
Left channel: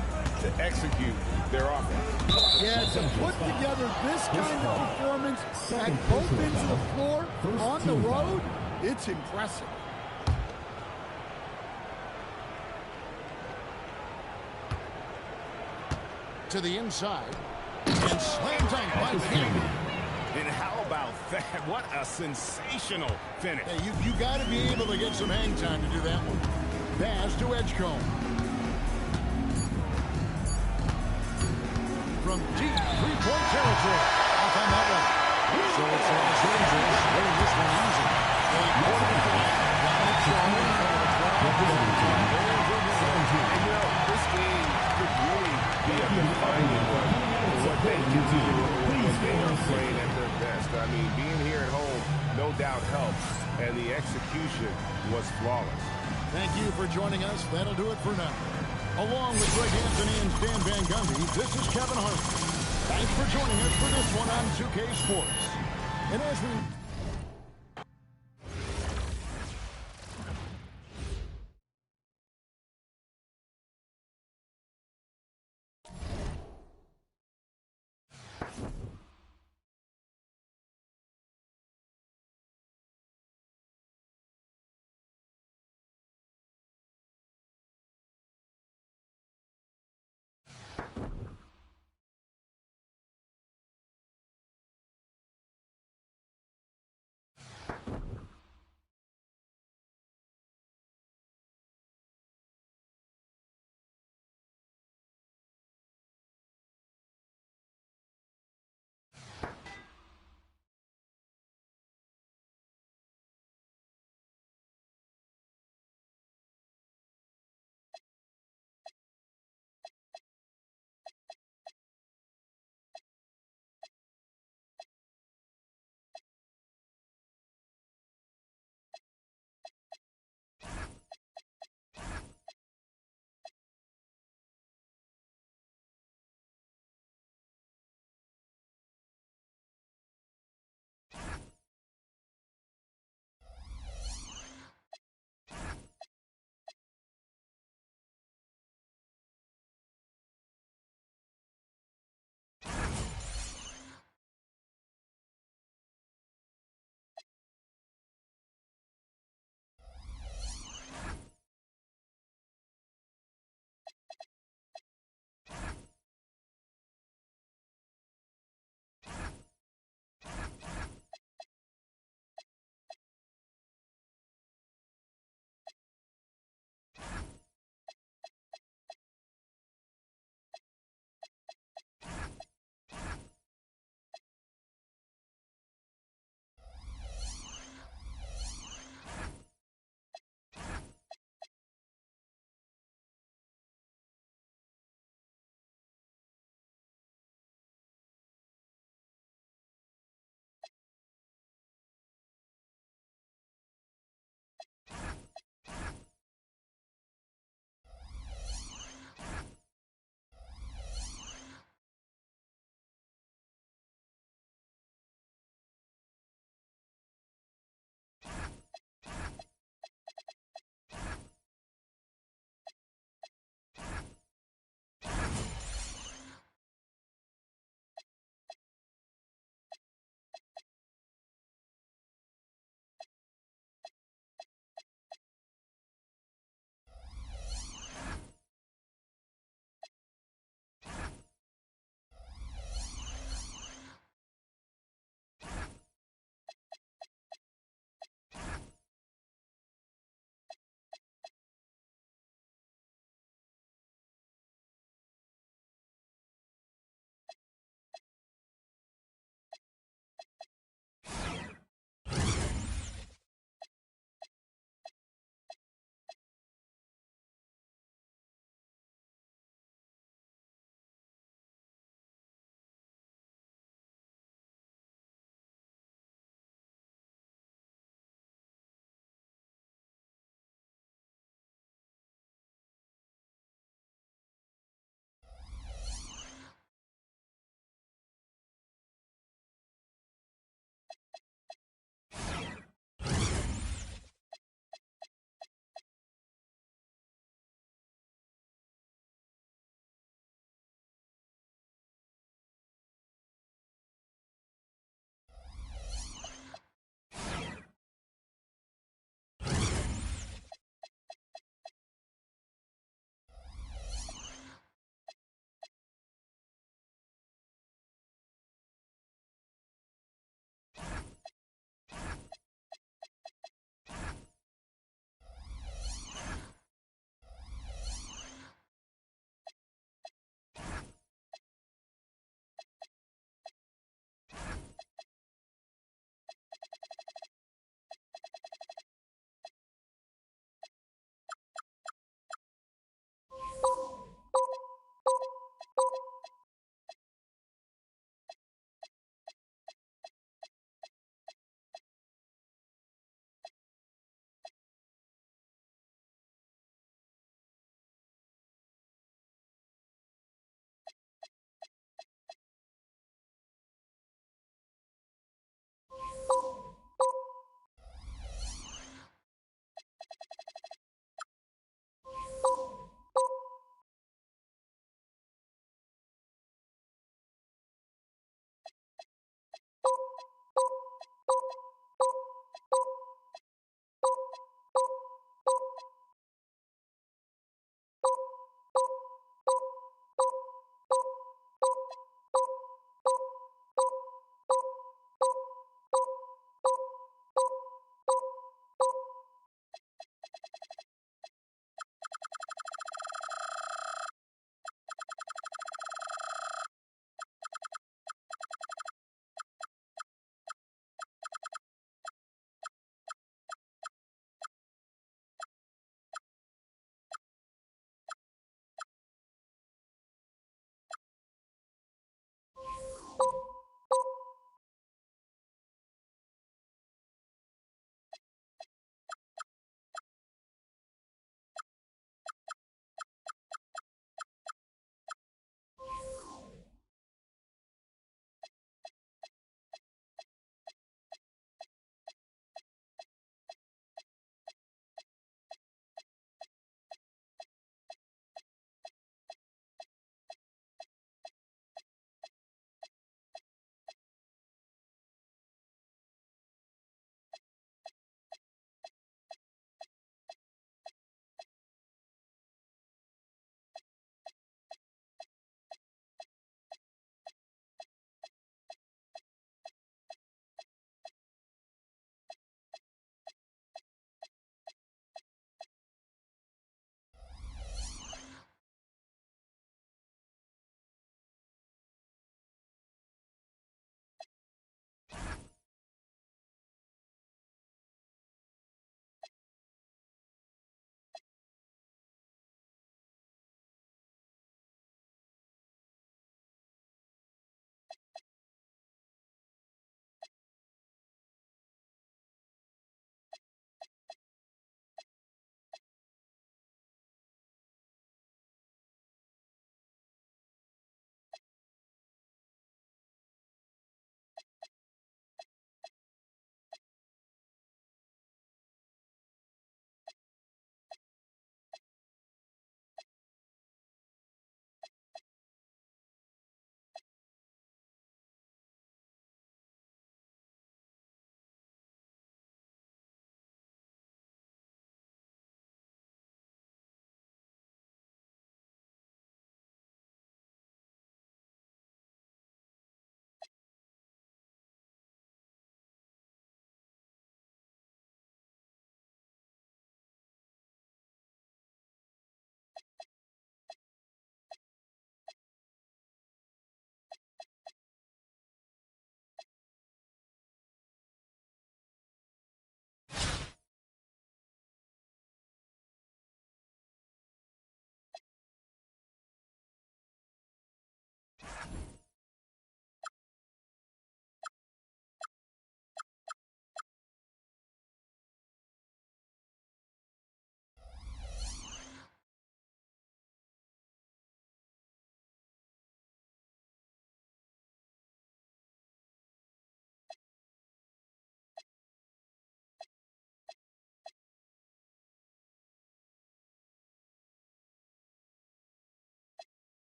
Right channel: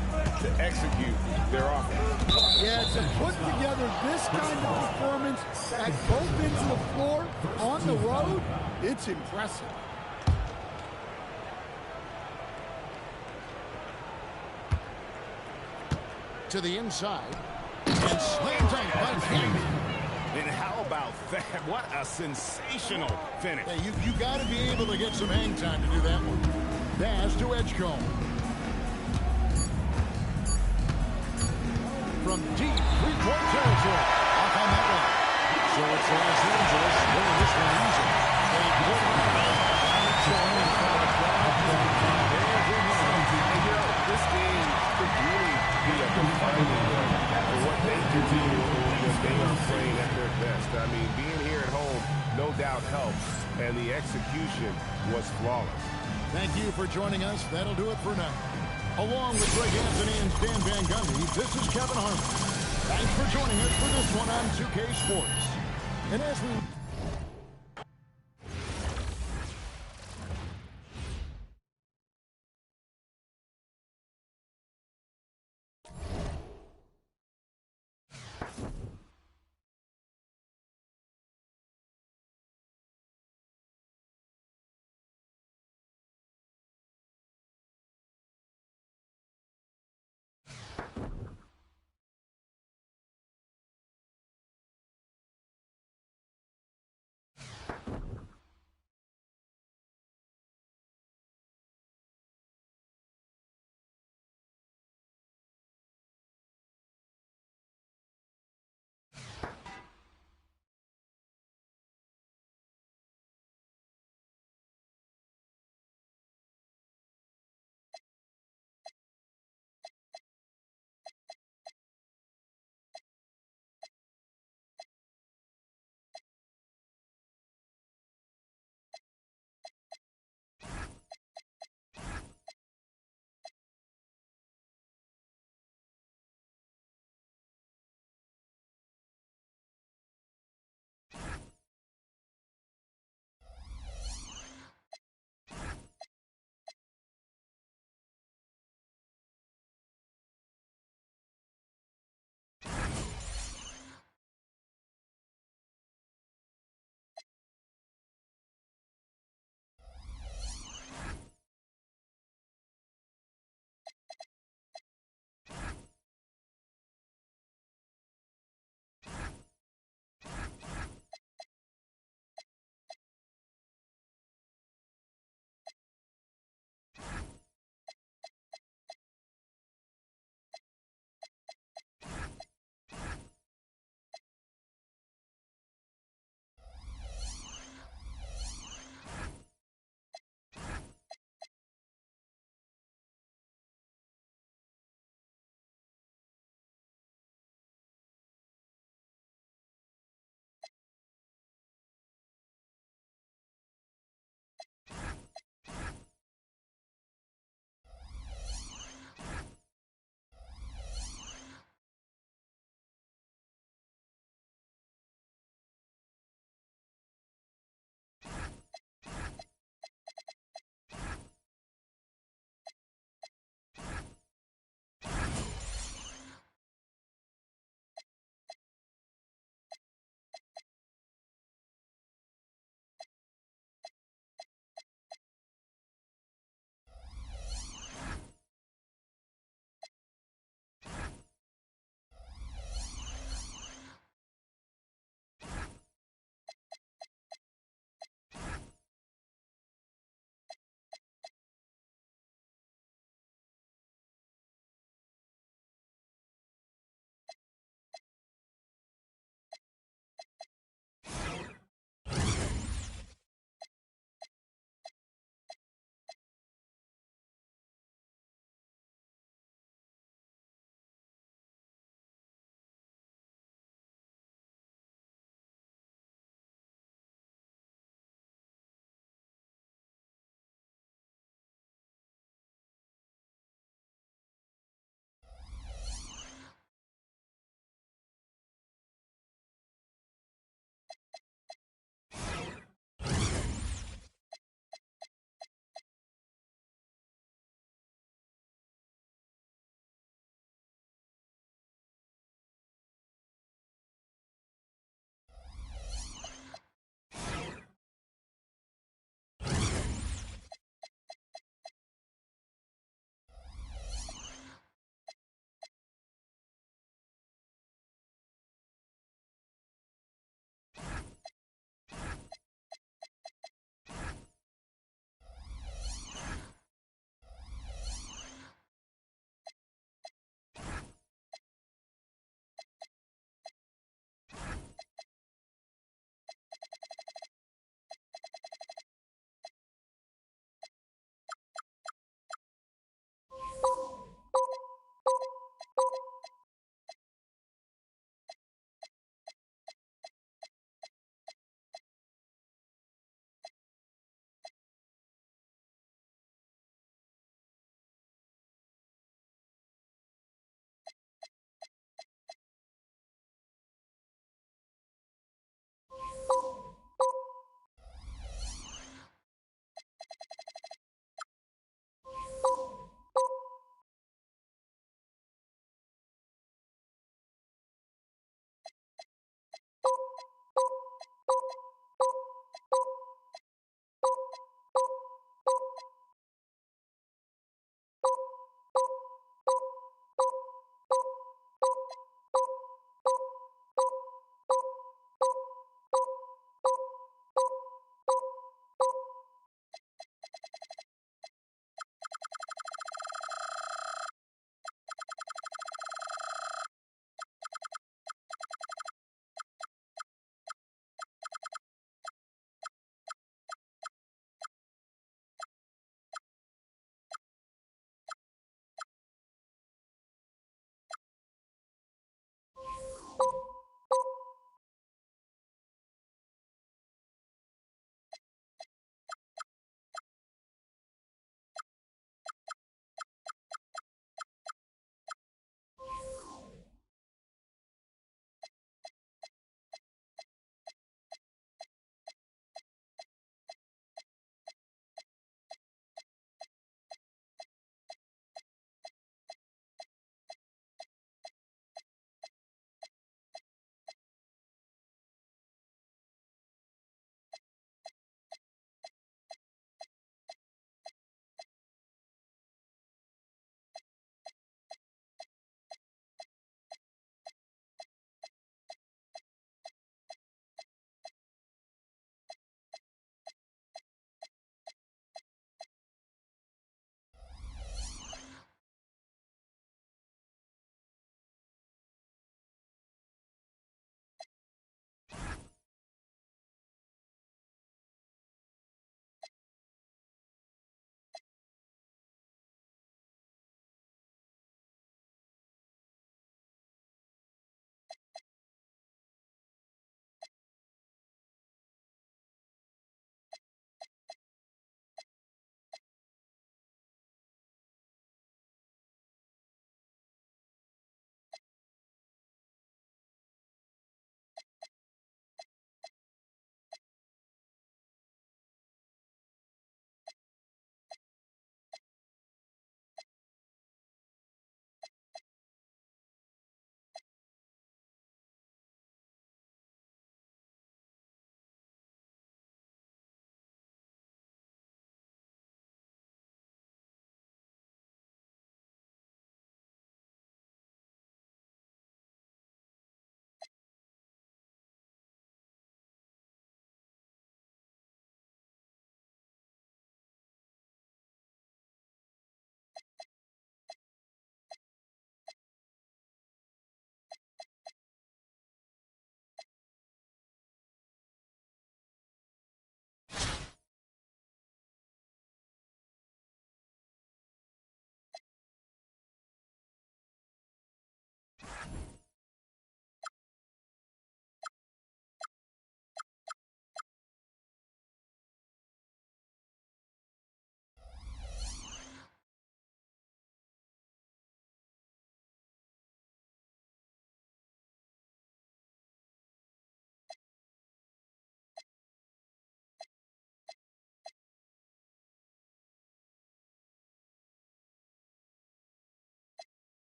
to execute their offense. Yeah, to put together this kind of performance at both ends of the floor on the road, it's impressive. To the inside. And slam dunk by Camden. And how about that? What a sensational finish. Hey, you got to be able to get some hang time to do that one. Pass to Edgecombe. From deep three-point territory. Off on that one. So it's Los Angeles winning this one easy. They poured it away. Got it showing in front of the crowd. And you know, this game could really be a defining one for what they can do when they are playing at their best. I mean, being here at home no doubt helps, and the execution was flawless. Thank you for joining us. That'll do it for now. Along with Greg Anthony and Stan Van Gundy, this is Kevin Harlan. Thanks for joining us for this one on 2K Sports. And as we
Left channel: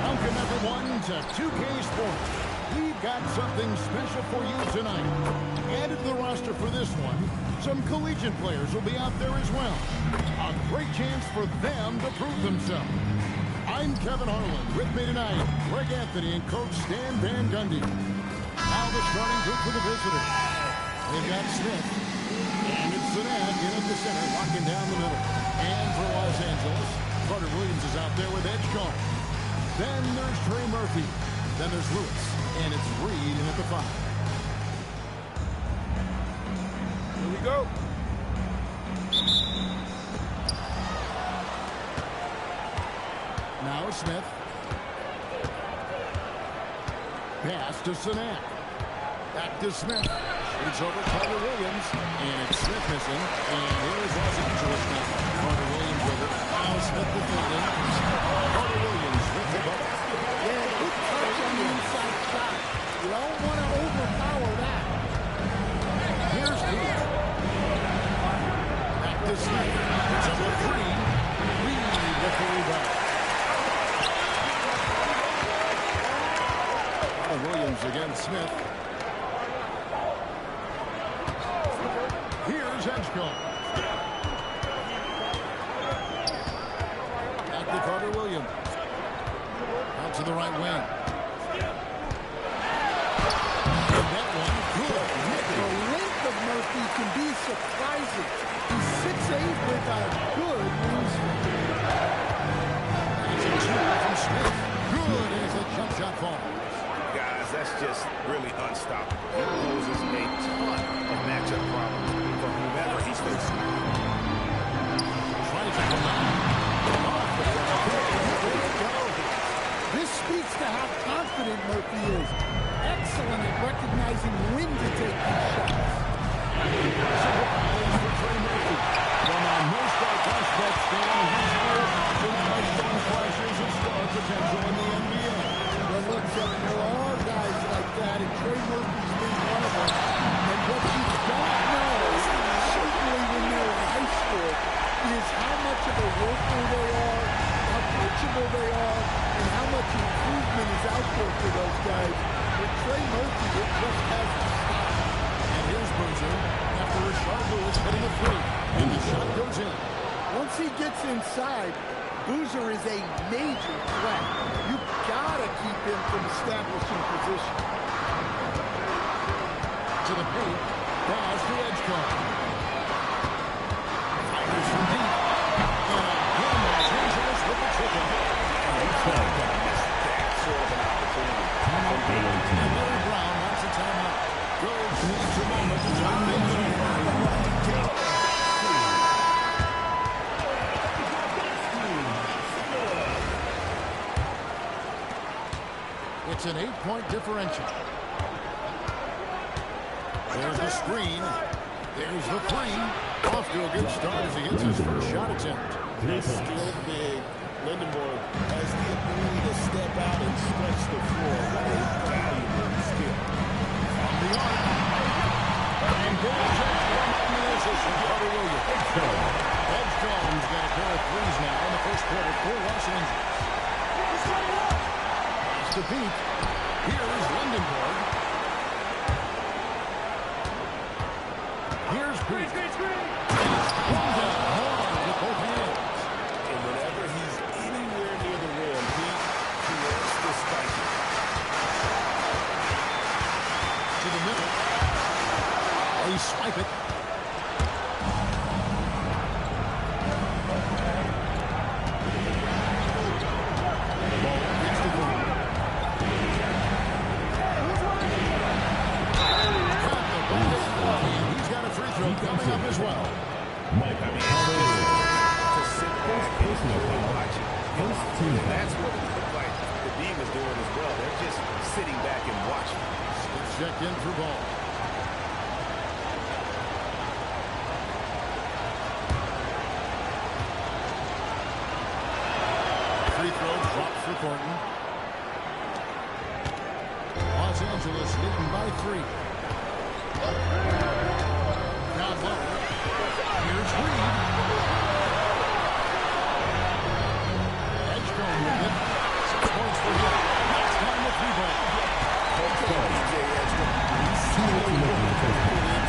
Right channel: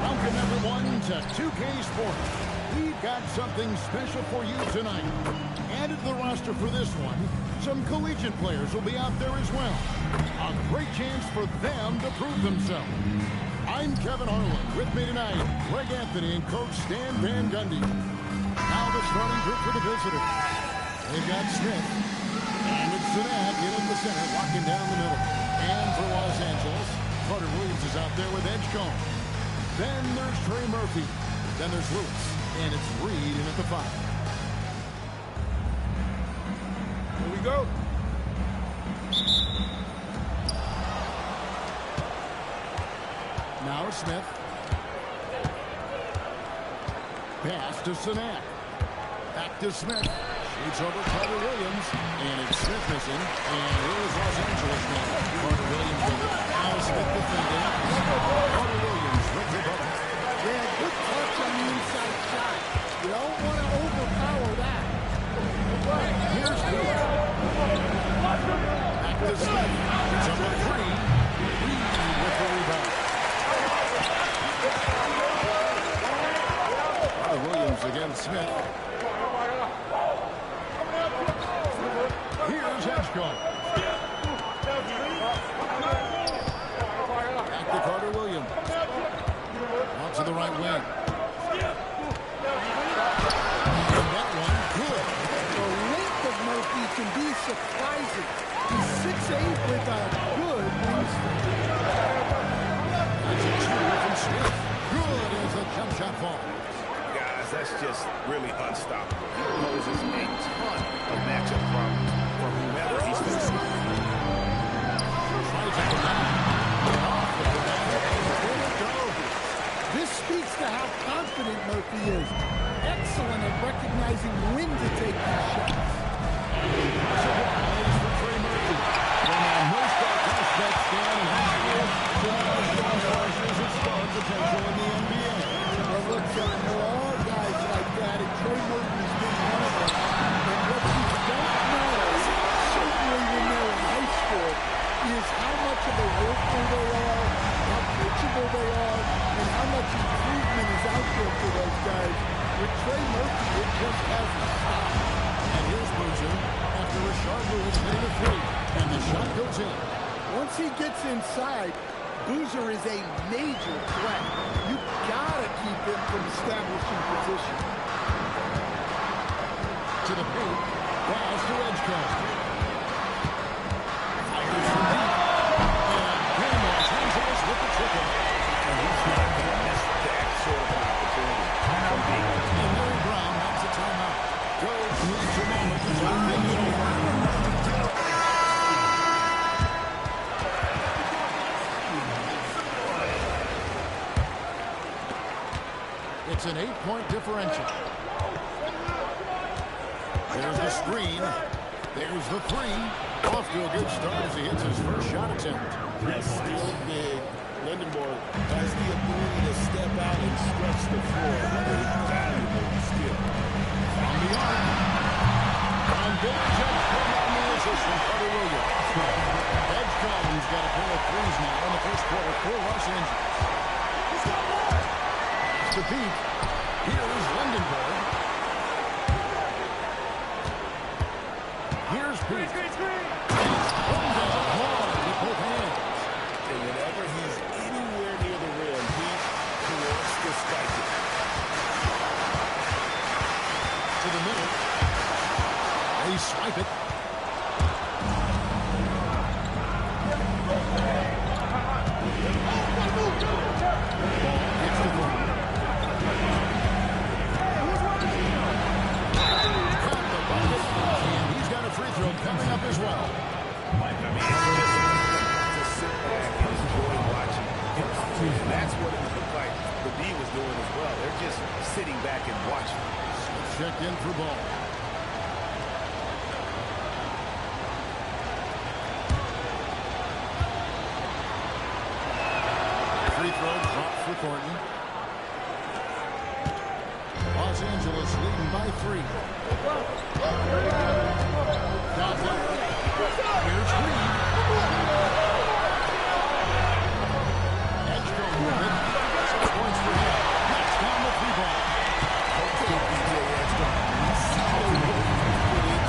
Welcome, everyone, to 2K Sports. We've got something special for you tonight. Added to the roster for this one, some collegiate players will be out there as well. A great chance for them to prove themselves. I'm Kevin Harlan. With me tonight, Greg Anthony and Coach Stan Van Gundy. Now the starting group for the visitors. They've got Smith, and it's Sinak in at the center, locking down the middle. And for Los Angeles, Carter Williams is out there with Edgecombe. Then there's Trey Murphy. Then there's Lewis, and it's Reed in at the 5. Here we go. Now Smith. Pass to Sinak. Back to Smith. Shoots over Carter Williams. And it's Smith missing. And here is Los Angeles now. Carter Williams with it. Now Smith defending. Carter Williams with the bubble. Yeah, good touch on the inside shot. You don't want to overpower that. Here's Reed. Back to Smith. It's up a 3. Reed with the rebound. Carter Williams against Smith. Here's Edgecombe. Back to Carter Williams. Out to the right wing. And that one, good. The length of Murphy can be surprising. He's 6'8" with a good wingspan. That's a 2 from Smith. Good as the jump shot falls. Guys, that's just really unstoppable. He poses a ton of matchup problems for whomever he's facing. Tries it from now. And off the ground. Where it goes. This speaks to how confident Murphy is. Excellent at recognizing when to take these shots. Surprise for Trey Murphy. From a no-star prospect stand in high school to now showing flashes of star potential in the NBA. Well, look, Kevin, there are guys like that, and Trey Murphy's been one of them. And what you don't know, certainly when they're in high school, is how much of a worker they are, how coachable they are, and how much improvement is out there for those guys. With Trey Murphy, it just hasn't stopped. And here's Boozer after Rashard Lewis hitting a 3. And the shot goes in. Once he gets inside, Boozer is a major threat. You gotta keep him from establishing position. To the paint. Pass to Edgecombe. Fires from deep. And again, Los Angeles with the triple. And he's not going to miss that sort of an opportunity from being. And Larry Brown wants a timeout. Coach needs a moment to turn things over. It's an 8-point differential. There's the screen. There's the 3. Off to a good start as he hits his first shot attempt. He's skilled big. Lindenborg has the ability to step out and stretch the floor. What a valuable skill. From the arc. And there's Edgecombe on the assist from Carter Williams. Edgecombe's got a pair of 3s now in the first quarter for Los Angeles. Pass to Pete. Here's Lindenborg. Here's Pete. Thrown down hard with both hands. And whenever he's anywhere near the rim, he wants to spike it. To the middle. They swipe it. Ball gets the goal. Got the bucket. And he's got a free throw coming up as well. Mike, I mean, it's just fun to sit back and enjoy watching him operate. And that's what it looked like the D was doing as well. They're just sitting back and watching. Smith checked in for ball. Free throw drops for Thornton. Los Angeles leading by 3. Down low. Here's Reed. Edgecombe with it. 6 points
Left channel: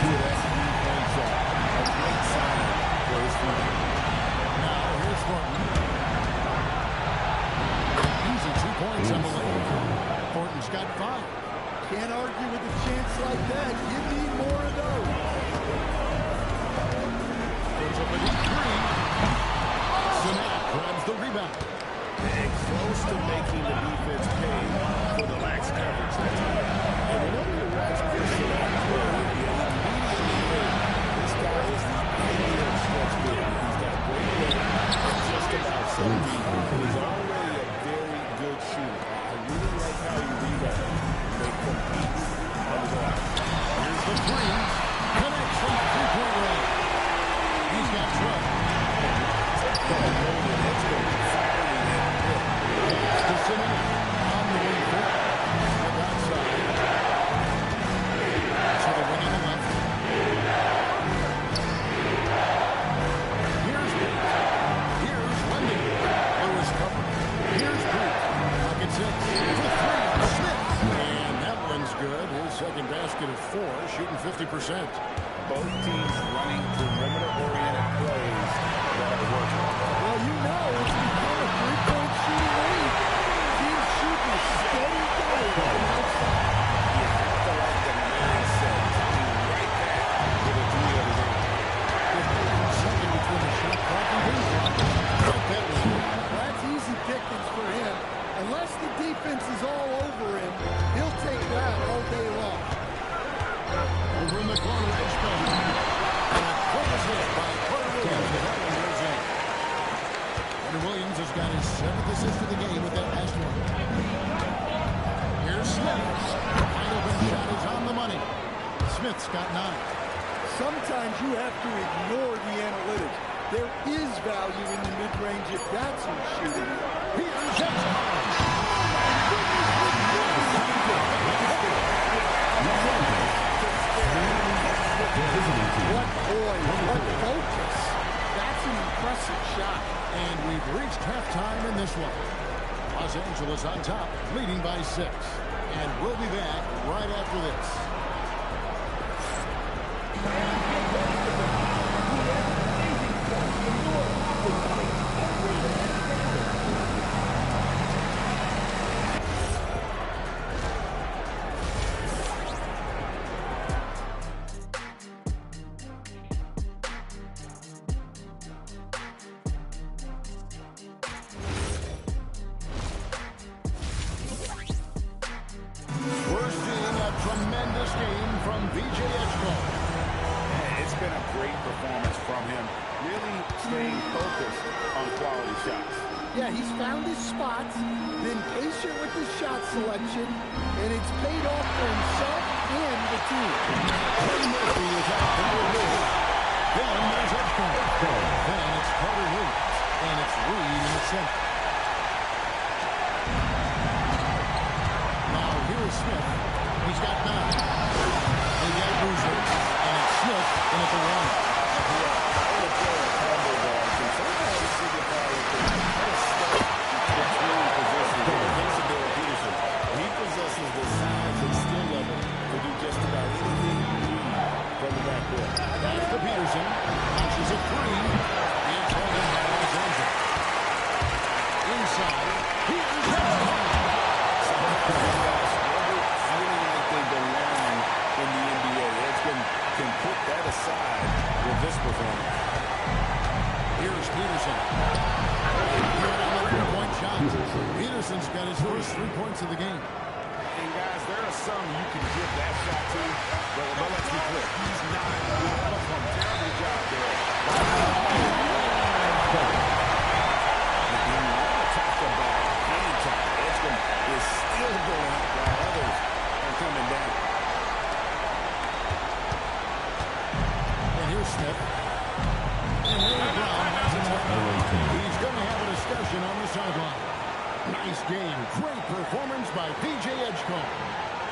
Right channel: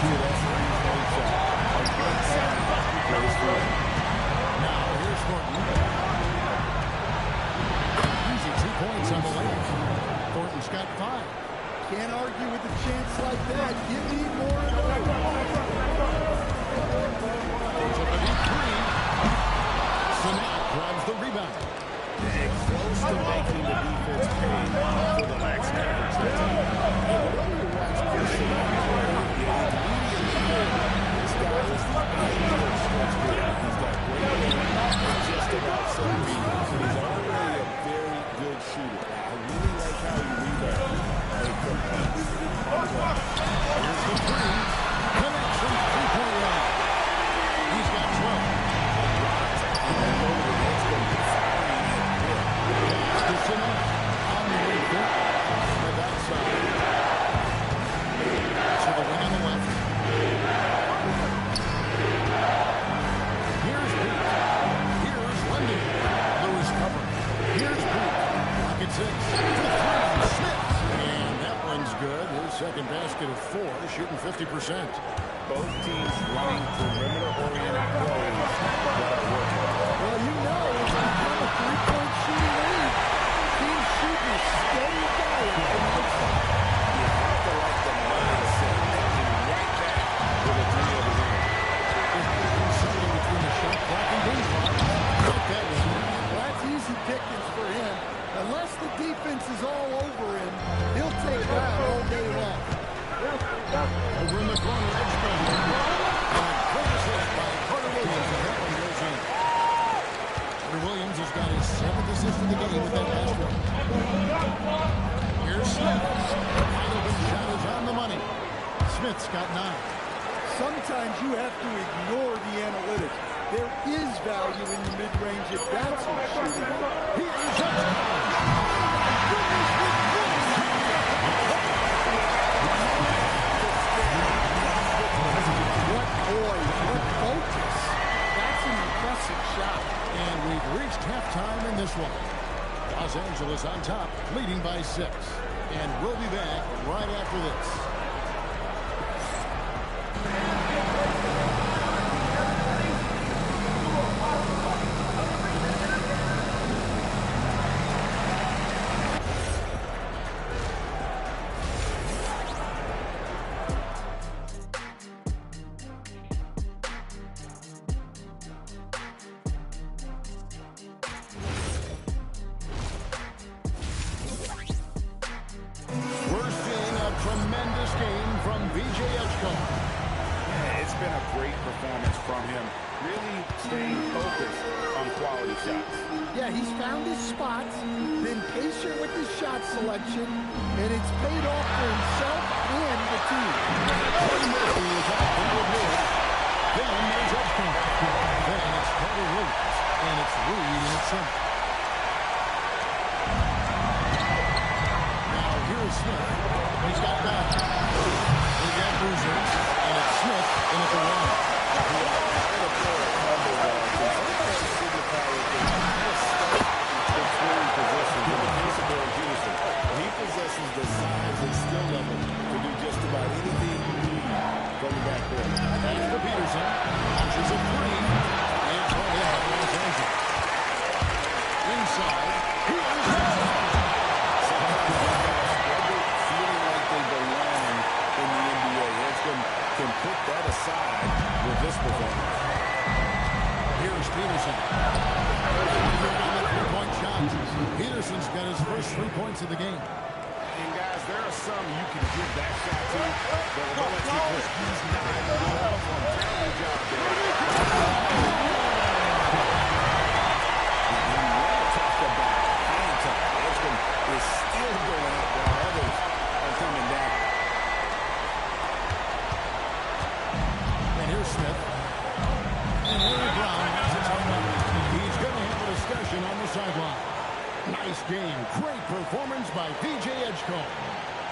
to that three-point shot. A great sign for his team. Now here's Thornton. Easy 2 points on the layup. Thornton's got 5. Can't argue with a chance like that. Give me more of those. Puts up a deep 3. Sinek grabs the rebound. And close to making the defense pay for the lax coverage that time. And whenever you watch Chris Sinek play, you immediately think this guy is the ideal stretch big. He's got great length and just about 7 feet. And he's already a very good shooter. I really like how he rebounds. They compete on the glass. Here's the 3. Connects from three-point range. He's got 12. And loaded. It's been firing at will. Pass to Sinek. On the wing foot. Smith outside. To the wing on the left. Here's Pete. Here's London. Lewis covering. Here's Pete. Pocket 6. For 3. Smith. And that one's good. His second basket of 4. Shooting 50%. Both teams running perimeter-oriented plays that are working. Well, you know it's become a three-point shooting league. Teams shooting a steady diet from outside. You have to like the mindset coming right back with a 3 of his own. 15 seconds between the shot clock and game clock. Like that one. Well, that's easy pickings for him. Unless the defense is all over him, he'll take that all day long. Over in the corner, Edgecombe. And a great assist by Carter Williams as that one goes in. Carter Williams has got his 7th assist of the game with that last one. Here's Smith. Wide open shot is on the money. Smith's got 9. Sometimes you have to ignore the analytics. There is value in the mid-range if that's who's shooting. Here's Edgecombe. Oh, my goodness, with one. What poise, what focus. That's an impressive shot. And we've reached halftime in this one. Los Angeles on top, leading by 6. And we'll be back right after this. We're seeing a tremendous game from B.J. Edgecombe. Yeah, it's been a great performance from him, really staying focused on quality shots. Yeah, he's found his spots, been patient with his shot selection, and it's paid off for himself and the team. Trey Murphy is out there with Lewis. Then there's Edgecombe. Then it's Carter Williams. And it's Reed in the center. Now here is Smith. He's got 9. They got Boozer. And it's Smith in at the 1. Calling a player a combo guard can sometimes signify that they kind of stuck between positions. In the case of Dylan Peterson, he possesses the size and skill level to do just about anything you need from the backcourt. That's for Peterson. Launches a 3. And called in by Los Angeles. Inside. Here's Edgecombe. Sometimes these guys struggle feeling like they belong in the NBA. Edgecombe can put that aside with this performance. Here's Peterson. Good on the three-point shot. Peterson's got his first 3 points of the game. And guys, there are some you can give that shot to, but let's be clear, he's not going to perform. Terrible job there. And you want to talk about hang time. Edgecombe is still going up while others are coming down. And here's Smith. And Larry Brown wants a timeout. He's going to have a discussion on the sideline. Nice game. Great performance by P.J. Edgecombe.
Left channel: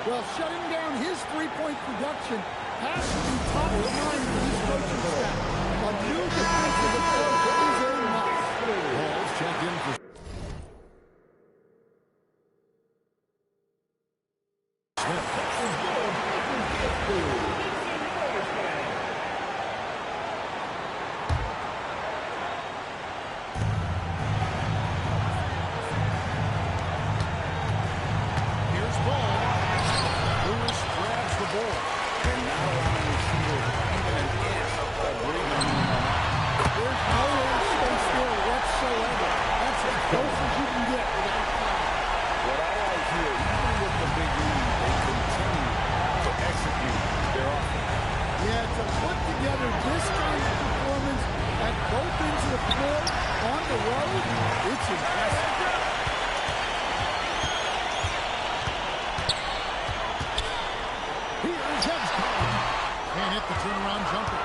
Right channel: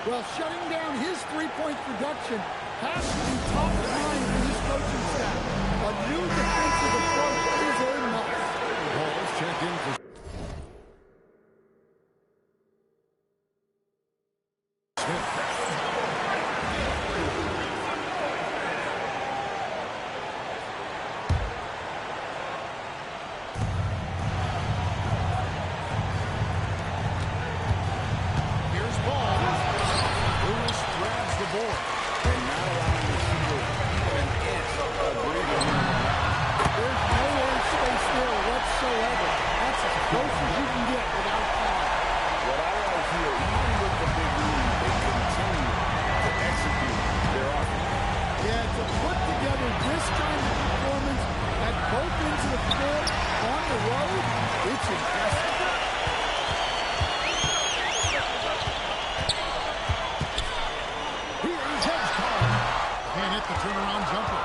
Well, shutting down his three-point production has to be top of mind for this coaching staff. A new defensive approach is a must. Hall's checked in for Smith. the board. And not allowing the shooter even an inch of breathing room on that. There's no air space there whatsoever. That's as close as you can get without foul. What I like here, even with the big lead, they continue to execute their offense. Yeah, to put together this kind of performance at both ends of the floor on the road, it's impressive. Here's Edgecombe. Can't hit the turnaround jumper.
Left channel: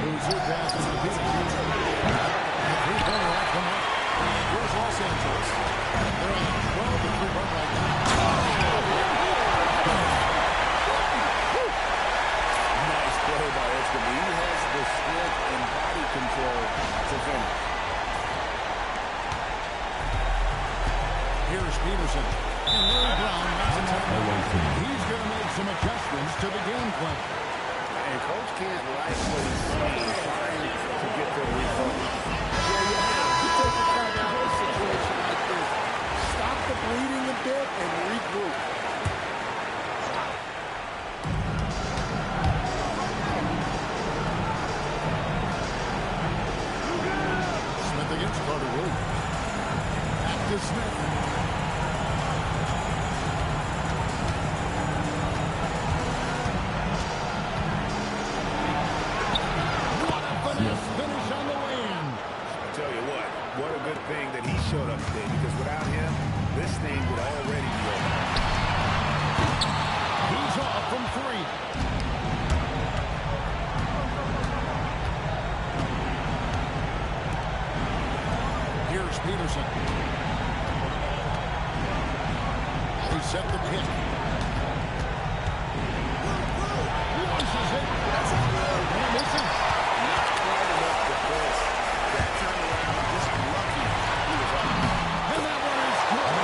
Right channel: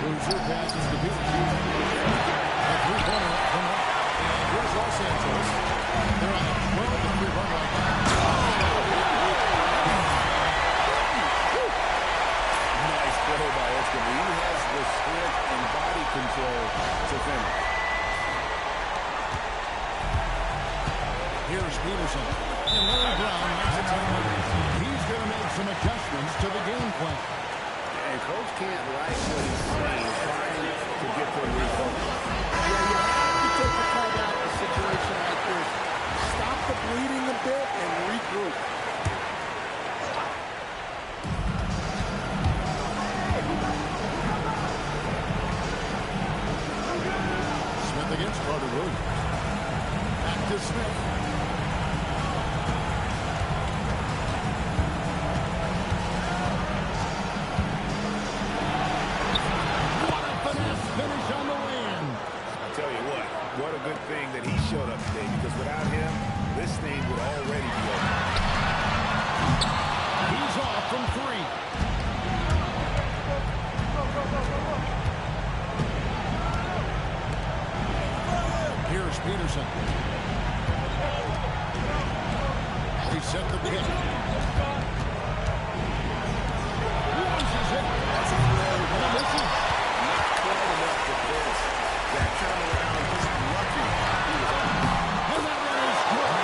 Boozer passes to Peterson. A three-pointer off the mark. And here's Los Angeles. They're on a 12-3 run right now. Nice play by Edgecombe. He has the strength and body control to finish. Here's Peterson. And Larry Brown makes a timeout. He's going to make some adjustments to the game plan. And Coach can't like what he's seeing, trying to get them refocused. Yeah, you have to take a timeout in a situation like this. Stop the bleeding a bit and regroup. Smith against Carter Williams. Back to Smith. What a finesse finish on the way-in. I tell you what a good thing that he showed up today, because without him, this thing would already be over. He's off from three. Here's Peterson. He set the pick. Launches it. That's a good. And it misses. Not quite enough defense. That time around, just lucky he was off. And that one is good.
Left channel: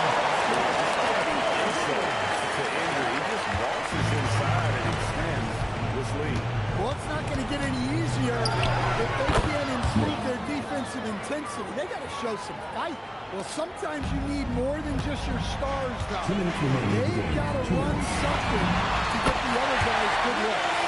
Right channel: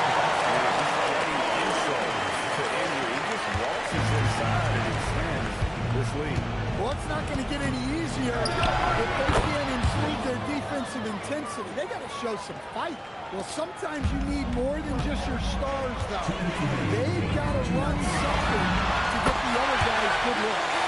Man, he's adding insult to injury. He just waltzes inside and extends this lead. Well, it's not going to get any easier if they can't improve their defensive intensity. They got to show some fight. Well, sometimes you need more than just your stars, though. They've got to run something to get the other guys good looks.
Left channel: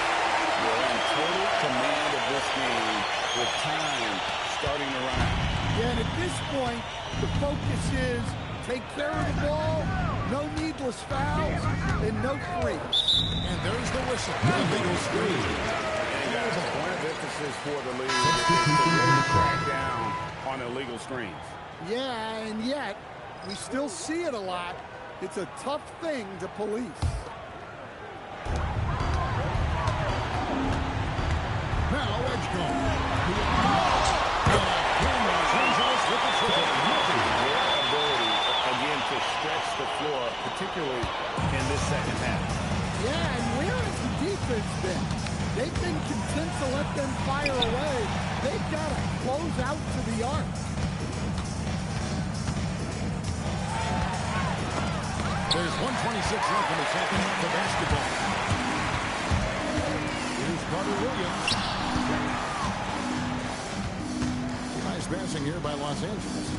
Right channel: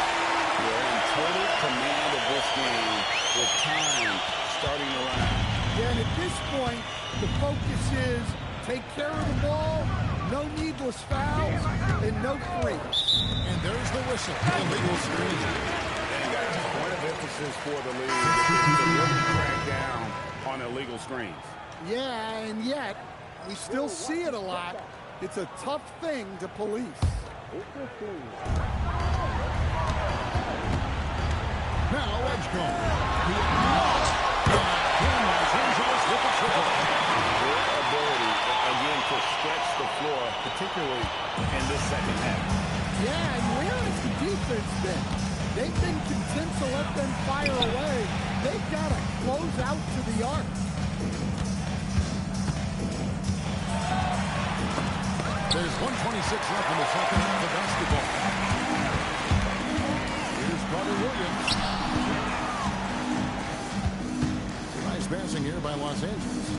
You're in total command of this game with time starting to run out. Yeah, and at this point, the focus is take care of the ball, no needless fouls, and no threes. And there's the whistle. Illegal screen. And guys, point of emphasis for the league is to really crack down on illegal screens. Yeah, and yet, we still see it a lot. It's a tough thing to police. Now Edgecombe. And again, Los Angeles with the triple. Their ability, again, to stretch the floor, particularly in this second half. Yeah, and where has the defense been? They've been content to let them fire away. They've got to close out to the arc. There's 1:26 left in the second half of basketball. Here's Carter Williams. Nice passing here by Los Angeles.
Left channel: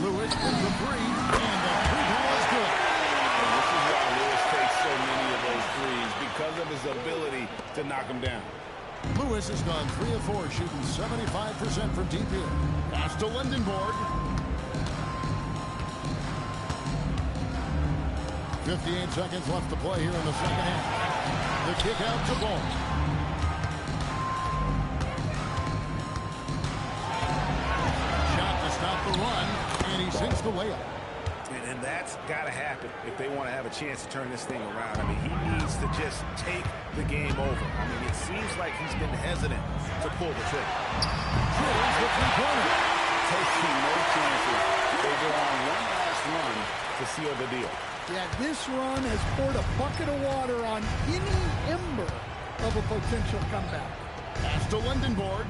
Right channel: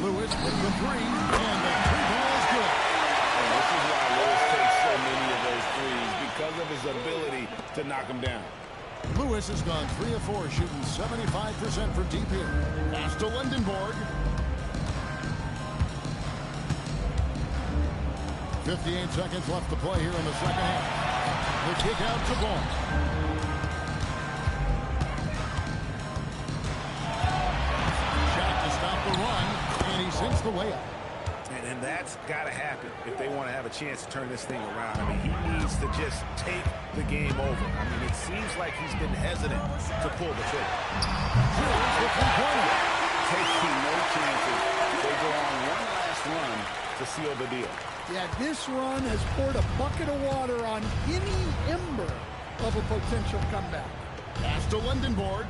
Lewis with the three, and the three ball is good. And this is why Lewis takes so many of those threes, because of his ability to knock them down. Lewis has gone 3 of 4, shooting 75% from deep here. Pass to Lindenborg. 58 seconds left to play here in the second half. The kick out to Ball. Shot to stop the run, and he sinks the layup. And that's got to happen if they want to have a chance to turn this thing around. I mean, he needs to just take the game over. I mean, it seems like he's been hesitant to pull the trigger. Drills the three-pointer. Taking no chances. They go on one last run to seal the deal. Yeah, this run has poured a bucket of water on any ember of a potential comeback. Pass to Lindenborg.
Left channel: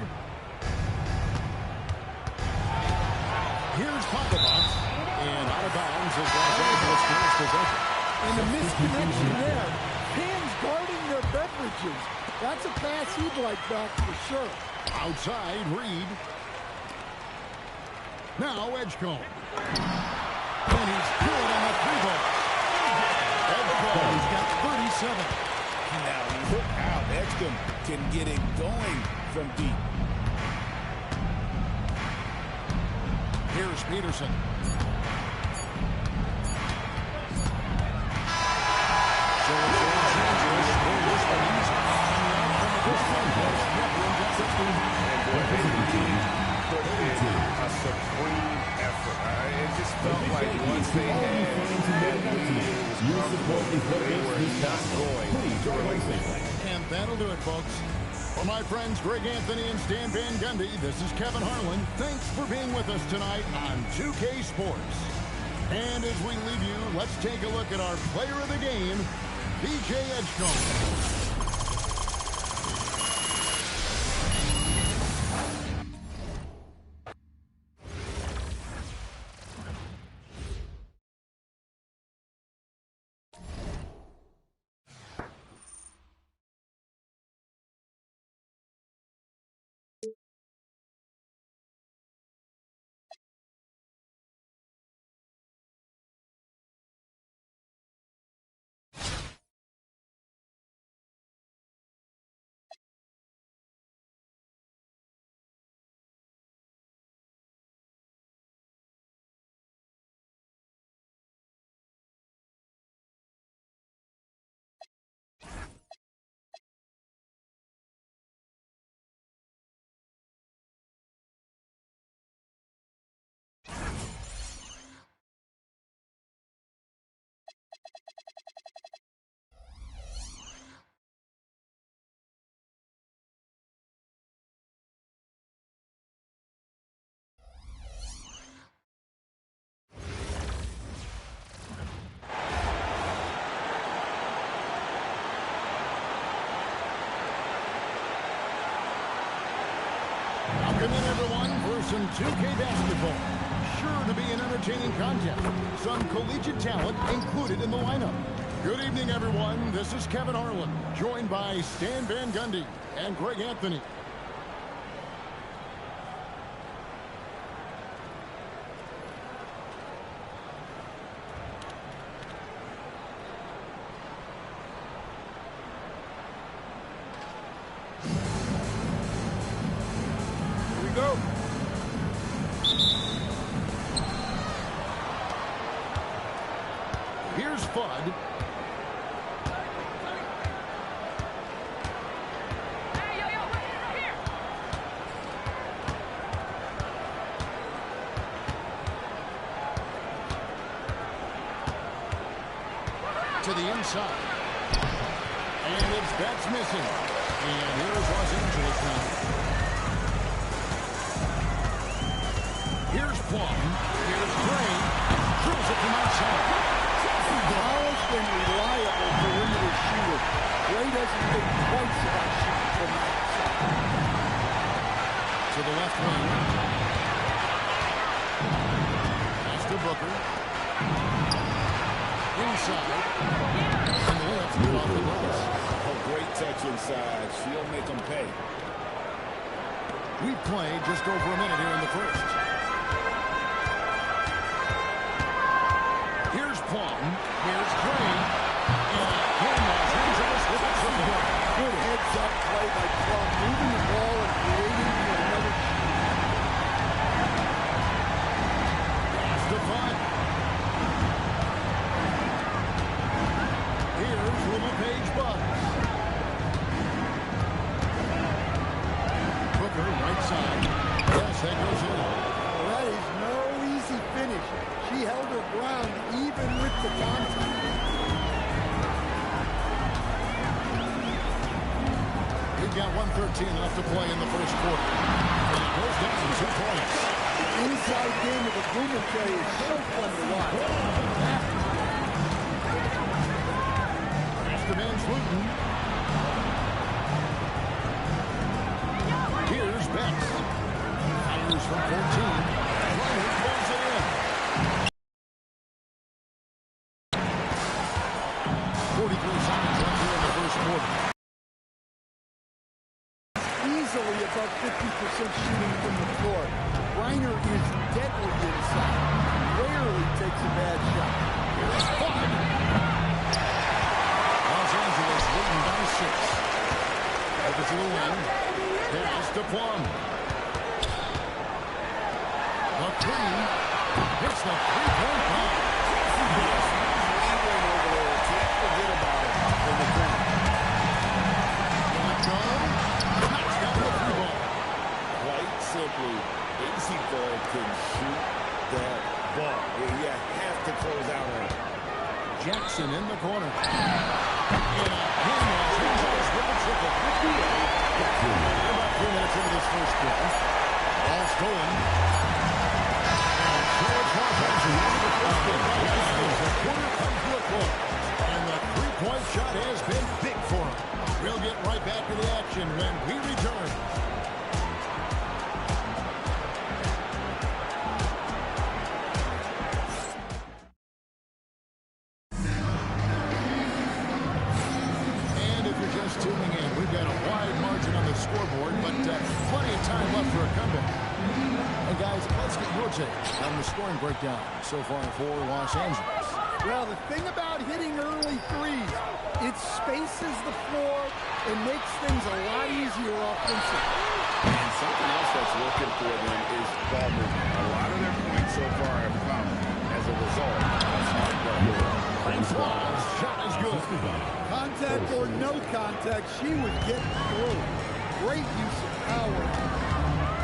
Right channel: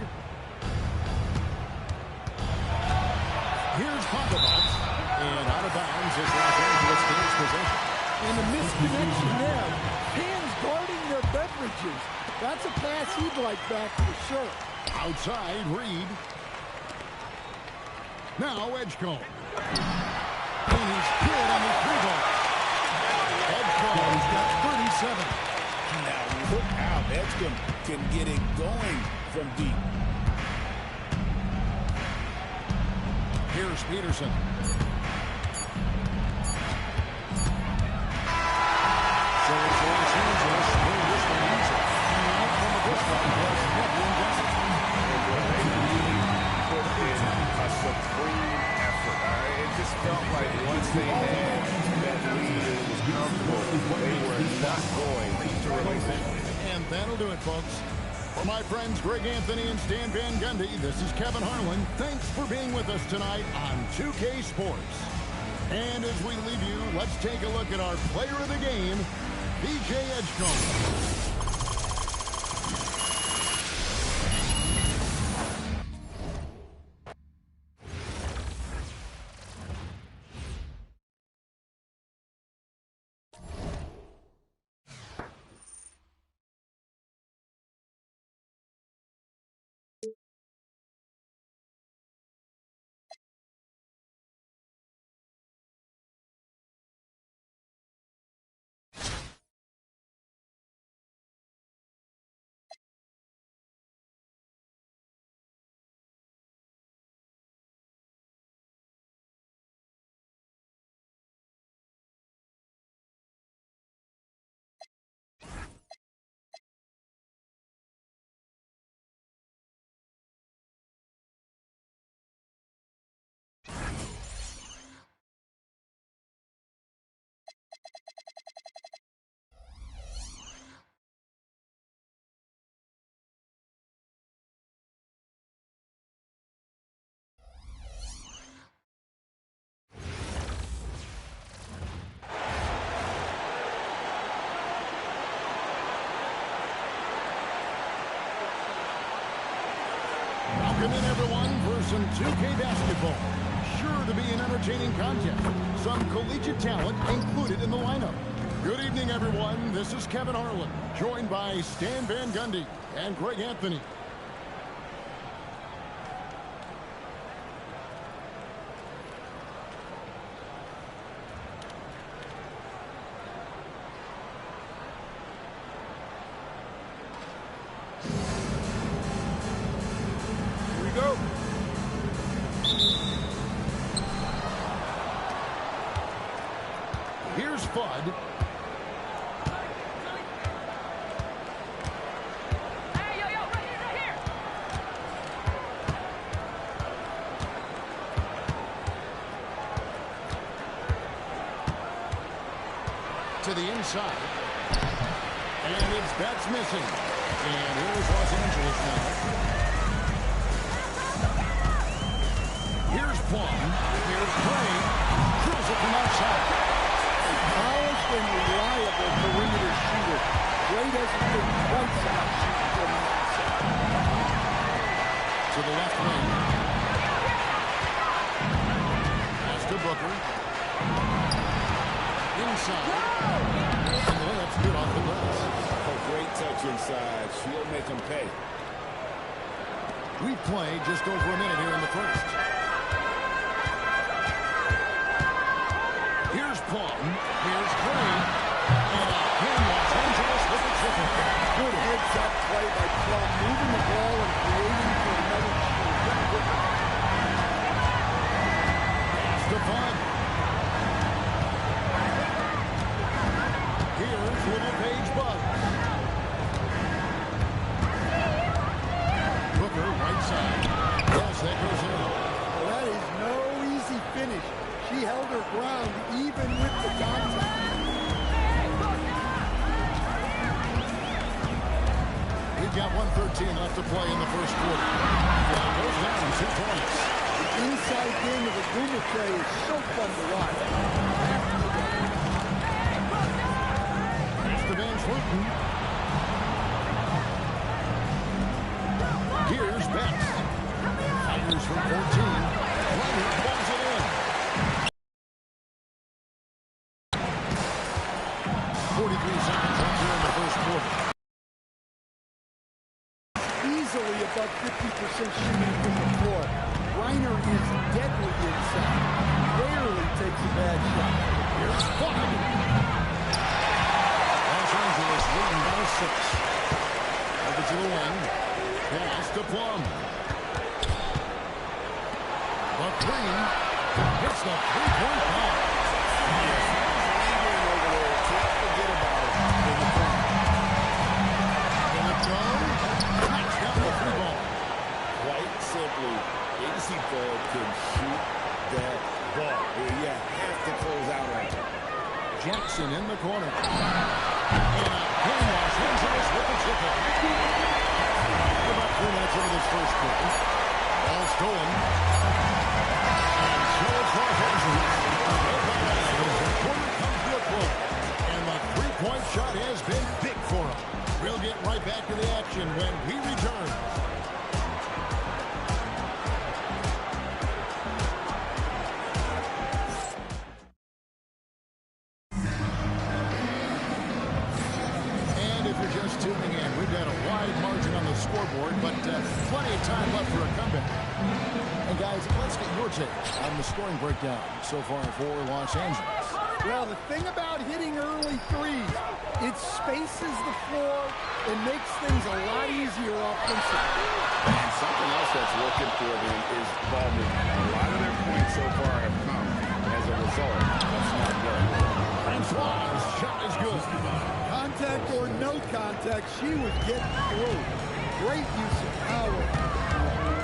Here's Pogovac. And out of bounds as Los Angeles gains possession. And the misconnection there. Fans guarding their beverages. That's a pass he'd like back for sure. Outside, Reed. Now Edgecombe. And he's good on the three ball. call. He's got 37. Now look out. Edgecombe can get it going from deep. Here's Peterson. So it's Los Angeles win this one easy. And the outcome of this one was never in doubt. And boy, they really put in a supreme effort. It just felt like once they had that lead and it was comfortable, they were not going to relinquish it. And that'll do it, folks. For my friends Greg Anthony and Stan Van Gundy, this is Kevin Harlan. Thanks for being with us tonight on 2K Sports. And as we leave you, let's take a look at our player of the game, BJ Edgecombe. Welcome in, everyone, for some 2K basketball. Sure to be an entertaining contest. Some collegiate talent included in the lineup. Good evening, everyone. This is Kevin Harlan, joined by Stan Van Gundy and Greg Anthony. Go. Here's Fudd. Hey, yo, right here. To the inside. And it's Betts missing. And here's Los Angeles now. Here's Plum. Here's Gray. Drills it from outside. A polished and reliable perimeter shooter. Gray doesn't think twice about shooting from the outside. To the left wing. Pass to Booker. Inside. And the layup's good off the glass. Oh, great touch inside. She'll make them pay. We've played just over a minute here in the first. Here's Plum. Here's Gray. And again, Los Angeles with a triple. Good heads-up play by Plum, moving the ball and creating for another shoot. Pass to Fudd. Here's Little Page Bugs. Booker, right side. Yes, that goes in. Well, that is no easy finish. She held her ground even with the contact. We've got 1:13 left to play in the first quarter. And it goes down 2 points. The inside game of a Boomer K is so fun to watch. Pass to Van Fluten. Here's Betts. Fires from 14. Leonard pulls it in. 43 seconds left here in the first quarter. Easily above 50% shooting from the floor. Reiner is deadly inside. Rarely takes a bad shot. Here's Fudd. Los Angeles leading by 6. Over to the wing. Pass to Plum. The 3. Hits the three-point bomb. Yes, he's lingering over there. Can't forget about it in the corner. Will it go? Knocks down the free ball. Quite simply, AC Ball can shoot that ball. You have to close out on it. Jackson in the corner. And again, Los Angeles with the triple. We're about 3 minutes into this first quarter. Ball stolen. And so it's Los Angeles. Ahead by 9 as the quarter comes to a close. And the three-point shot has been big for him. We'll get right back to the action when we return. Just tuning in, we've got a wide margin on the scoreboard, but plenty of time left for a comeback. And guys, let's get your take on the scoring breakdown so far for Los Angeles. Well, the thing about hitting early threes, it spaces the floor and makes things a lot easier offensively. And something else that's working for them is ball movement. A lot of their points so far have come as a result of smart work. Francois' shot is good. Contact or no contact, she would get through. Great use of power.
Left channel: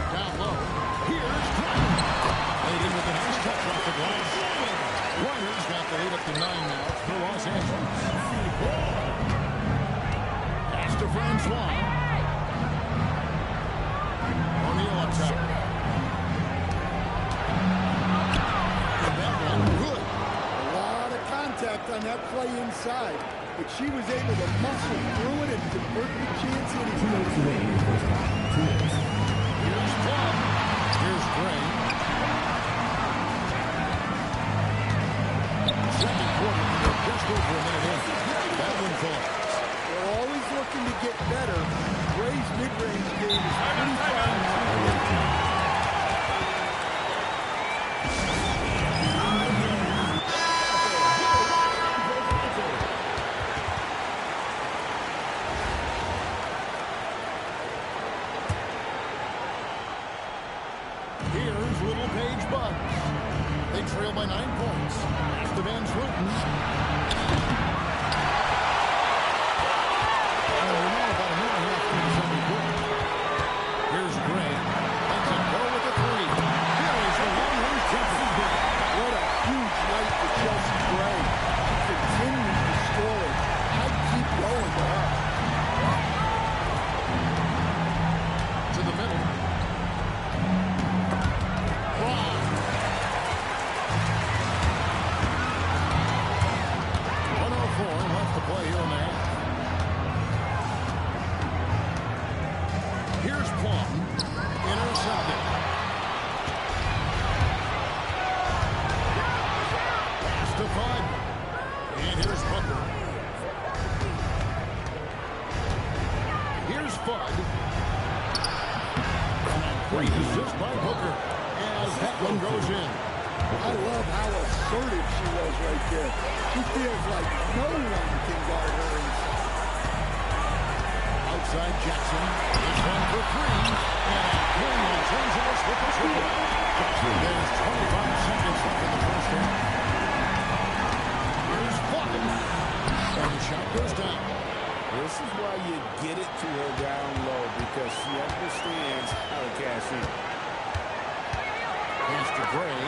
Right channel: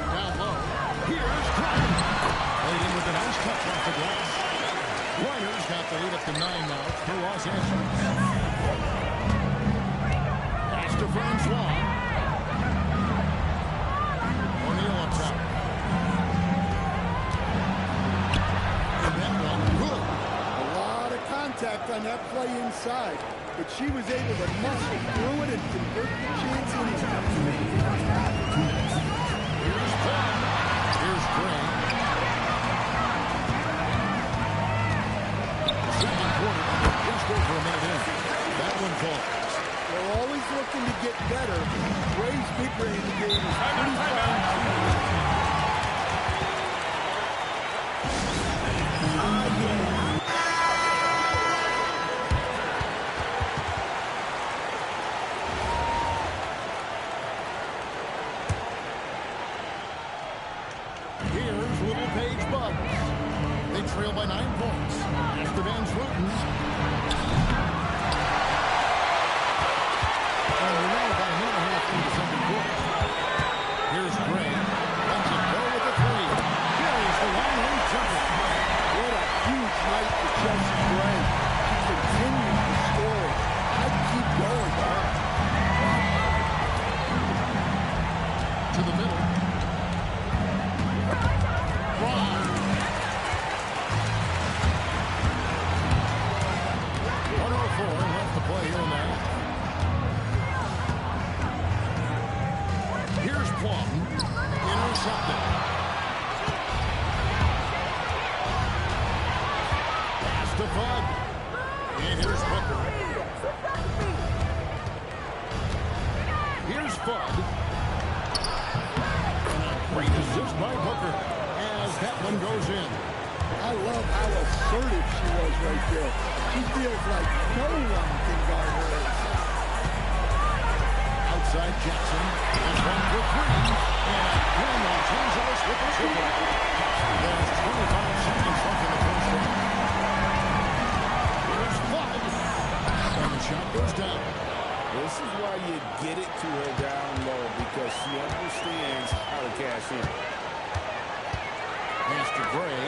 Down low, here's Griner. Played in with a nice touch off the glass. Griner's got the lead up to 9 now for Los Angeles. Pass to Francois. O'Neal up top. And that one good. A lot of contact on that play inside, but she was able to muscle through it and convert the chance anyway. Here's Plum. Here's Gray. Second quarter, and we're just over a minute in. That one falls. We're always looking to get better. Gray's mid-range game is pretty fine too. Here's Little Page Bugs. They trail by 9 points. Pass to Van Sloten. And we're now about a minute and a half through the second quarter. Here's Gray. Lets it go with the 3. Buries the long-range jumper. What a huge night for Chelsea Gray. She continues to score it. I'd keep going to her. To the middle. Braun. 104 left to play here in the half. Here's Plum. Intercepted. Pass to Fudd. And here's Booker. Here's Fudd. And a great assist by Booker as that one goes in. I love how assertive she was right there. She feels like no one can guard her inside. Outside Jackson. This one for 3. And again, Los Angeles with the triple. There's 25 seconds left in the first half. Here's Fudd. And the shot goes down. This is why you get it to her down low, because she understands how to cash in. Pass to Gray.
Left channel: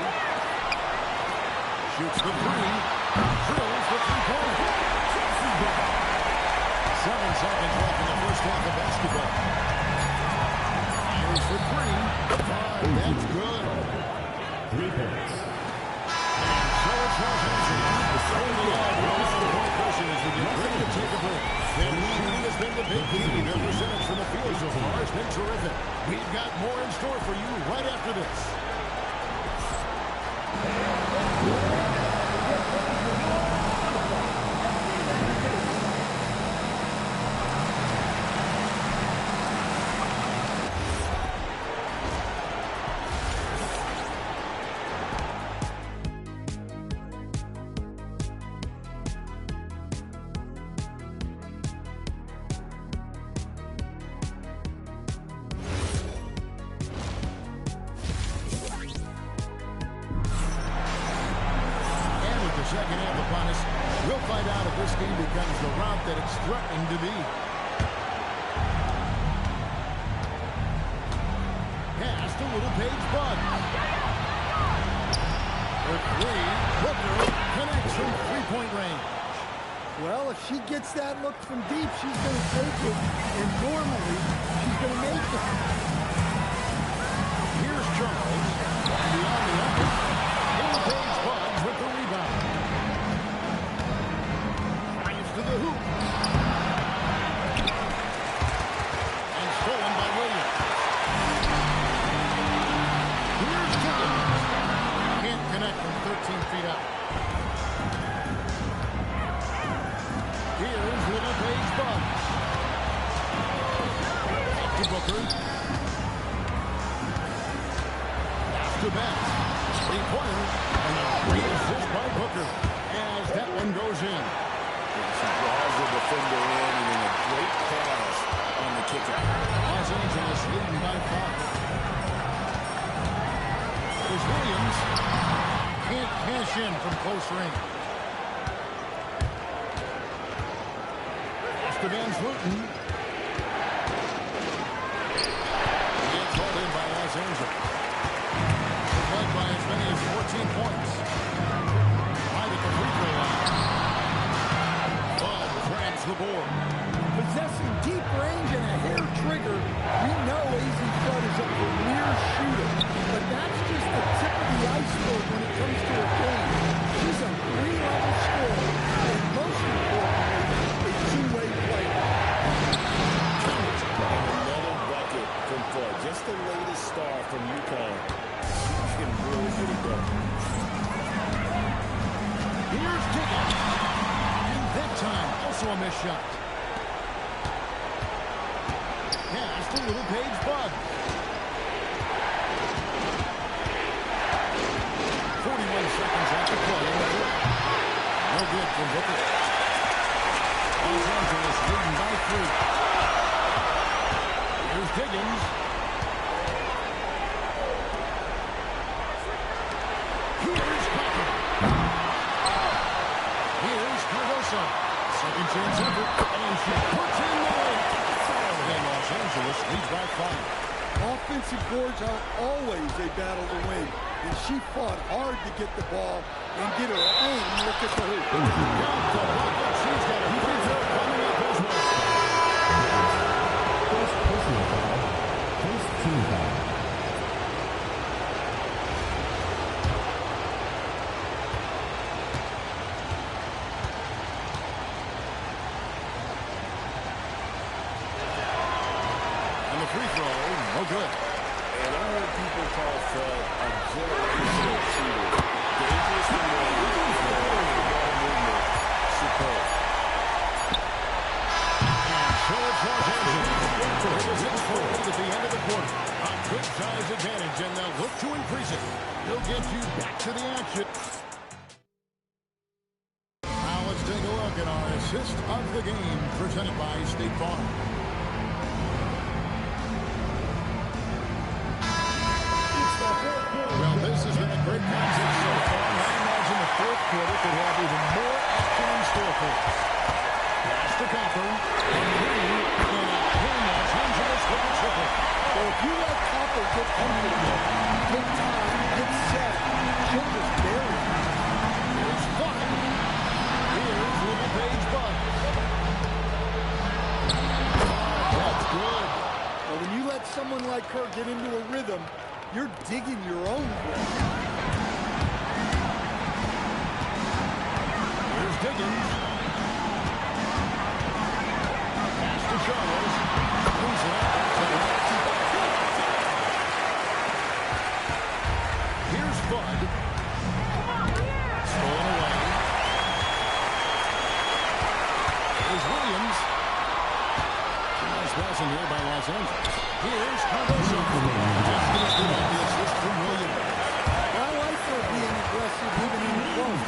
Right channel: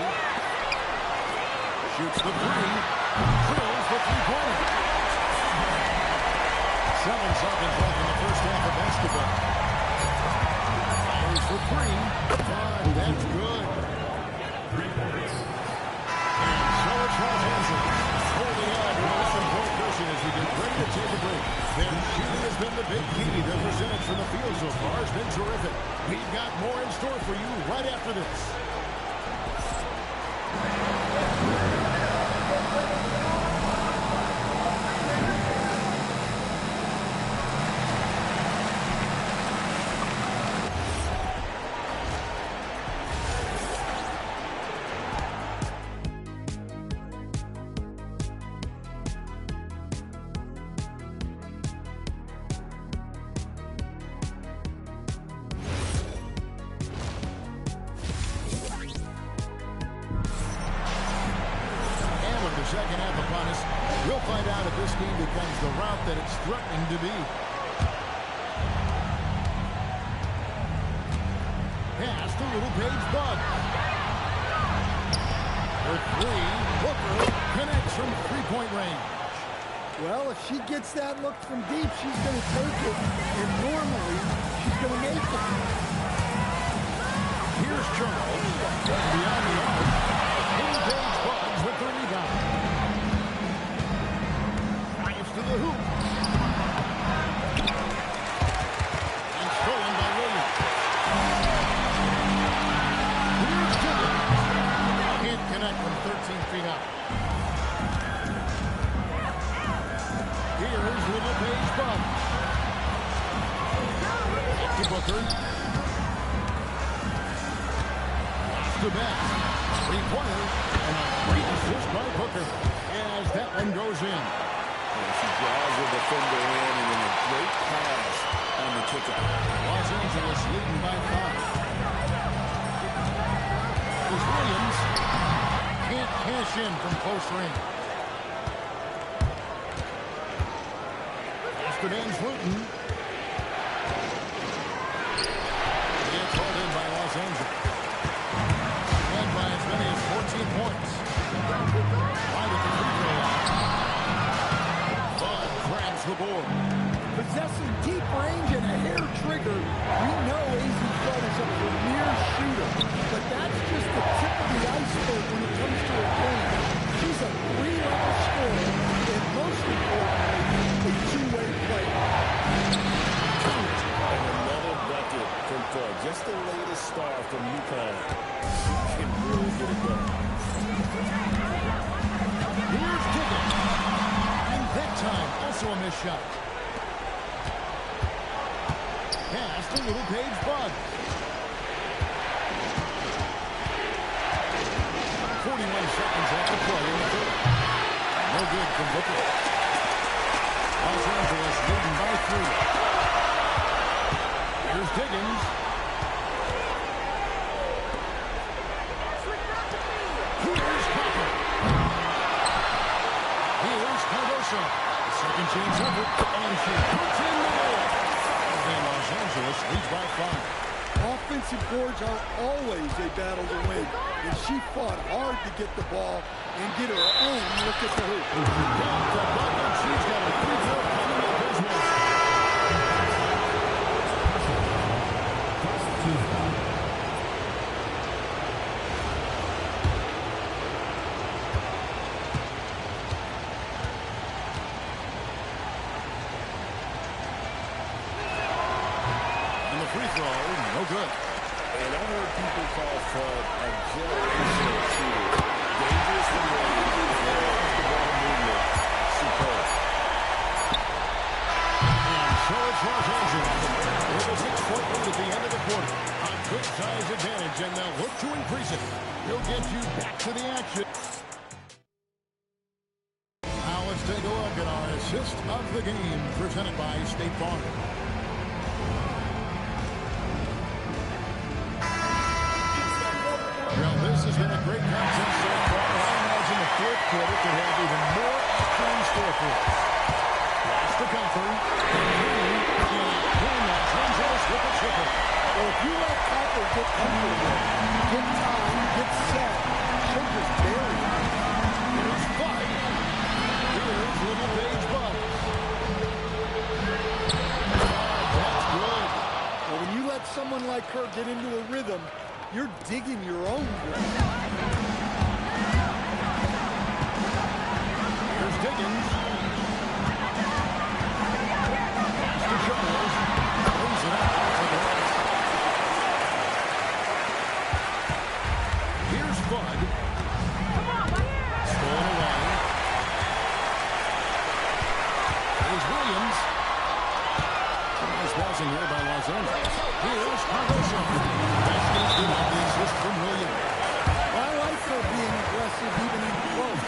Shoots the 3. Drills the three-pointer. 7 seconds left in the first half of basketball. Fires for 3. 5. That's good. 3 points. And so it's Los Angeles. Holding on with 11-point cushion as we get ready to take a break. Their shooting has been the big key. Their percentage from the field so far has been terrific. We've got more in store for you right after this. the second half upon us. We'll find out if this game becomes the route that it's threatening to be. Pass to Little Paige Buggs. For three, Booker connects from three-point range. Well, if she gets that look from deep, she's going to take it, and normally she's going to make it. Here's Charles, beyond the arc. Little Paige Buggs with the rebound. Drives to the hoop. And stolen by Williams. Here's Higgins. Can't connect from 13 feet out. Here's Little Paige Buggs. Back to Booker. Pass to Betts. Three-pointer. And a great assist by Booker as that one goes in. And she draws the defender in, and then a great pass on the kickout. Los Angeles leading by 5. Here's Williams. Can't cash in from close range. Pass to Van Vleuten. Gets hauled in by Los Angeles. Led by as many as 14 points. Right at the free throw line. Bud grabs the board. Possessing deep range and a hair trigger, we know AZ Flood is a premier shooter. But that's just the tip of the iceberg when it comes to her game. She's a three-level scorer, and most importantly, a two-way player. And another bucket from Flood. Just the latest star from UConn. She can really get it done. Here's Higgins. And that time, also a missed shot. Pass to Little Paige Buggs. 41 seconds left to play in the third. No good from Booker. Los Angeles leading by 3. Here's Higgins. Here's Copper. Here's Cardoso. A second chance effort, and she puts in the layup. And Los Angeles leads by 5. Offensive boards are always a battle to win, and she fought hard to get the ball and get her own look at the hoop. Got the bucket. She's got a free throw coming up as well. First team foul. Free throw, no good. And I heard people call Flood a generational shooter. Dangerous from range, and her off-the-ball movement, superb. And so it's Los Angeles. With a 6-point lead at the end of the quarter. A good size advantage, and they'll look to increase it. He'll get you back to the action. Now let's take a look at our assist of the game, presented by State Farm. Well, this has been a great contest so far. I imagine the fourth quarter could have even more action in store for us. Pass to Copper. And three. And again, Los Angeles with a triple. Well, if you let Copper get comfortable, get time, get set, she'll just bury you. Here's Flood. Here's Little Paige Buggs. That's good. Well, when you let someone like her get into a rhythm, you're digging your own grave. Here's Higgins. Pass to Charles. Throws it up off the glass. Here's Bud. Stolen away. Here's Williams. Some nice passing here by Los Angeles. Here's Cardoso. That's going to good on the assist from Williams. I like her being aggressive even in close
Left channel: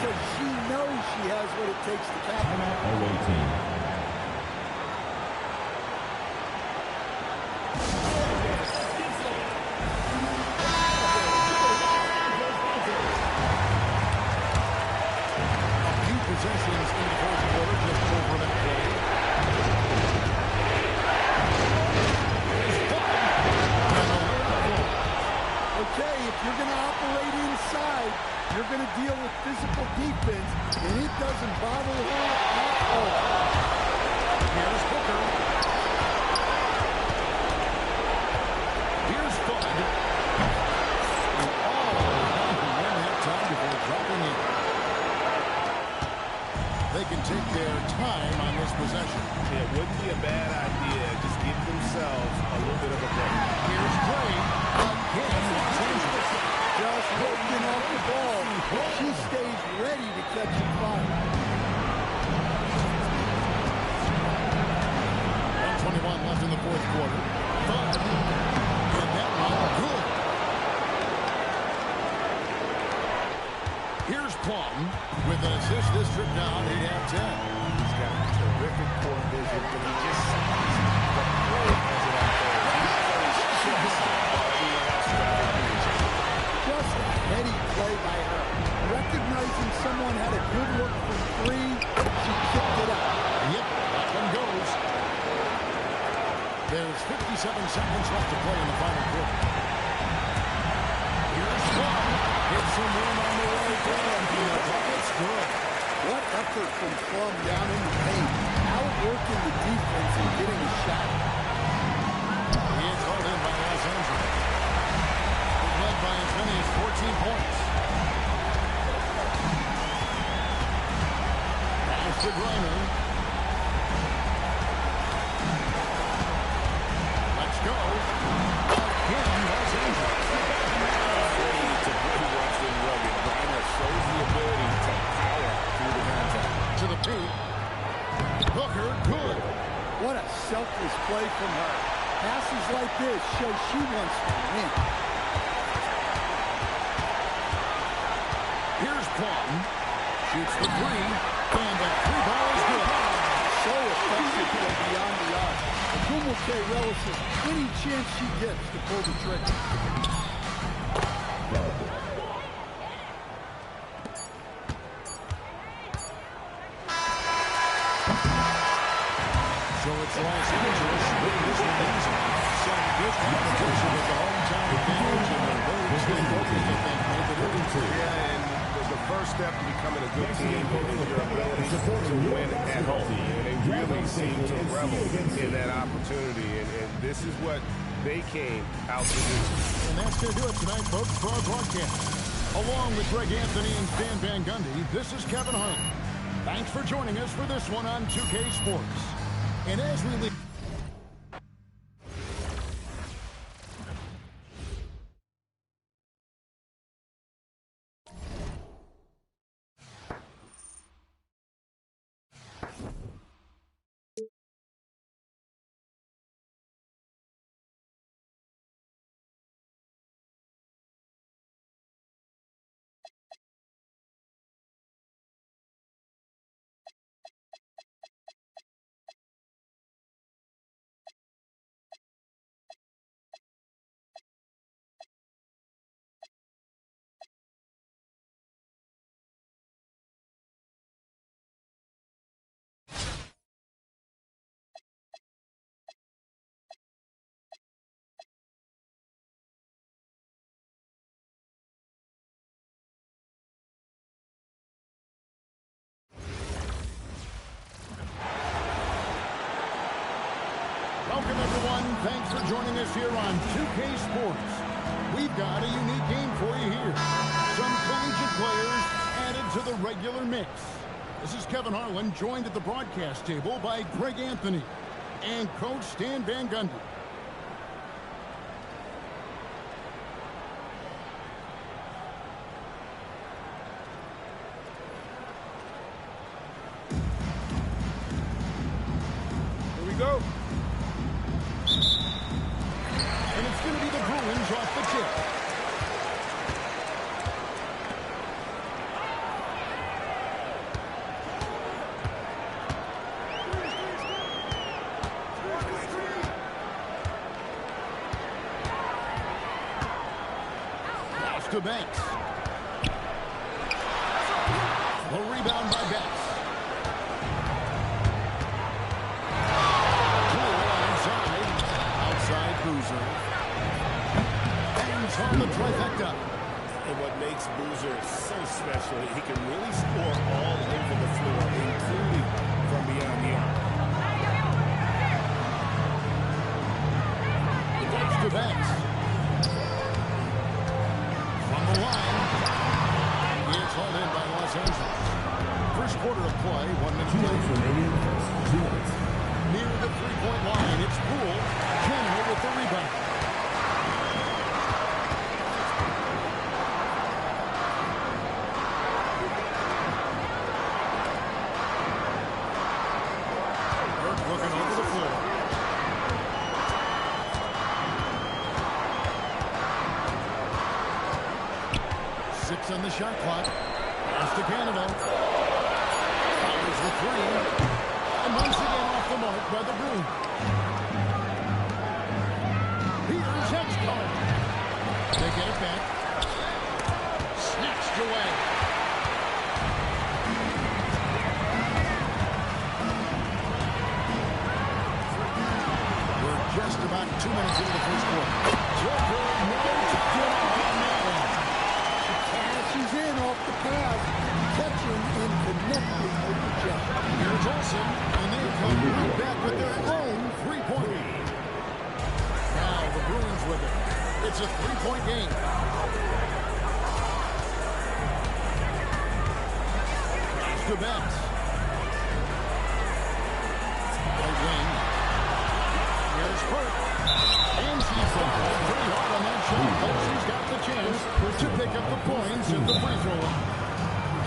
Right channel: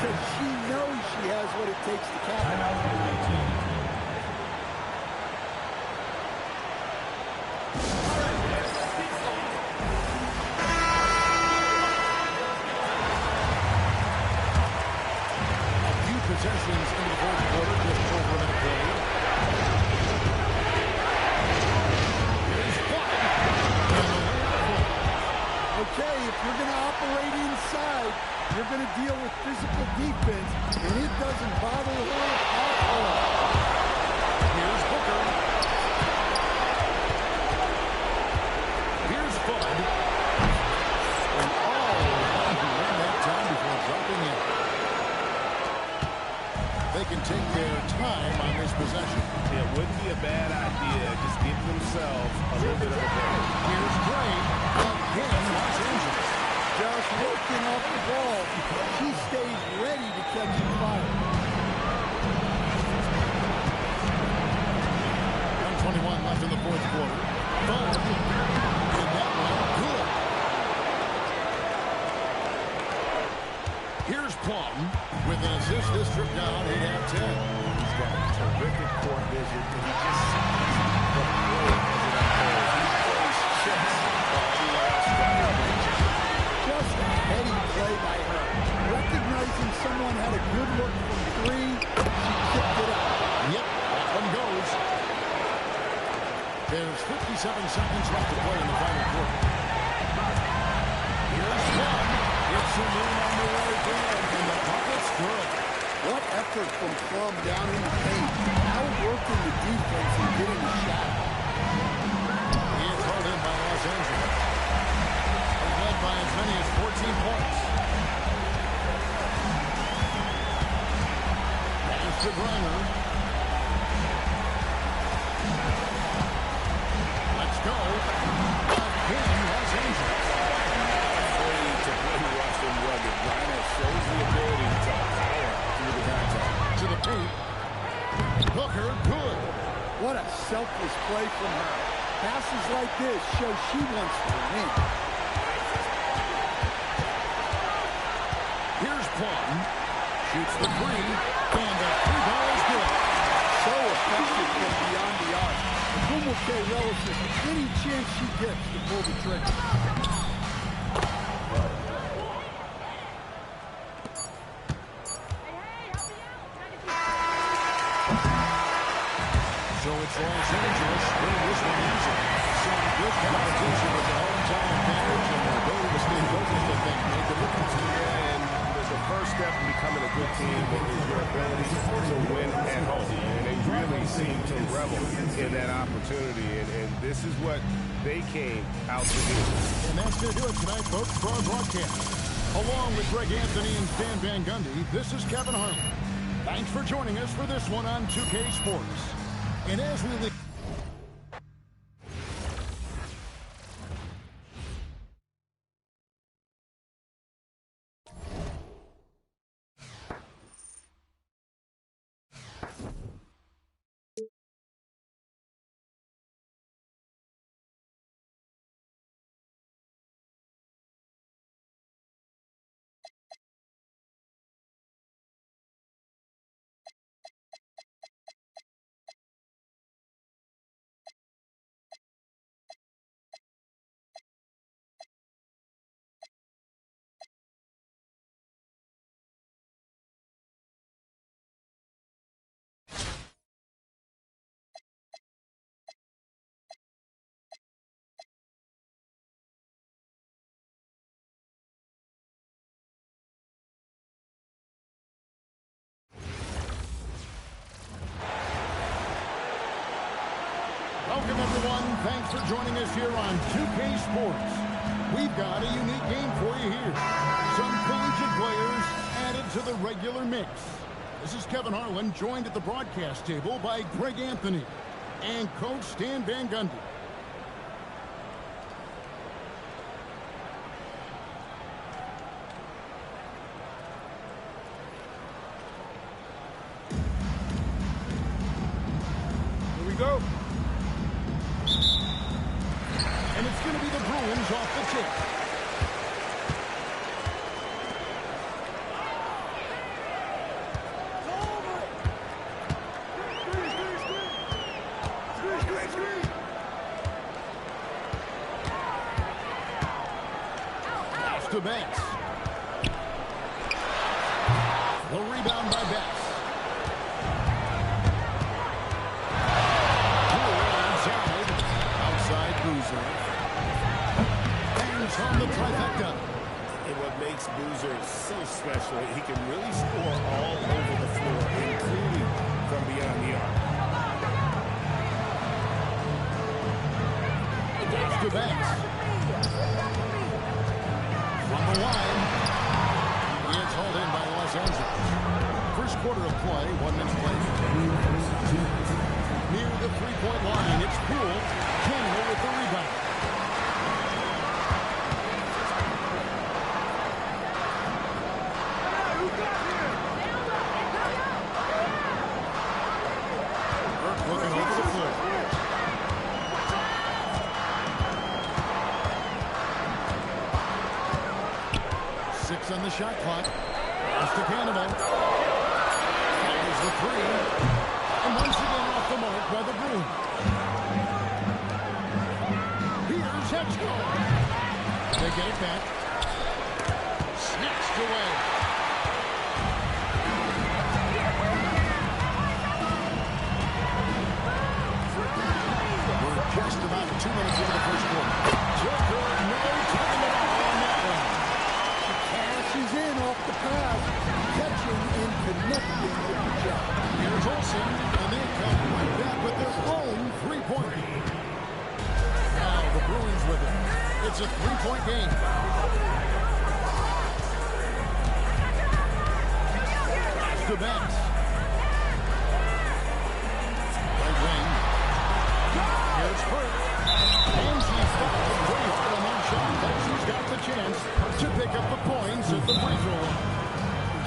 because she knows she has what it takes to capitalize. Timeout away team. possessions into the fourth quarter, just over a minute played. Here's Flood. And a layup goal. Okay, if you're going to operate inside, you're going to deal with physical defense, and it doesn't bother her at all. Here's Booker. Here's Flood. And ran that time before dropping in. They can take their time on this possession. It wouldn't be a bad idea. Just give themselves a little bit of a break. Here's Gray. Again, Los Angeles. Just working off the ball. She stays ready to catch and fire. 1:21 left in the fourth quarter. Bud. And that one good. Here's Plum with an assist. This trip down 8 out of 10. He's got terrific court vision, and he just sees the play as it unfolds. He plays chess while everyone else is out there playing chess. Just a heady play by her. Recognizing someone had a good look from three, she kicked it up. Yep, that one goes. There's 57 seconds left to play in the final quarter. Here's Plum. Hits some room on the way in, and the bucket's good. What effort from Plum down in the paint. Outworking the defense and getting a shot. It's hauled in by Los Angeles. They've led by as many as 14 points. Pass to Griner. Let's go. Again, Los Angeles. Afraid to play rough and rugged. Griner shows the ability to power through the contact. To the paint. Booker, good. What a selfless play from her. Passes like this show she wants to win. Here's Plum. Shoots the three. And that three ball is good. So effective from beyond the arc. Agumake relishes any chance she gets to pull the trigger. So it's Los Angeles winning this one easy. Some good competition with the hometown advantage and their ability to stay focused, I think, made the difference too. Yeah, and the first step in becoming a good team is your ability to win at home. And they really seem to revel in that opportunity. And this is what they came out to do. And that's going to do it tonight, folks, for our broadcast. Along with Greg Anthony and Stan Van Gundy, this is Kevin Harlan. Thanks for joining us for this one on 2K Sports. And as we leave... Welcome, everyone. Thanks for joining us here on 2K Sports. We've got a unique game for you here. Some collegiate players added to the regular mix. This is Kevin Harlan, joined at the broadcast table by Greg Anthony and Coach Stan Van Gundy. Here we go. And it's going to be the Bruins off the tip. Pass to Banks. The rebound by Banks. Boozer. Hangs on the trifecta. And what makes Boozer so special, he can really score all over the floor, including from beyond the arc. To Banks. From the line. It's hauled in by Los Angeles. First quarter of play, 1 minute play. Near the three-point line, it's Poole. Canada with the rebound. Burke looking over the floor. Six on the shot clock. Pass to Canada. Fires the three. And once again off the mark by the Bruins. Here's Hedgecomb. They get it back. Snatched away. We're just about 2 minutes into the first quarter. Joker, no time at all on that one. Cashes in off the pass, catching and connecting with the Jet. Here's Olsen, and they come right back with their own three-pointer. Now the Bruins with it. It's a three-point game. Pass to Banks. Right wing. Here's Burke. And she's fouled pretty hard on that shot, but she's got the chance to pick up the points at the free throw line.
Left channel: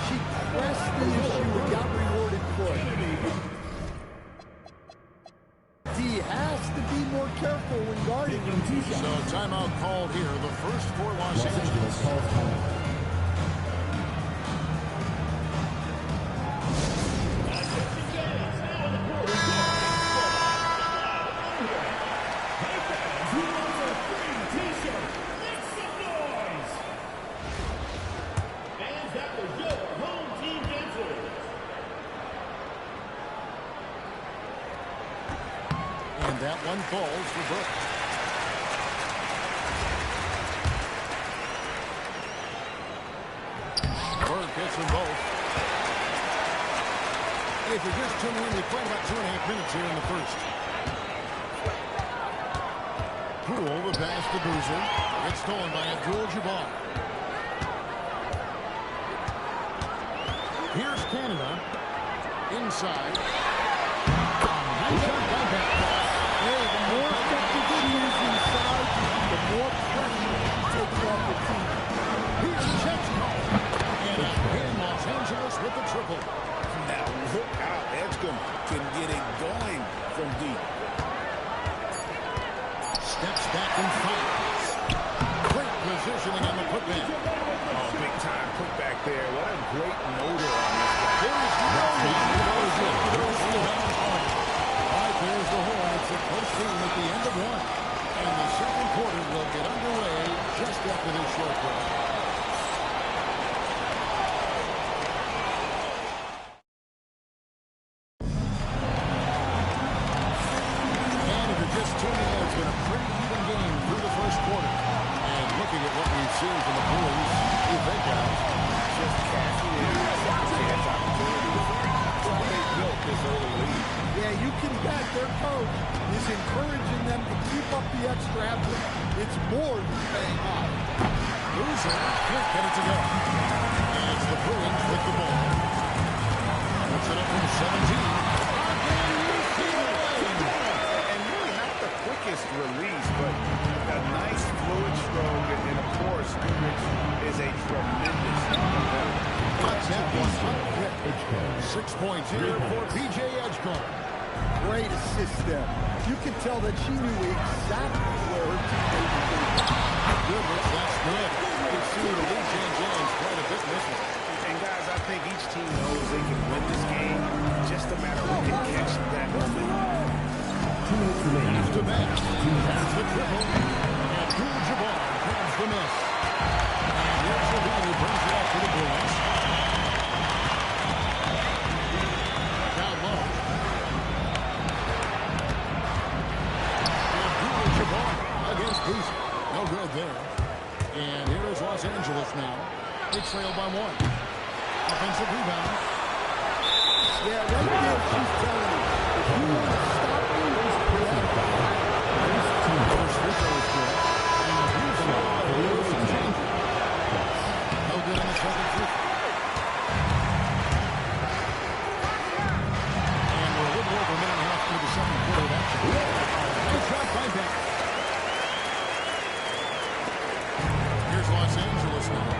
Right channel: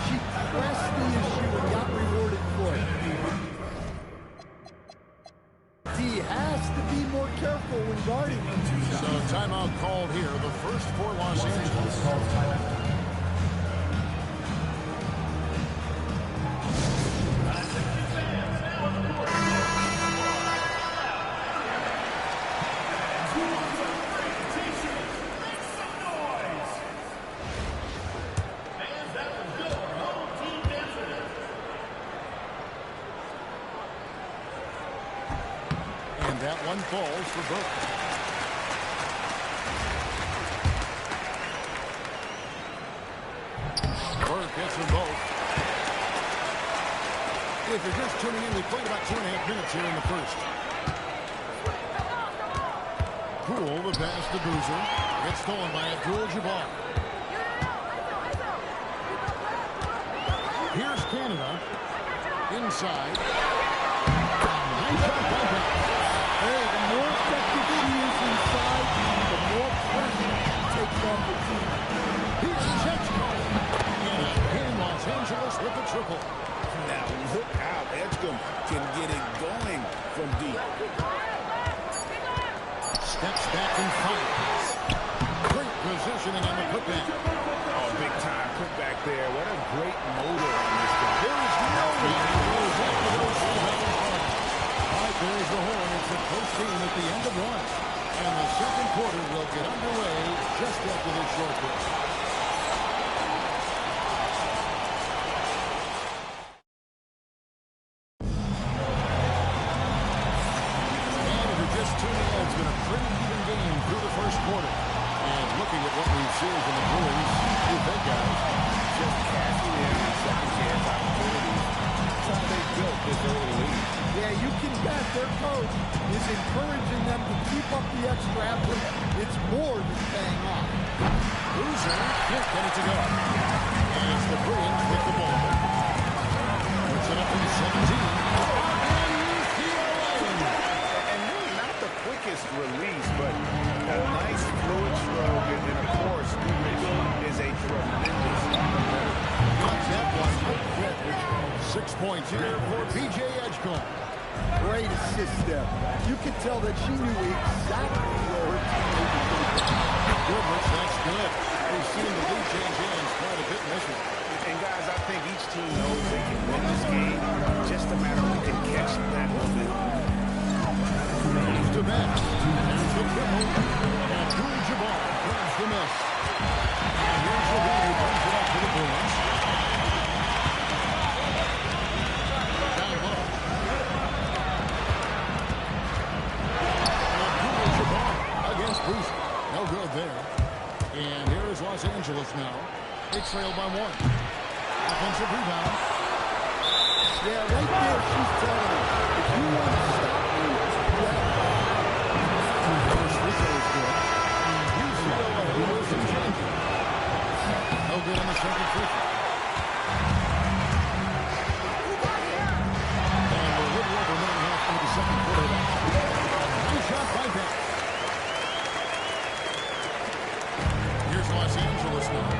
She pressed the issue and got rewarded for it. He has to be more careful when guarding them. So timeout called here, the first for Los Angeles. That one falls for Burke. Burke hits them both. If you're just tuning in, we played about 2.5 minutes here in the first. Poole, the pass to Boozer. It's stolen by Abdul-Jabbar. Here's Canada. Inside. Nice shot by Banks. Hey, the more effective she is inside, the more pressure she takes off the team. Here's Hedgecomb. And again, Los Angeles with the triple. Now look out. Edgecombe can get it going from deep. Steps back and fires. Great positioning on the putback. Oh, big time putback there. What a great motor on this guy. There is no one who goes after those rebounds hard. All right, there's the horn. It's a close game at the end of one. And the second quarter will get underway just after this short break. And if you're just tuning in, it's been a pretty even game through the first quarter. And looking at what we've seen from the Bruins, what do you think, guys? Just cashing in on second chance opportunities. That's how they built this early lead. Yeah, you can bet their coach is encouraging them to keep up the extra effort. It's more than paying off. Boozer can't get it to go. And it's the Bruins with the ball. Puts it up from 17. Again, UCLA. And really not the quickest release, but a nice fluid stroke. And of course, Goodrich is a tremendous competitor. Got that one up quick. 6 points here for P.J. Edgecomb. Great assist there. You can tell that she knew exactly where her teammate was going to go. Goodrich, that's good. We've seen the lead change hands quite a bit in this one. And guys, I think each team knows they can win this game. Just a matter who can catch that momentum. Pass to Banks. There's the triple. Abdul-Jabbar grabs the miss. And here's Levine who brings it up to the Bruins. Down low. Abdul-Jabbar. boost. No good there. And here is Los Angeles now. They trail by 1. Offensive rebound. Yeah, right there she's telling him, if you want to stop me, you have to. First free throw is good. And UCLA with some changes. No good on the second free throw. And we're a little over a minute and a half into the second quarter of action. Nice shot by Banks. Here's Los Angeles now.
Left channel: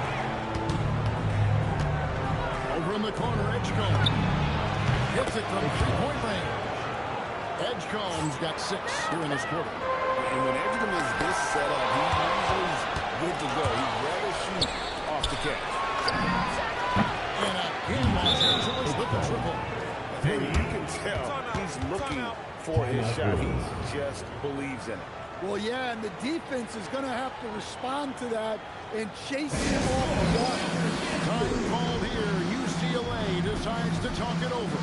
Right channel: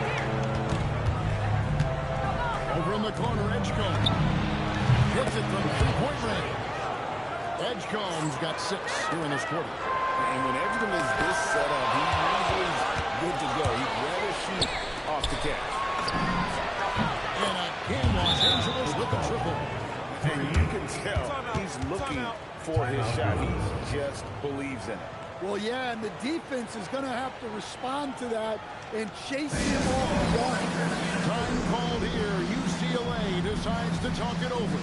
Over in the corner, Edgecombe. Hits it from three-point range. Edgecombe's got 6 here in this quarter. And when Edgecombe is this set up, he usually is good to go. He'd rather shoot off the catch. And again, Los Angeles with the triple. And you can tell he's looking for his shot. He just believes in it. Well, yeah, and the defense is going to have to respond to that and chase him off the arc. Time called here. UCLA decides to talk it over.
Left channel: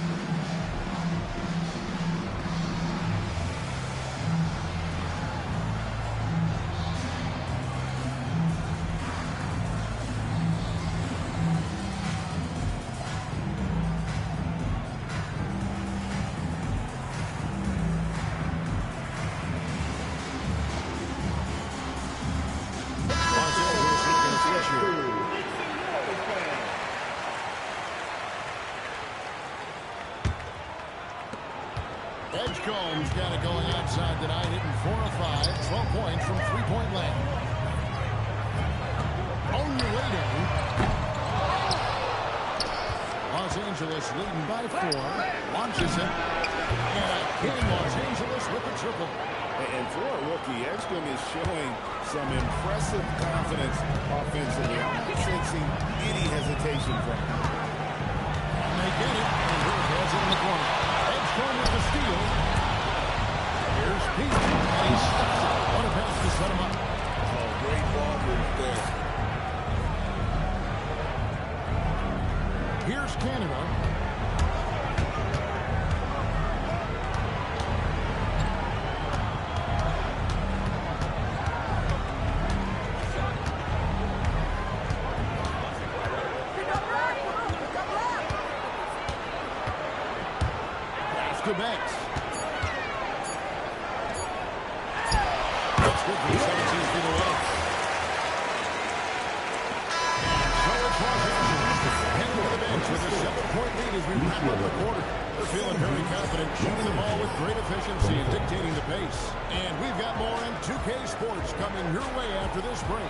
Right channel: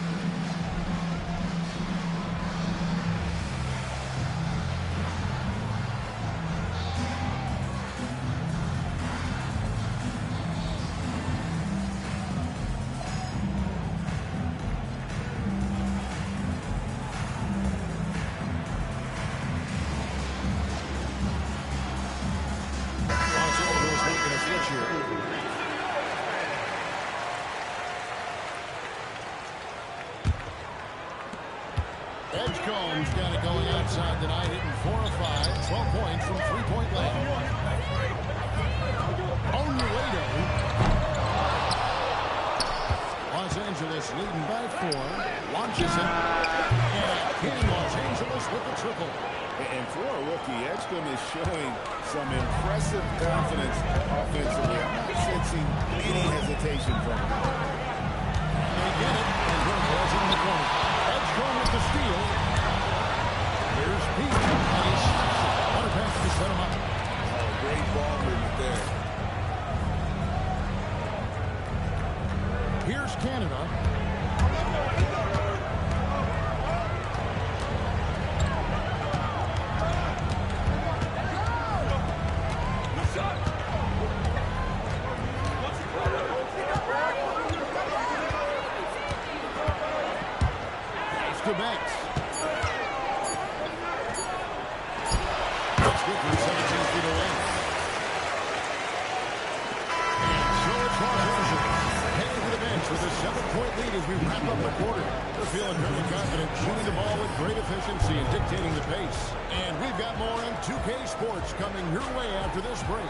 Edgecombe's got it going outside tonight, hitting 4 of 5, 12 points from three-point land. Onuedo. Los Angeles leading by 4, launches it, and again Los Angeles with the triple. And for a rookie, Edgecombe is showing some impressive confidence offensively. I'm not sensing any hesitation from him. And they get it, and Burke has it in the corner. Edgecombe with the steal. Here's Pete, and he steps it. What a pass to set him up. Oh, great ball movement there. Here's Canada. Pass to Banks. That's good from 17 feet away. And so it's Los Angeles heading to the bench with a 7-point lead as we wrap up the quarter. They're feeling very confident, shooting the ball with great efficiency and dictating the pace. And we've got more on 2K Sports coming your way after this break.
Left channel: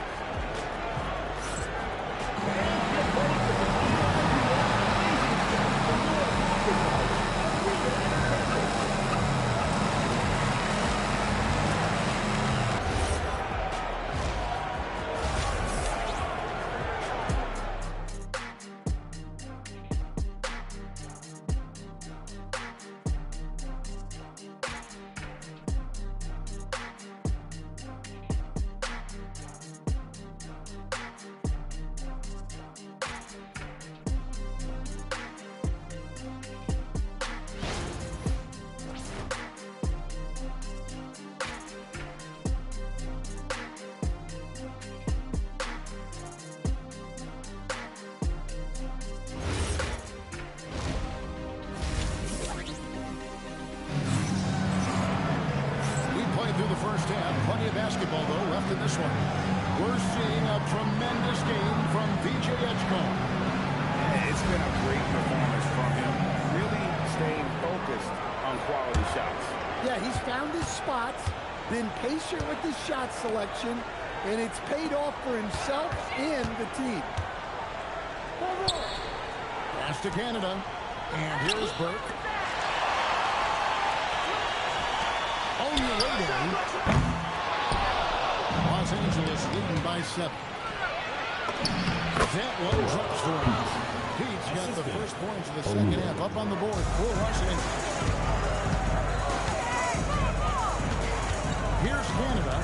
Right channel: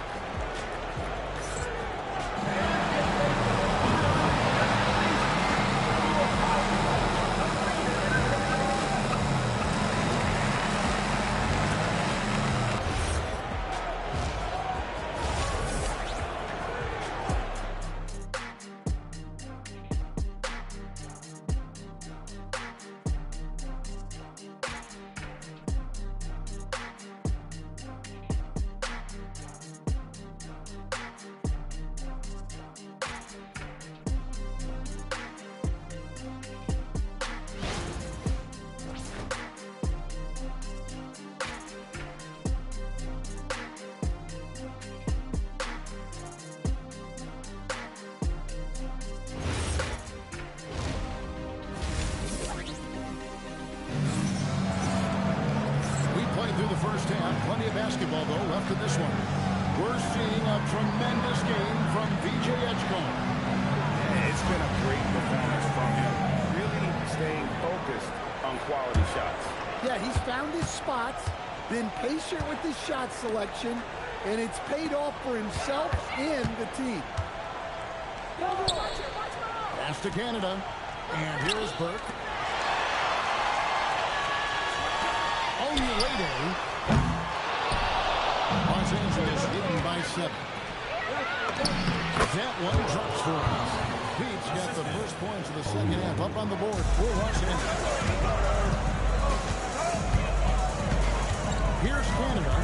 Through the first half, plenty of basketball though left in this one. We're seeing a tremendous game from VJ Edgecombe. Yeah, it's been a great performance from him, really staying focused on quality shots. Yeah, he's found his spots, been patient with his shot selection, and it's paid off for himself and the team. Pass to Canada, and here's Burke. Onuedo. Los Angeles leading by 7. That one drops for him. Pete's got the first points of the second half up on the board for Los Angeles. Here's Canada.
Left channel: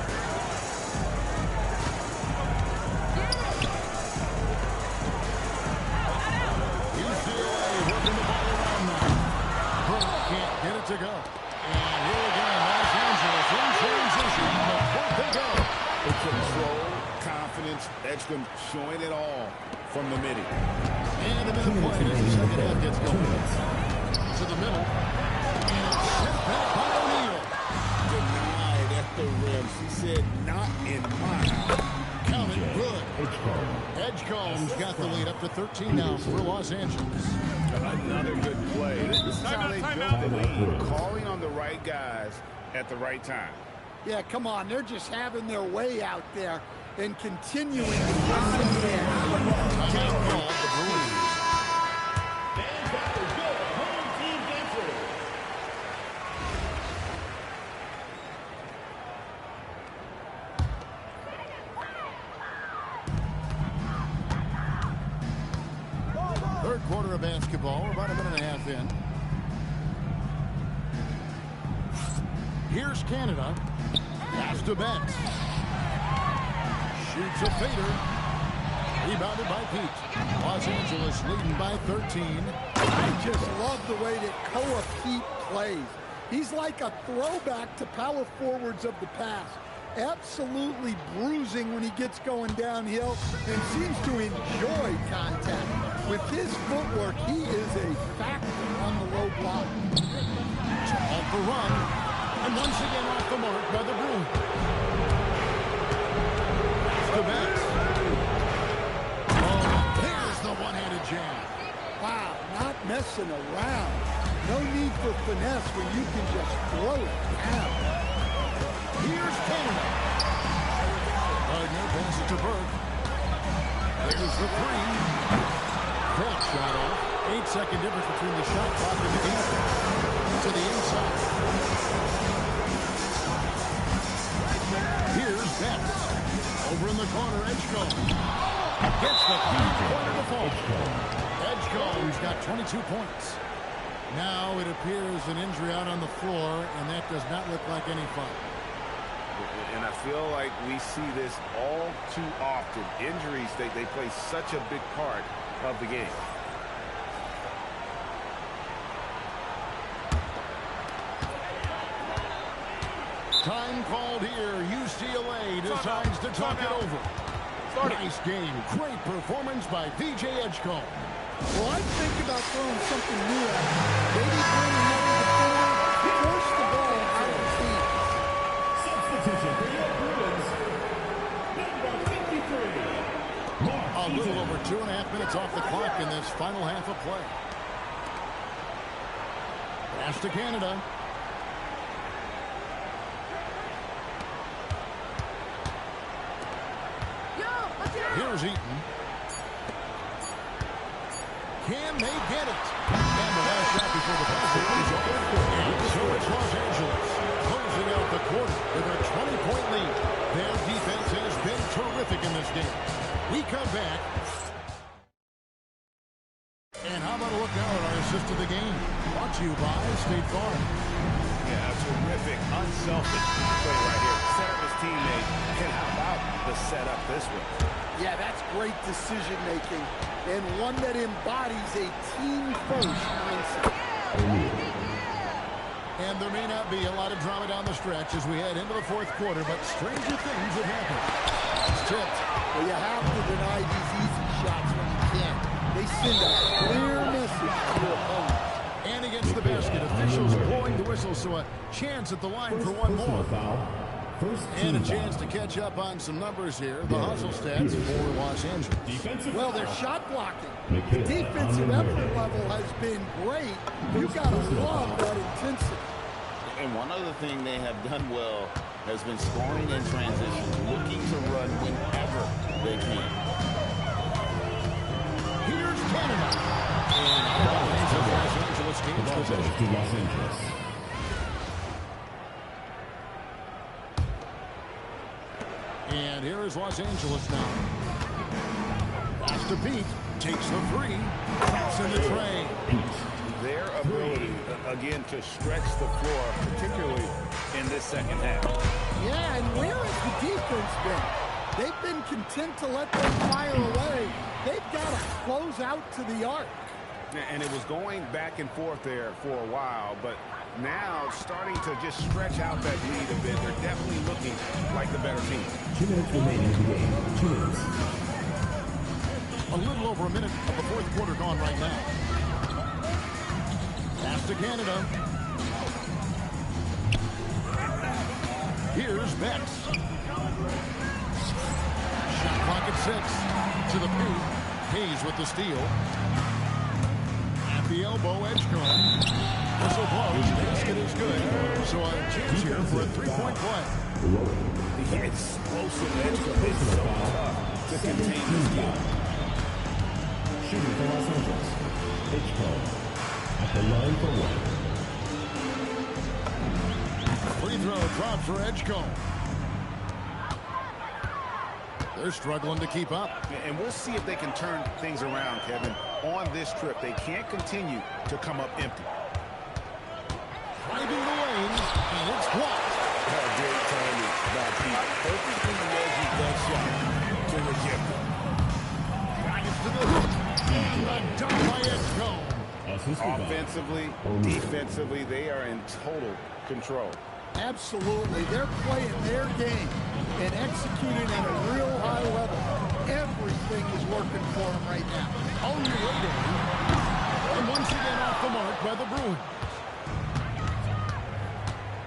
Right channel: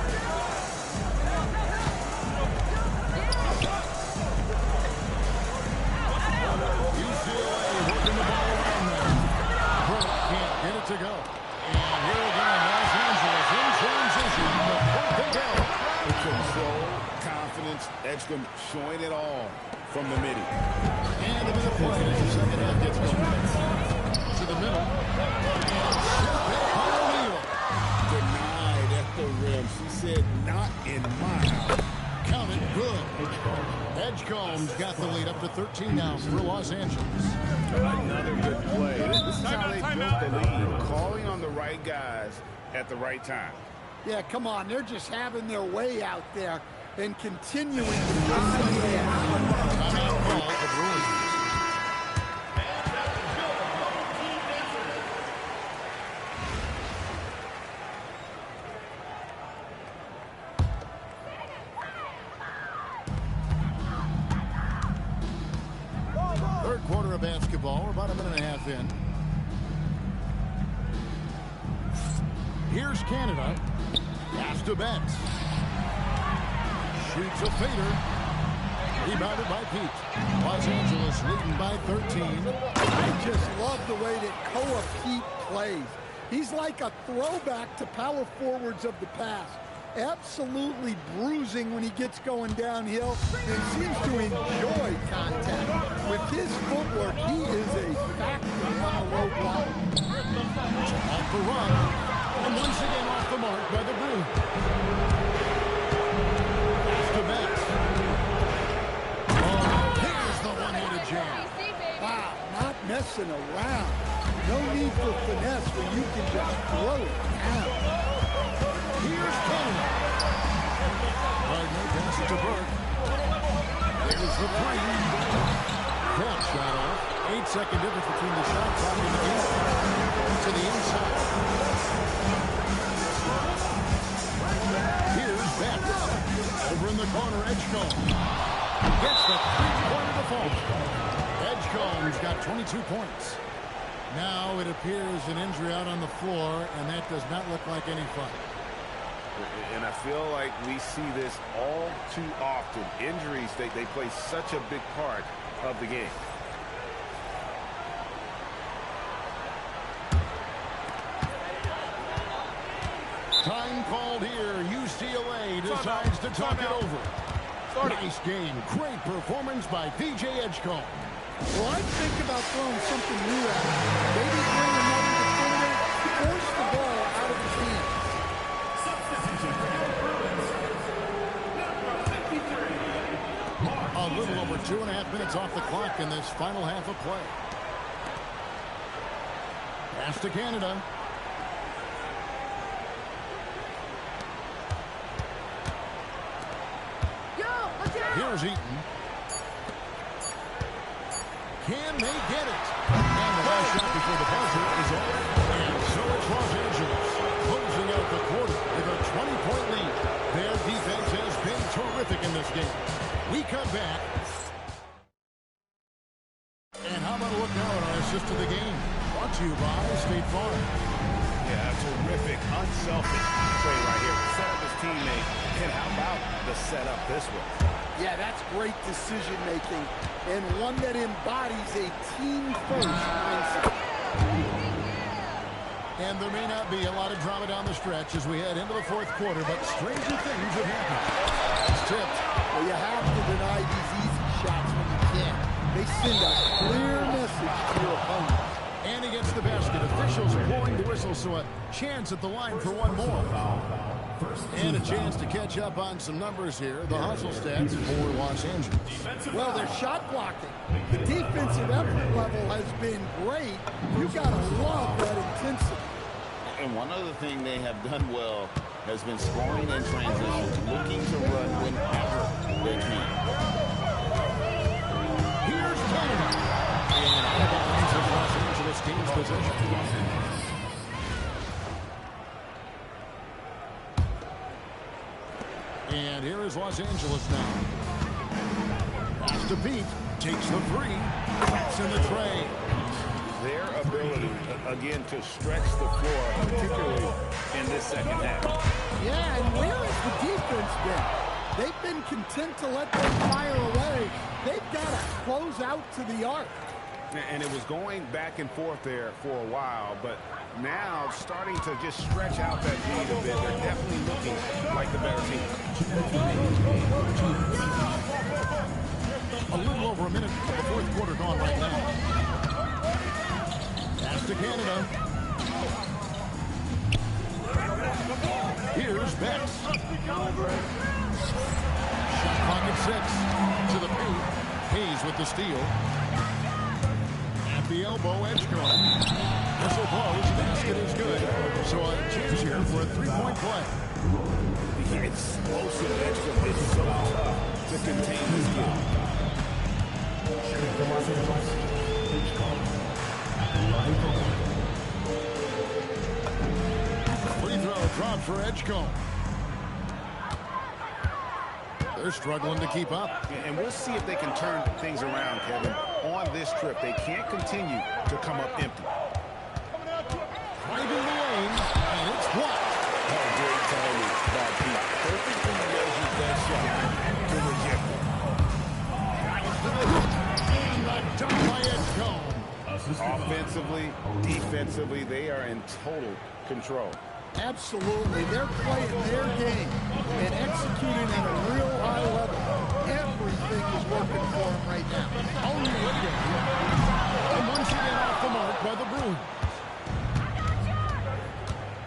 UCLA working the ball around now. Burke can't get it to go. And here again, Los Angeles in transition. The they go. Control, confidence, Edgecombe showing it all from the midi. And a minute played as the second half gets going. To the middle. And it's sent back by O'Neal. Denied at the rim. She said, not in my house. Count it, good. Edgecombe's got the lead up to 13 now for Los Angeles. Another good play. This is how they built the lead, calling on the right guys at the right time. Yeah, come on. They're just having their way out there and continuing to drive in. Timeout called the Bruins. Third quarter of basketball. We're about a minute and a half in. Here's Canada. Pass to Betts. Shoots a fader. Rebounded by Pete. Los Angeles leading by 13. I just love the way that Koa Pete plays. He's like a throwback to power forwards of the past. Absolutely bruising when he gets going downhill and seems to enjoy contact. With his footwork, he is a factor on the low block. Off the run. And once again off the mark by the Bruins. Pass to Betts. Oh, there's the one-handed jam. Wow, not messing around. No need for finesse when you can just throw it down. Here's Canada. Gardner passes to Burke. There's the three. That shot off. 8-second difference between the shot clock and the game. To the inside. Here's Betts. Over in the corner, Edgecombe. Gets the three-pointer to fall. Edgecombe's got 22 points. Now it appears an injury out on the floor, and that does not look like any fun. And I feel like we see this all too often. Injuries, they play such a big part of the game. Time called here. UCLA decides to talk it over. Nice game. Great performance by VJ Edgecombe. Well, I'd think about throwing something new at him. Maybe bring another defender, force the ball out of his hands. Substitution for your Bruins, number 53. A little over 2.5 minutes off the clock in this final half of play. Pass to Canada. Here's Eaton. Can they get it? And the last shot before the buzzer is off. And so it's Los Angeles closing out the quarter with a 20-point lead. Their defense has been terrific in this game. We come back. And how about a look now at our assist of the game? Brought to you by State Farm. Yeah, a terrific, unselfish play right here. Set up his teammate. And how about the setup this way? Yeah, that's great decision-making and one that embodies a team-first mindset. And there may not be a lot of drama down the stretch as we head into the fourth quarter, but stranger things have happened. It's tipped. Well, you have to deny these easy shots when you can. They send a clear message to your opponent. And against the basket, officials blowing the whistle, so a chance at the line for one more. And a chance to catch up on some numbers here. The hustle stats for Los Angeles. Well, their shot blocking. The defensive effort level has been great. You got to love that intensity. And one other thing they have done well has been scoring in transition, looking to run whenever they can. Here's Canada. And out of bounds as Los Angeles gains possession. And here is Los Angeles now. Pass to Pete. Takes the three. Taps in the tray. Their ability, again, to stretch the floor, particularly in this second half. Yeah, and where has the defense been? They've been content to let them fire away. They've got to close out to the arc. And it was going back and forth there for a while, but now starting to just stretch out that lead a bit. They're definitely looking like the better team. 2 minutes remaining in the game. 2 minutes. A little over a minute of the fourth quarter gone right now. Pass to Canada. Here's Bex. Shot clock at 6. To the paint. Hayes with the steal. At the elbow, Edgecombe. Whistle blows. Basket is good. So a chance here for a three-point play. The explosive Edgecombe is so tough to contain this kid. Shooting for Los Angeles. Edgecombe. At the line for one. Free throw dropped for Edgecombe. They're struggling to keep up. And we'll see if they can turn things around, Kevin, on this trip. They can't continue to come up empty. Driving the lane, and it's blocked. Oh, great timing by Pete. Perfectly measured that shot to reject it. Drives to the hoop, and the dunk by Edgecombe. Offensively, defensively, they are in total control. Absolutely. They're playing their game and executing at a real high level. Everything is working for them right now. Only waiting. And once again off the mark by the Bruins.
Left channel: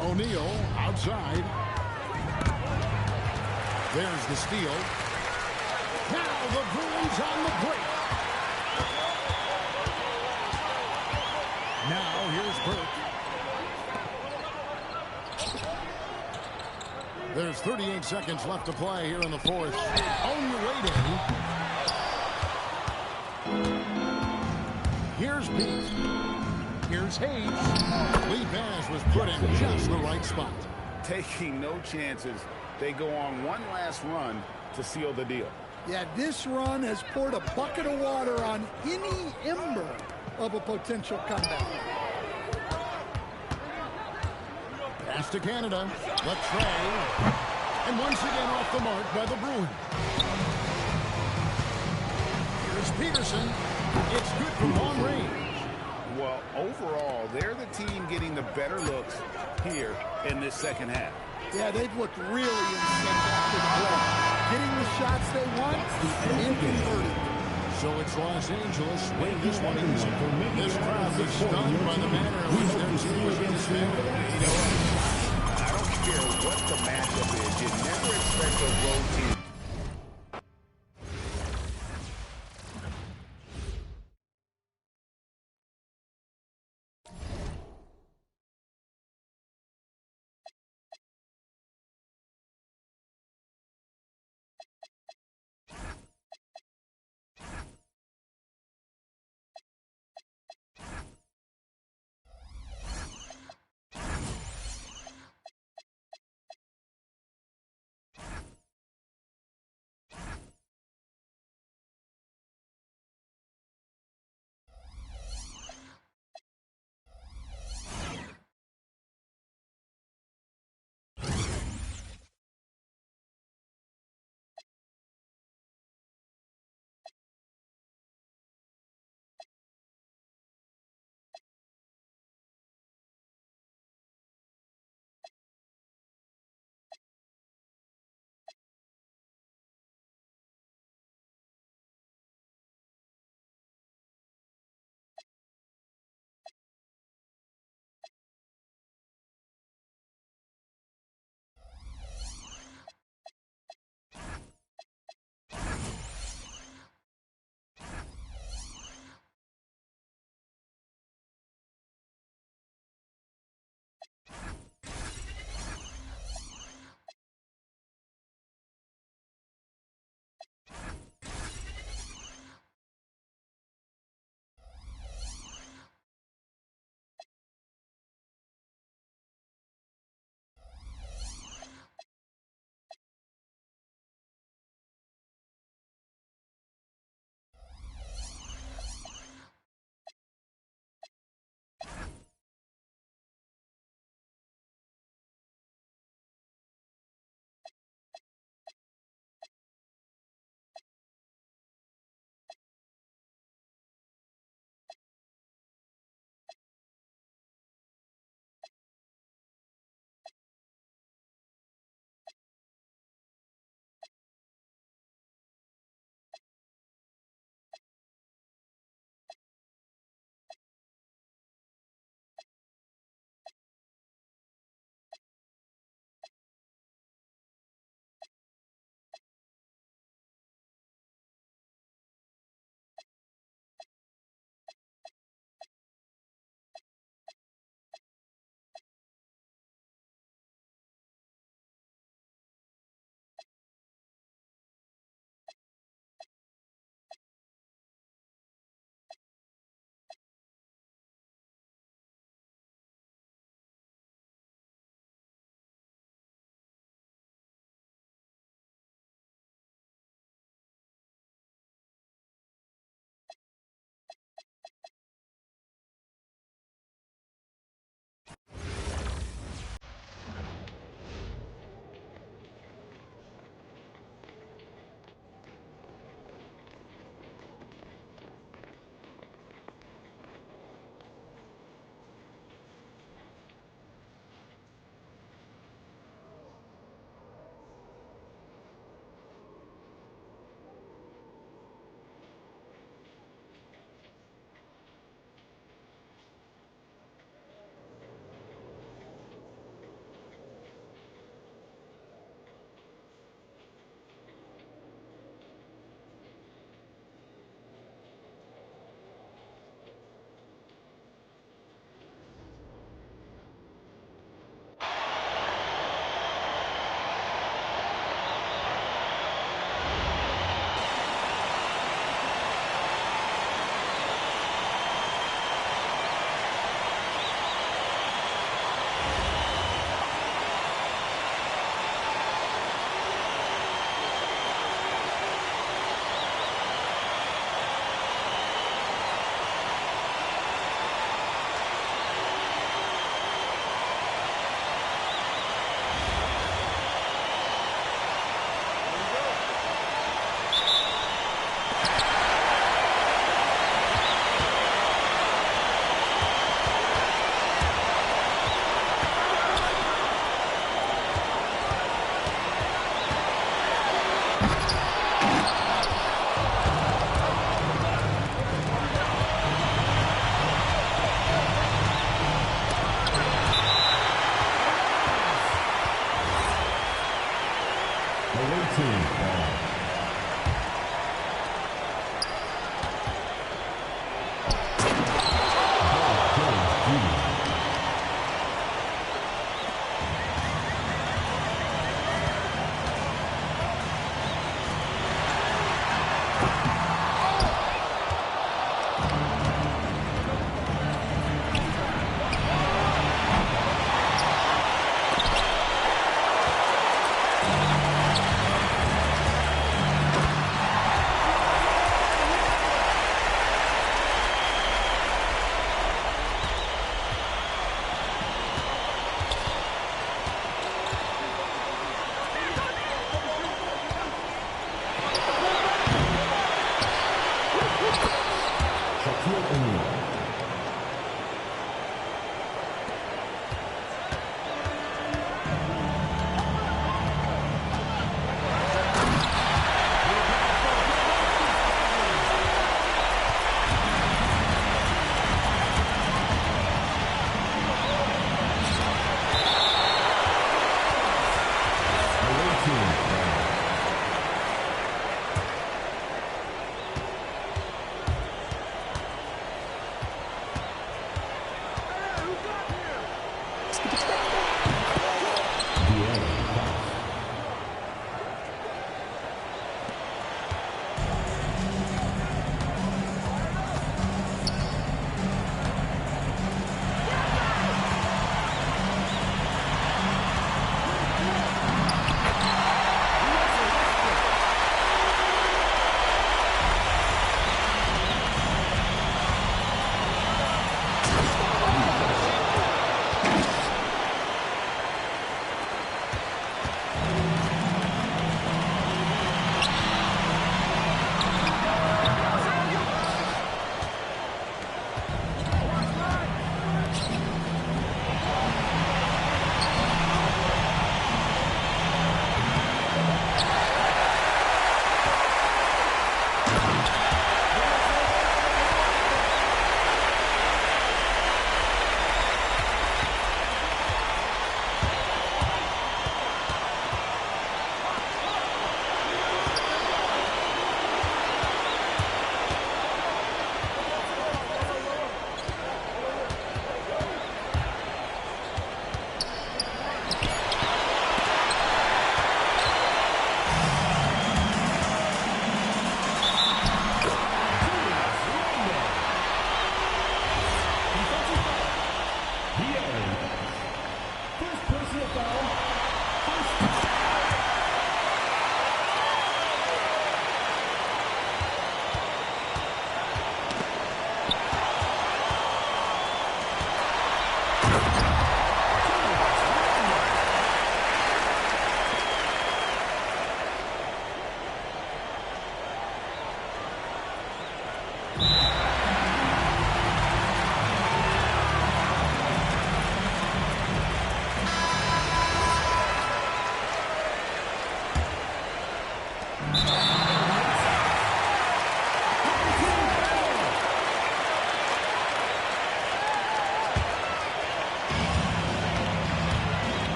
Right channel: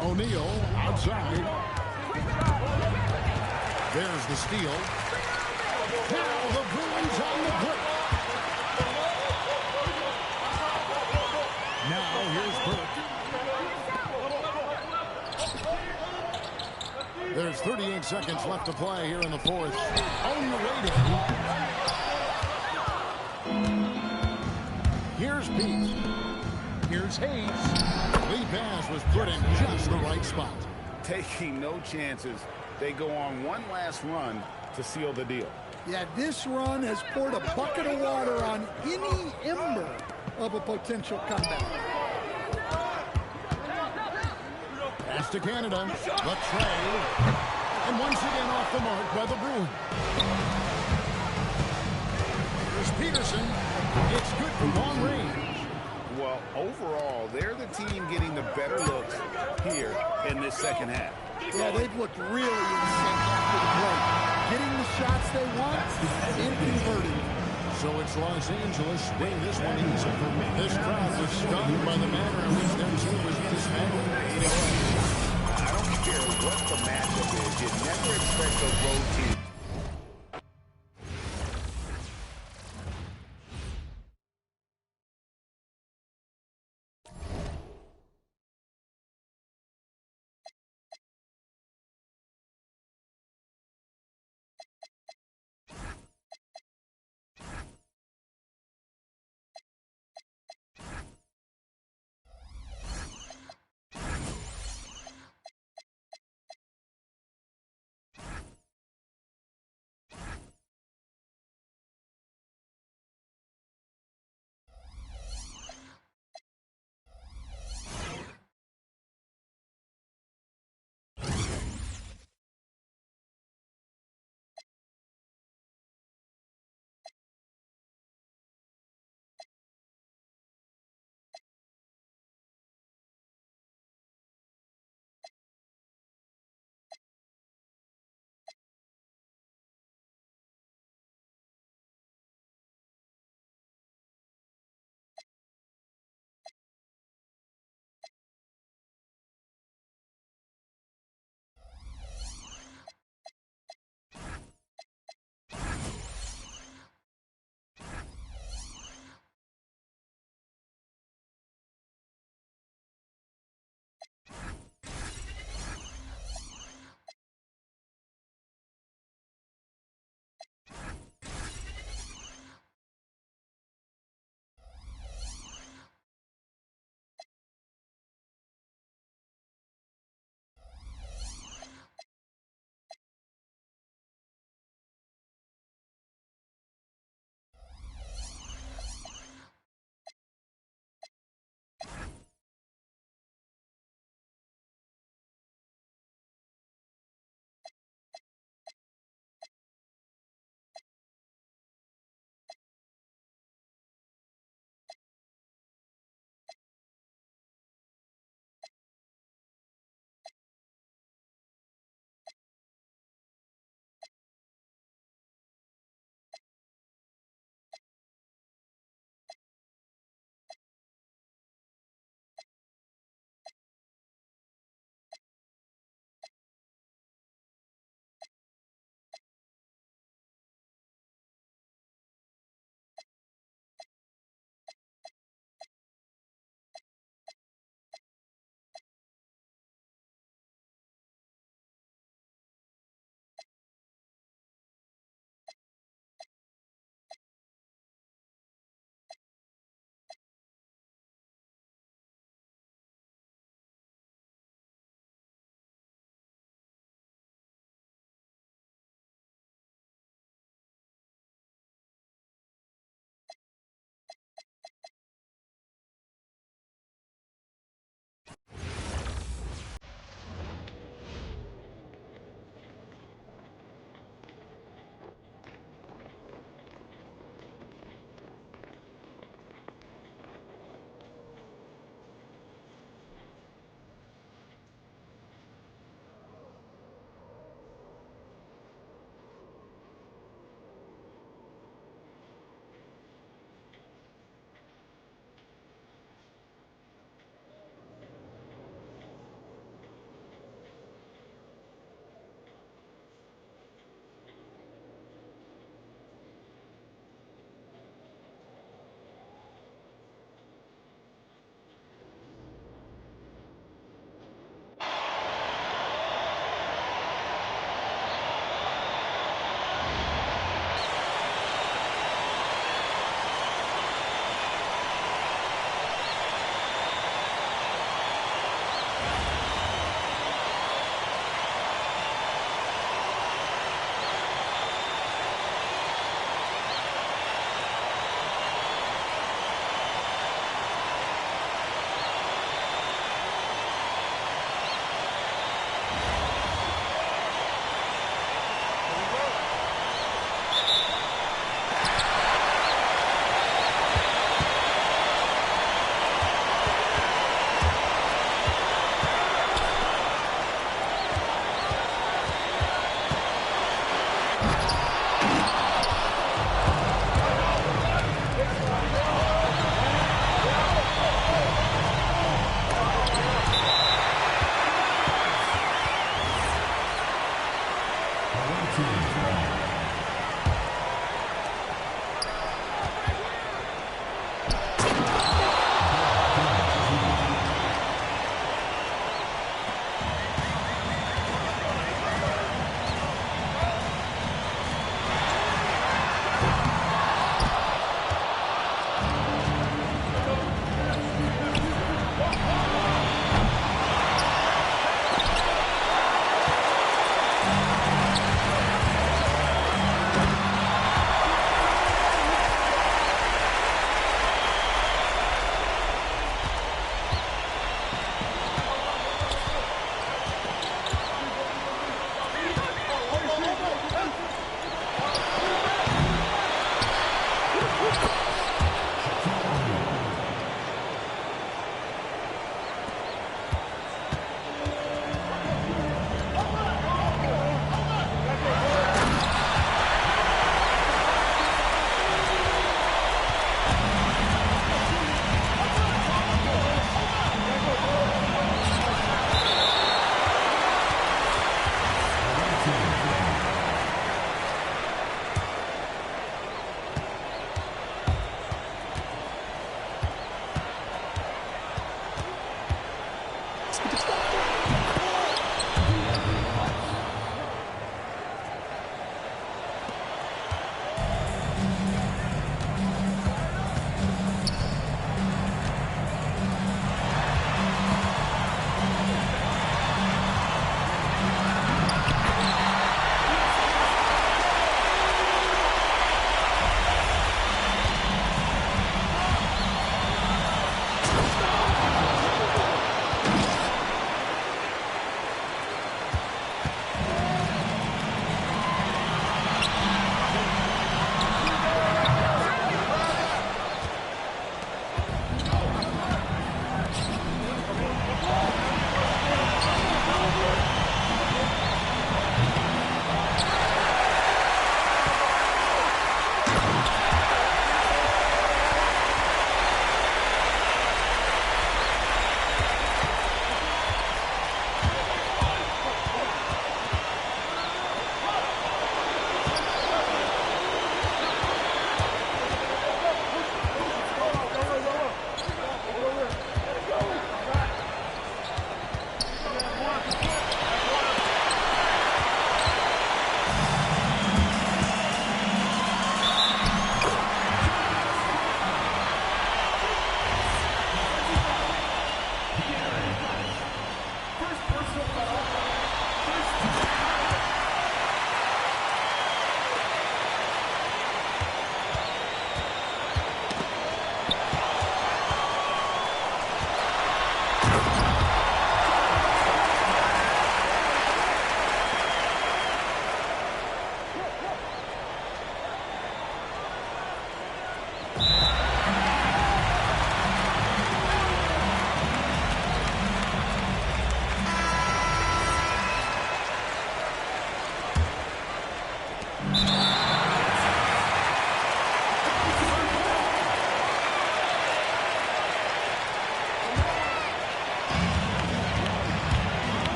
O'Neal outside. There's the steal. Now the Bruins on the break. Now here's Burke. There's 38 seconds left to play here in the fourth. Only waiting. Here's Pete. Here's Hayes. Lee Bass was put in just the right spot. Taking no chances. They go on one last run to seal the deal. Yeah, this run has poured a bucket of water on any ember of a potential comeback. Pass to Canada. The tray. And once again off the mark by the Bruins. Here's Peterson. It's good from long range. Well, overall, they're the team getting the better looks here in this second half. Yeah, they've looked really in sync after the break. Getting the shots they want and converting. So it's Los Angeles winning this one easy. This crowd was stunned by the manner in which their team was dismantled. You know what? I don't care what the matchup is. You never expect a road team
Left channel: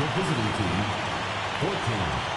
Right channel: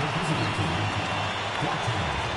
The visiting team, 14.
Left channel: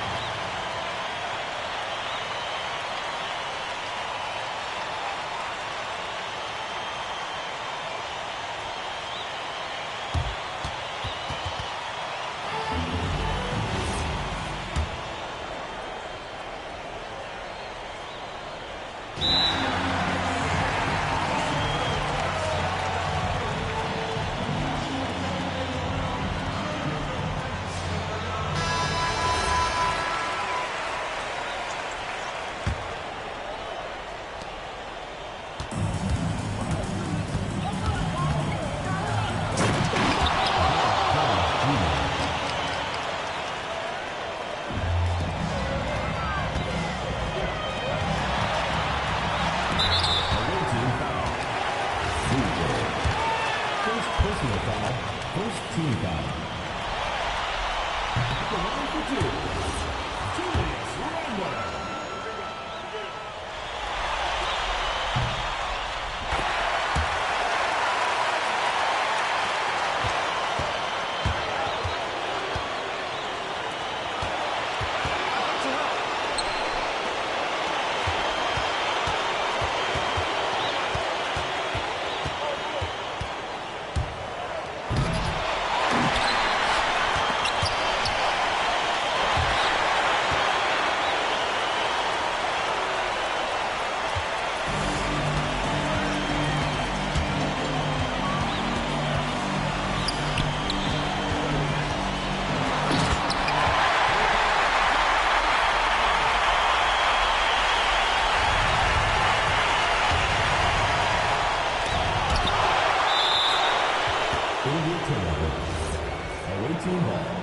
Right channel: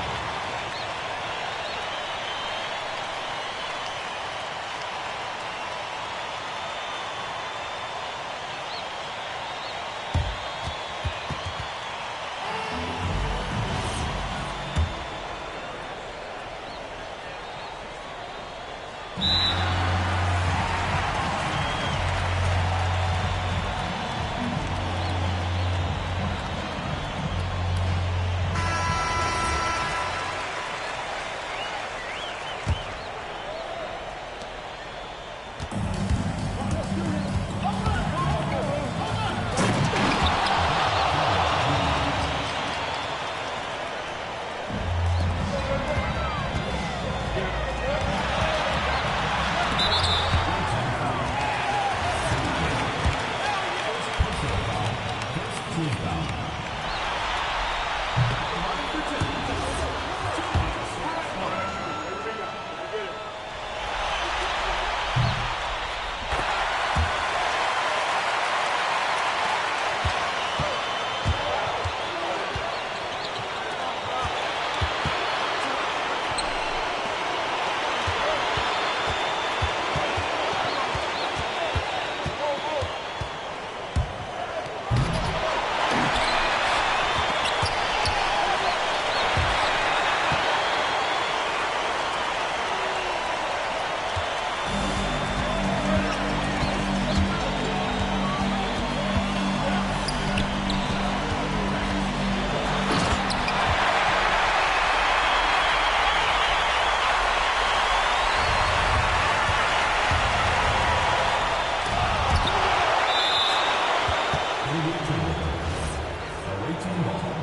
Away team ball.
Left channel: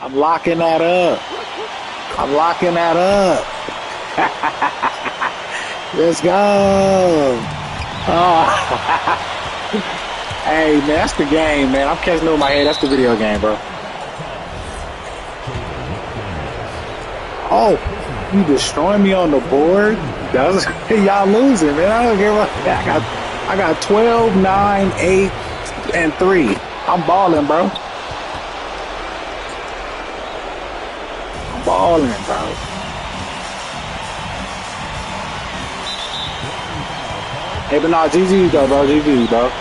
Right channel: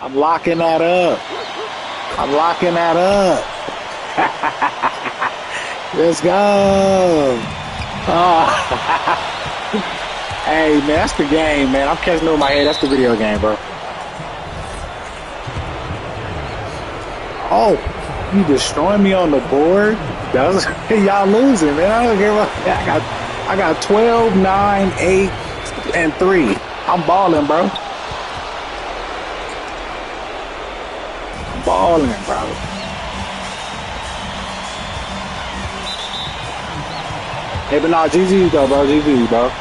I'm locking that up. I'm locking that up. Let's go. Oh. Hey, man, that's the game, man. I'm catching it with my head. That's the video game, bro. Oh, you destroying me on the board? That's, y'all losing, man. I don't give a I got 12, 9, 8, and 3. I'm balling, bro. I'm balling, bro. Hey, but no, GG though, bro. GG, bro.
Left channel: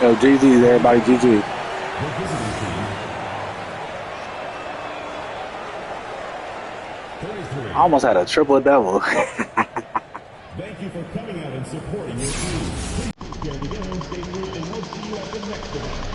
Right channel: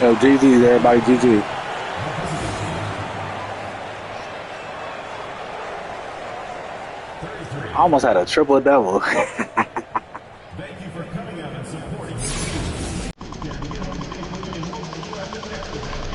Yo, GG's, everybody, GG. I almost had a triple-double. Thank you for coming out and supporting your team. Please prepare to get home safely, and we'll see you at the next event.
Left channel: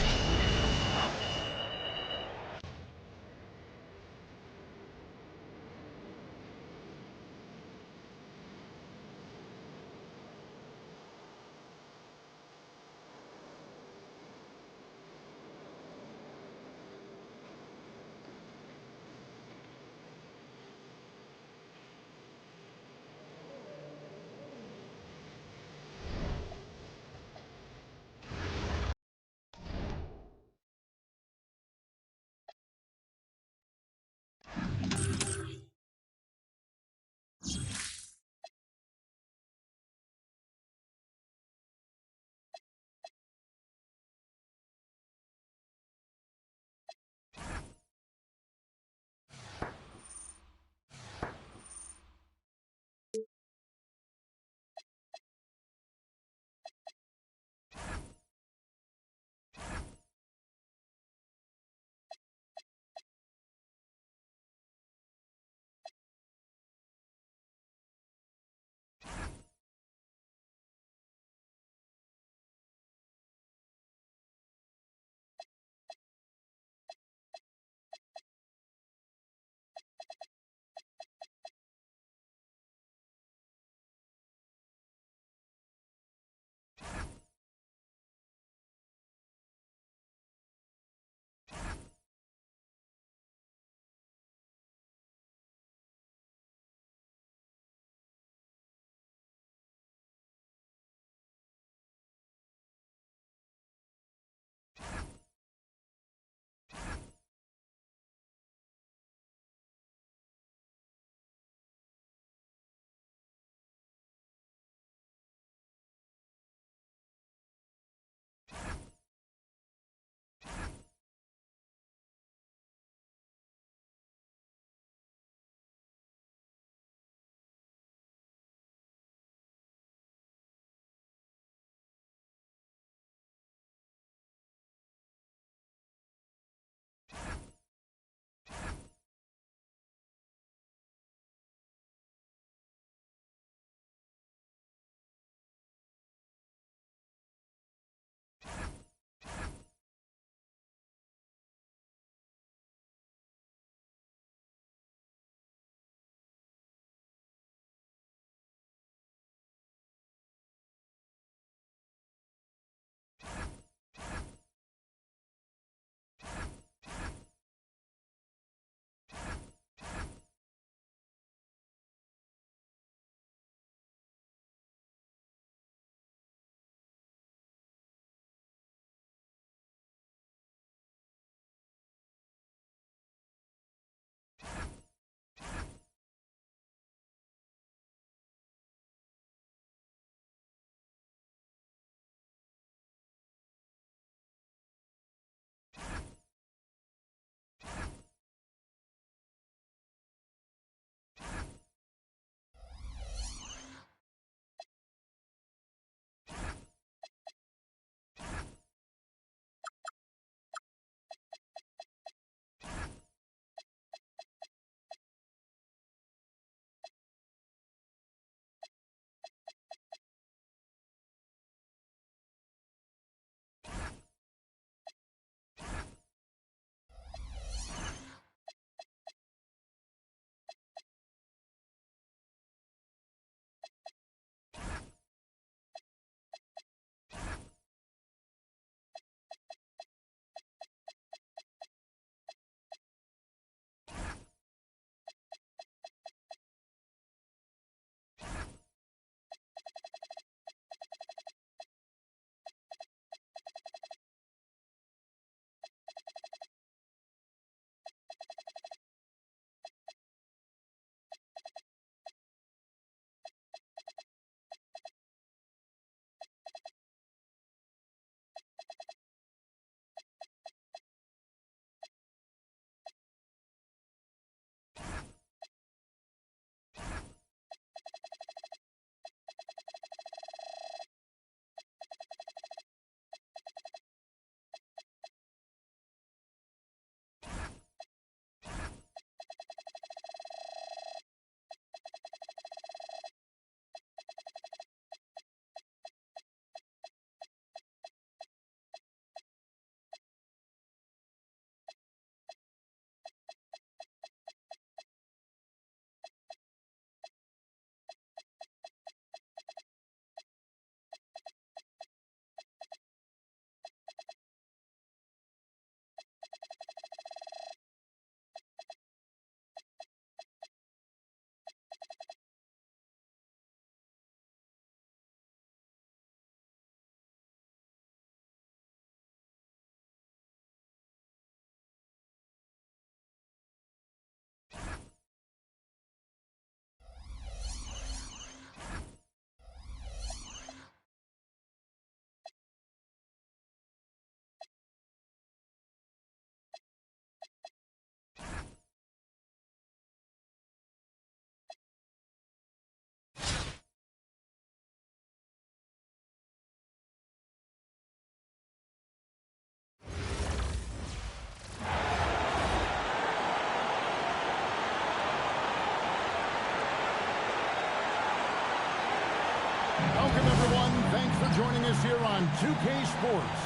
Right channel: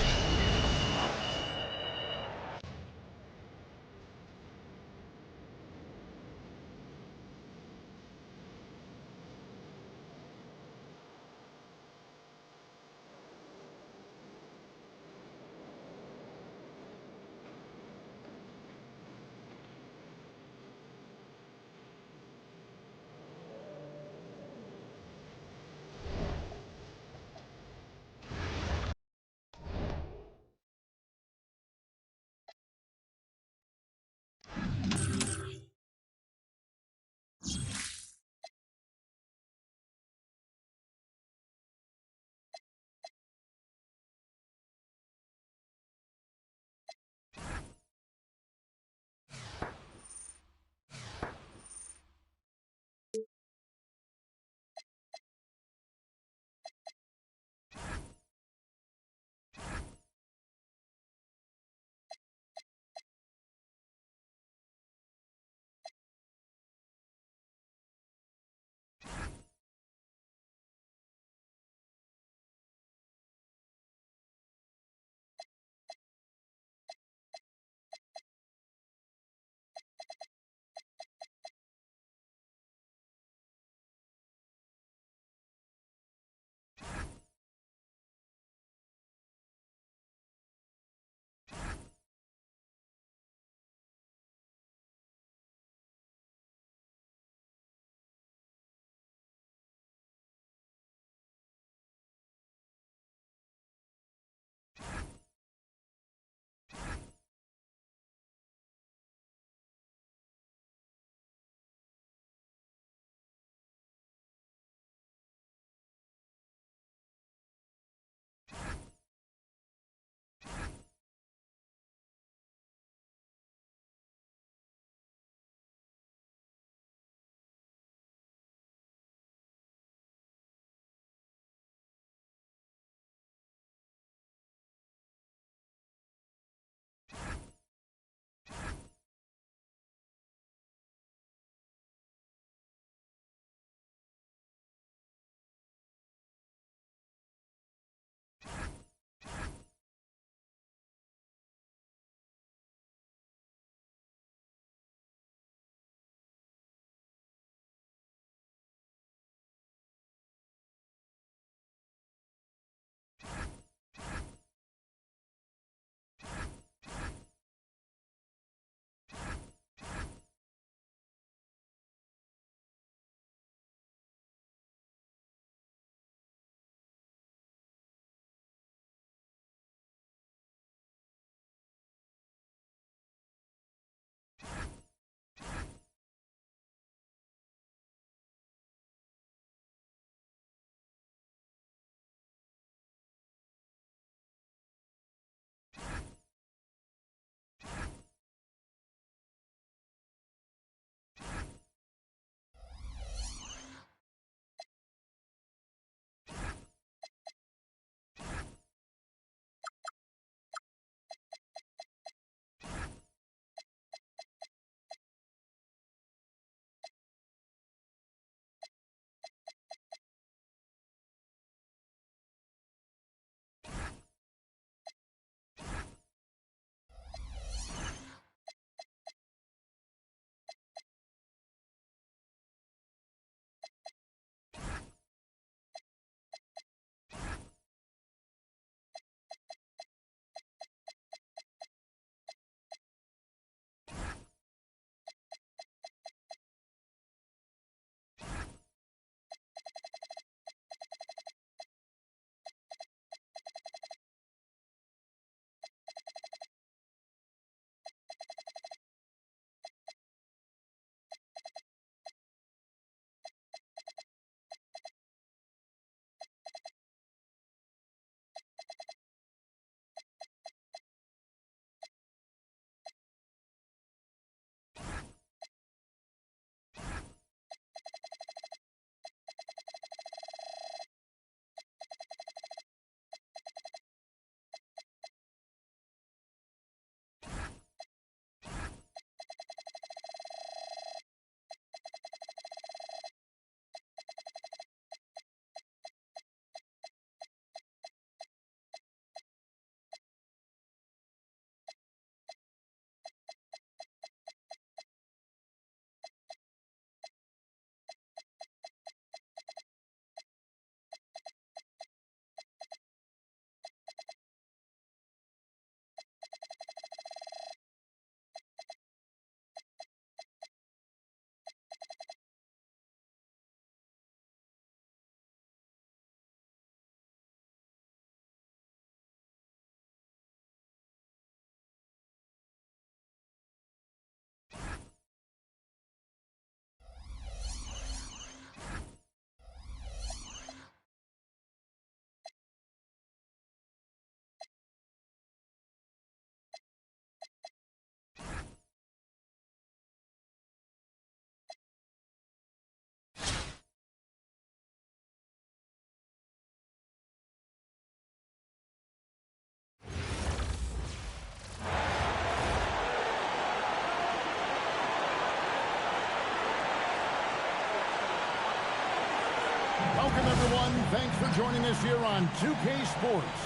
Welcome, everyone. Thanks for joining us here on 2K Sports.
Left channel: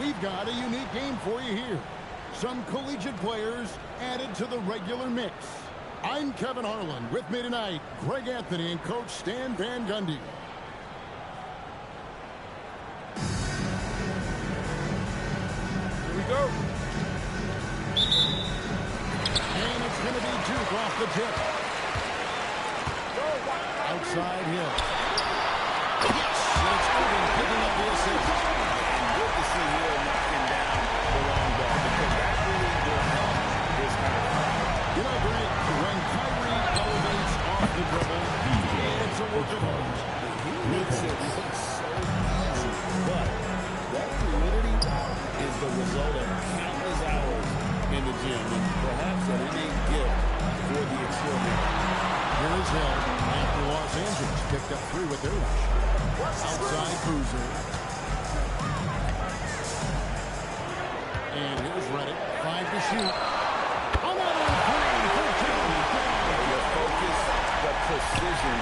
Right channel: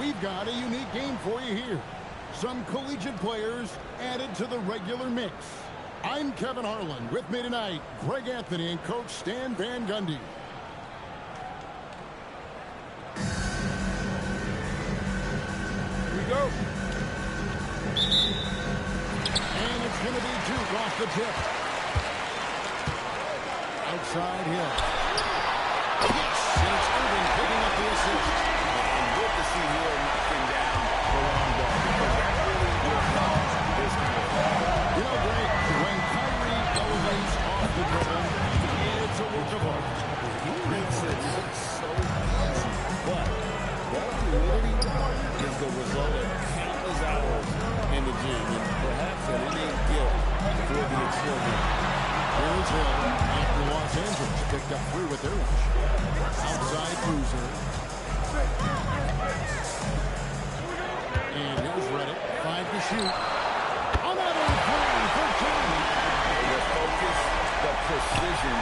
We've got a unique game for you here. Some collegiate players added to the regular mix. I'm Kevin Harlan. With me tonight, Greg Anthony and Coach Stan Van Gundy. Here we go. And it's going to be Duke off the tip. Outside Hill. Yes, and it's Irving picking up the assist. And good to see Hill knocking down the long ball because that really will help this kind of play. You know, Greg, when Kyrie elevates off the dribble, it's a work of art. He makes it look so easy, but that fluidity is the result of countless hours in the gym and perhaps an innate gift for the extraordinary. Here is Hill after Los Angeles picked up 3 with their rush. Outside Boozer. And here's Reddick. 5 to shoot. Another 3 for 2. The focus, the precision.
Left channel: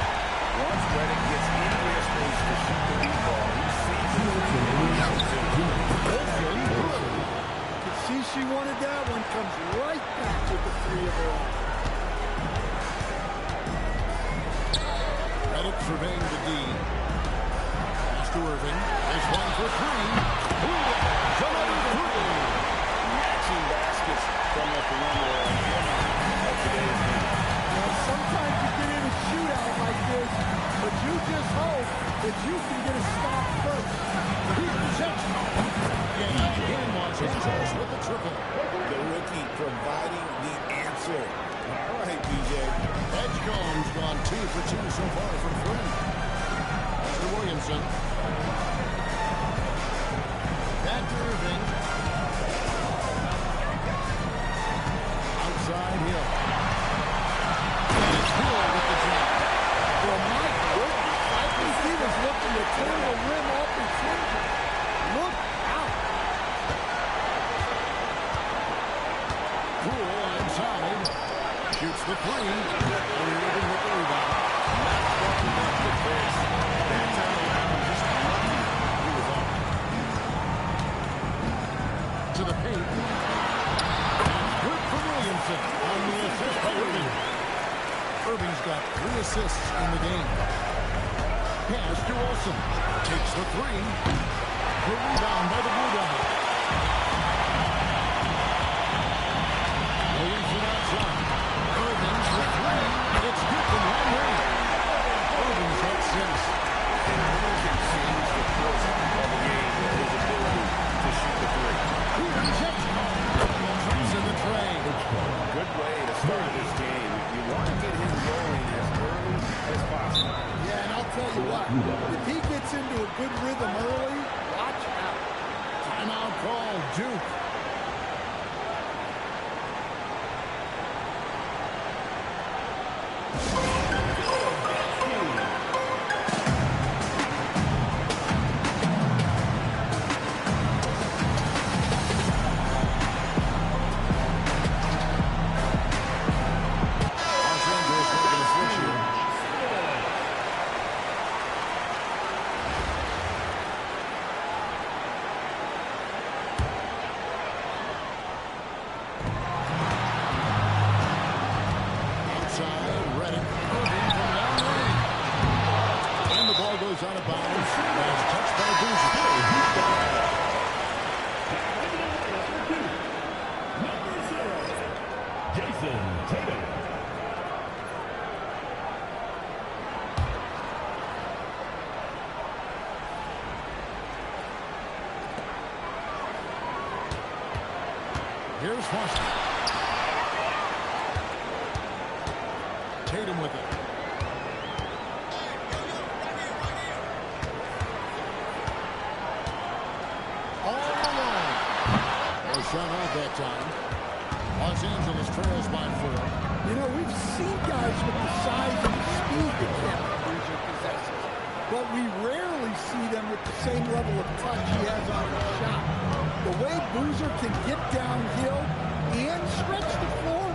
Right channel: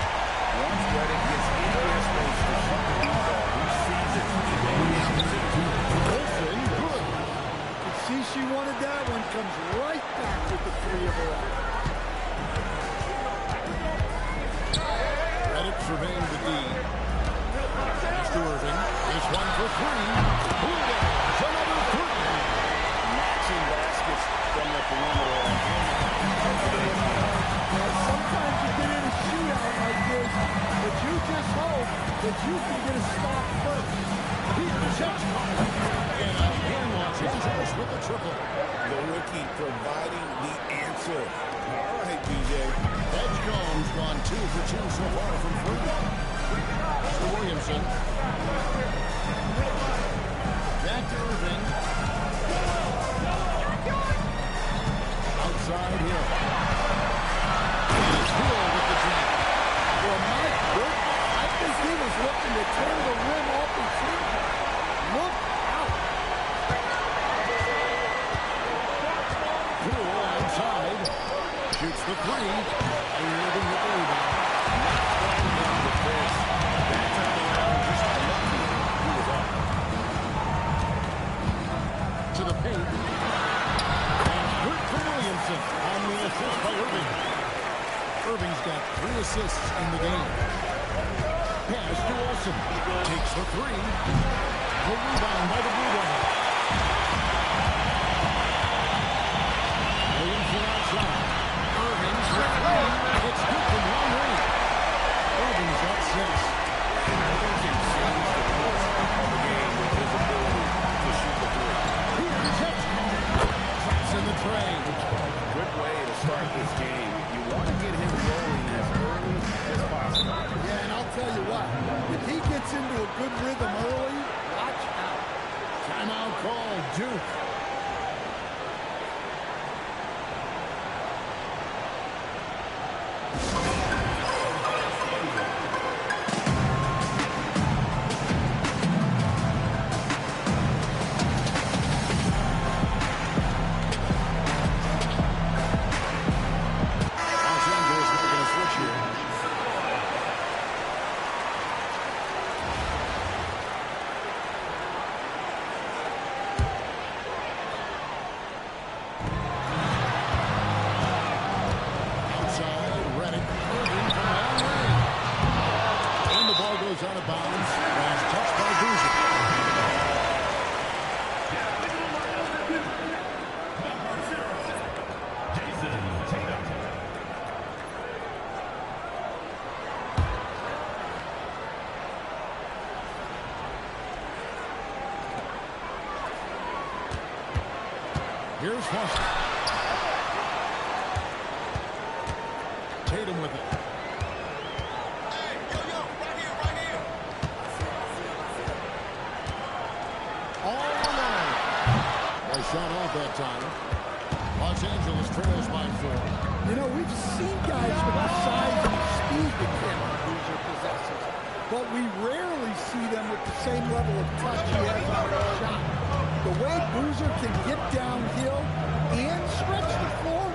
Once Reddick gets in their space to shoot the deep ball, he sees it on the opportunity. Wilson, good. You can see she wanted that one. Comes right back with the 3 of her own. Reddick surveying the D. Pass to Irving. This one for 3. Blue Devils, another 3. Matching baskets from the perimeter and earmark of today's game. Well, sometimes you get in a shootout like this, but you just hope that you can get a stop first. Here's Edgecombe. And again, Los Angeles with the triple. The rookie providing the answer. All right, BJ. Edgecombe's gone 2 for 2 so far from 3. Mr. Williamson. Back to Irving. Outside Hill. And it's Hill with the jam. Well, my goodness, I think he was looking to tear the rim off his finger. Look out. Poole outside. Shoots the 3. Irving with the rebound. Not quite enough defense. That time around, just lucky he was off. To the paint. That's good for Williamson on the assist by Irving. Irving's got 3 assists in the game. Pass to Olsen. Takes the 3. The rebound by the Blue Devils. Williamson outside. Irving's for 3. It's good from long range. Irving's got 6. And Irving can change the course of a game with his ability to shoot the 3. Here's Edgecombe. Drops in the tray. Good way to start this game. You want to get him rolling as early as possible. Yeah, and I'll tell you what, if he gets into a good rhythm early, watch out. Timeout call, Duke. Los Angeles making a switch here. Outside, Reddick. Irving from long range. And the ball goes out of bounds. Last touch by Boozer. Number 0, Jason Tatum. Here's Foster. Tatum with it. All alone. Well, shot off that time. Los Angeles trails by 4. You know, we've seen guys with the size and the speed that Cameron Boozer possesses, but we rarely see them with the same level of touch he has on his shot. The way Boozer can get downhill and stretch the floor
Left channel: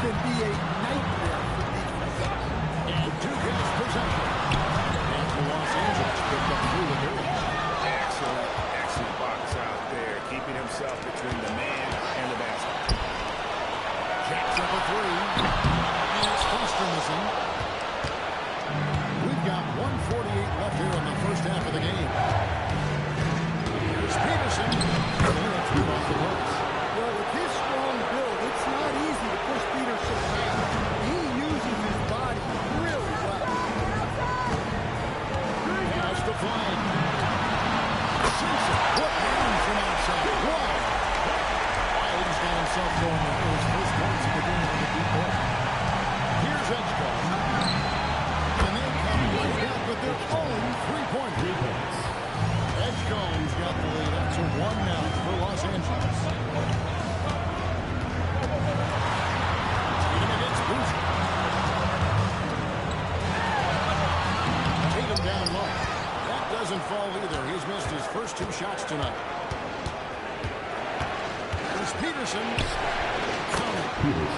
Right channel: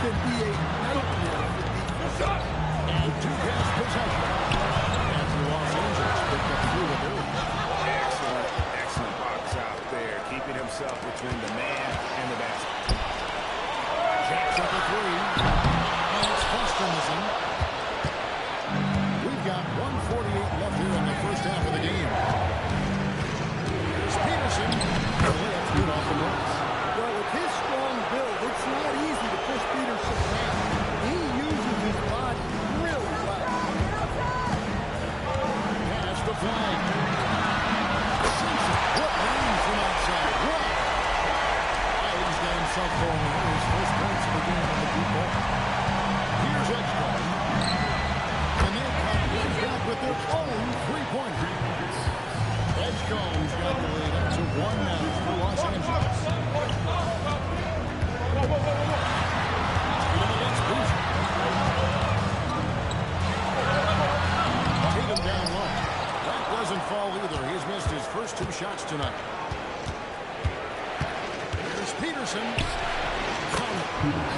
can be a nightmare for defenses. And Duke has possession. After Los Angeles up through with their edge. Excellent box out there, keeping himself between the man and the basket. Jacks up a three, and it's Foster missing. We've got 1:48 left here in the first half of the game. Here's Peterson. The layup's good off the books. Well, with his strong build, it's not easy to push Peterson around. He uses his body really well. Pass the flag. Sinks it. What range from outside. Wow. White's got himself going there. His first points of the game on the deep ball. Here's Edgecombe. And they come right back with their own three-pointer. Edgecombe's got the lead up to one now for Los Angeles. Tatum against Boozer. Tatum down low. That doesn't fall either. He's missed his first two shots tonight. Here's Peterson. Count it.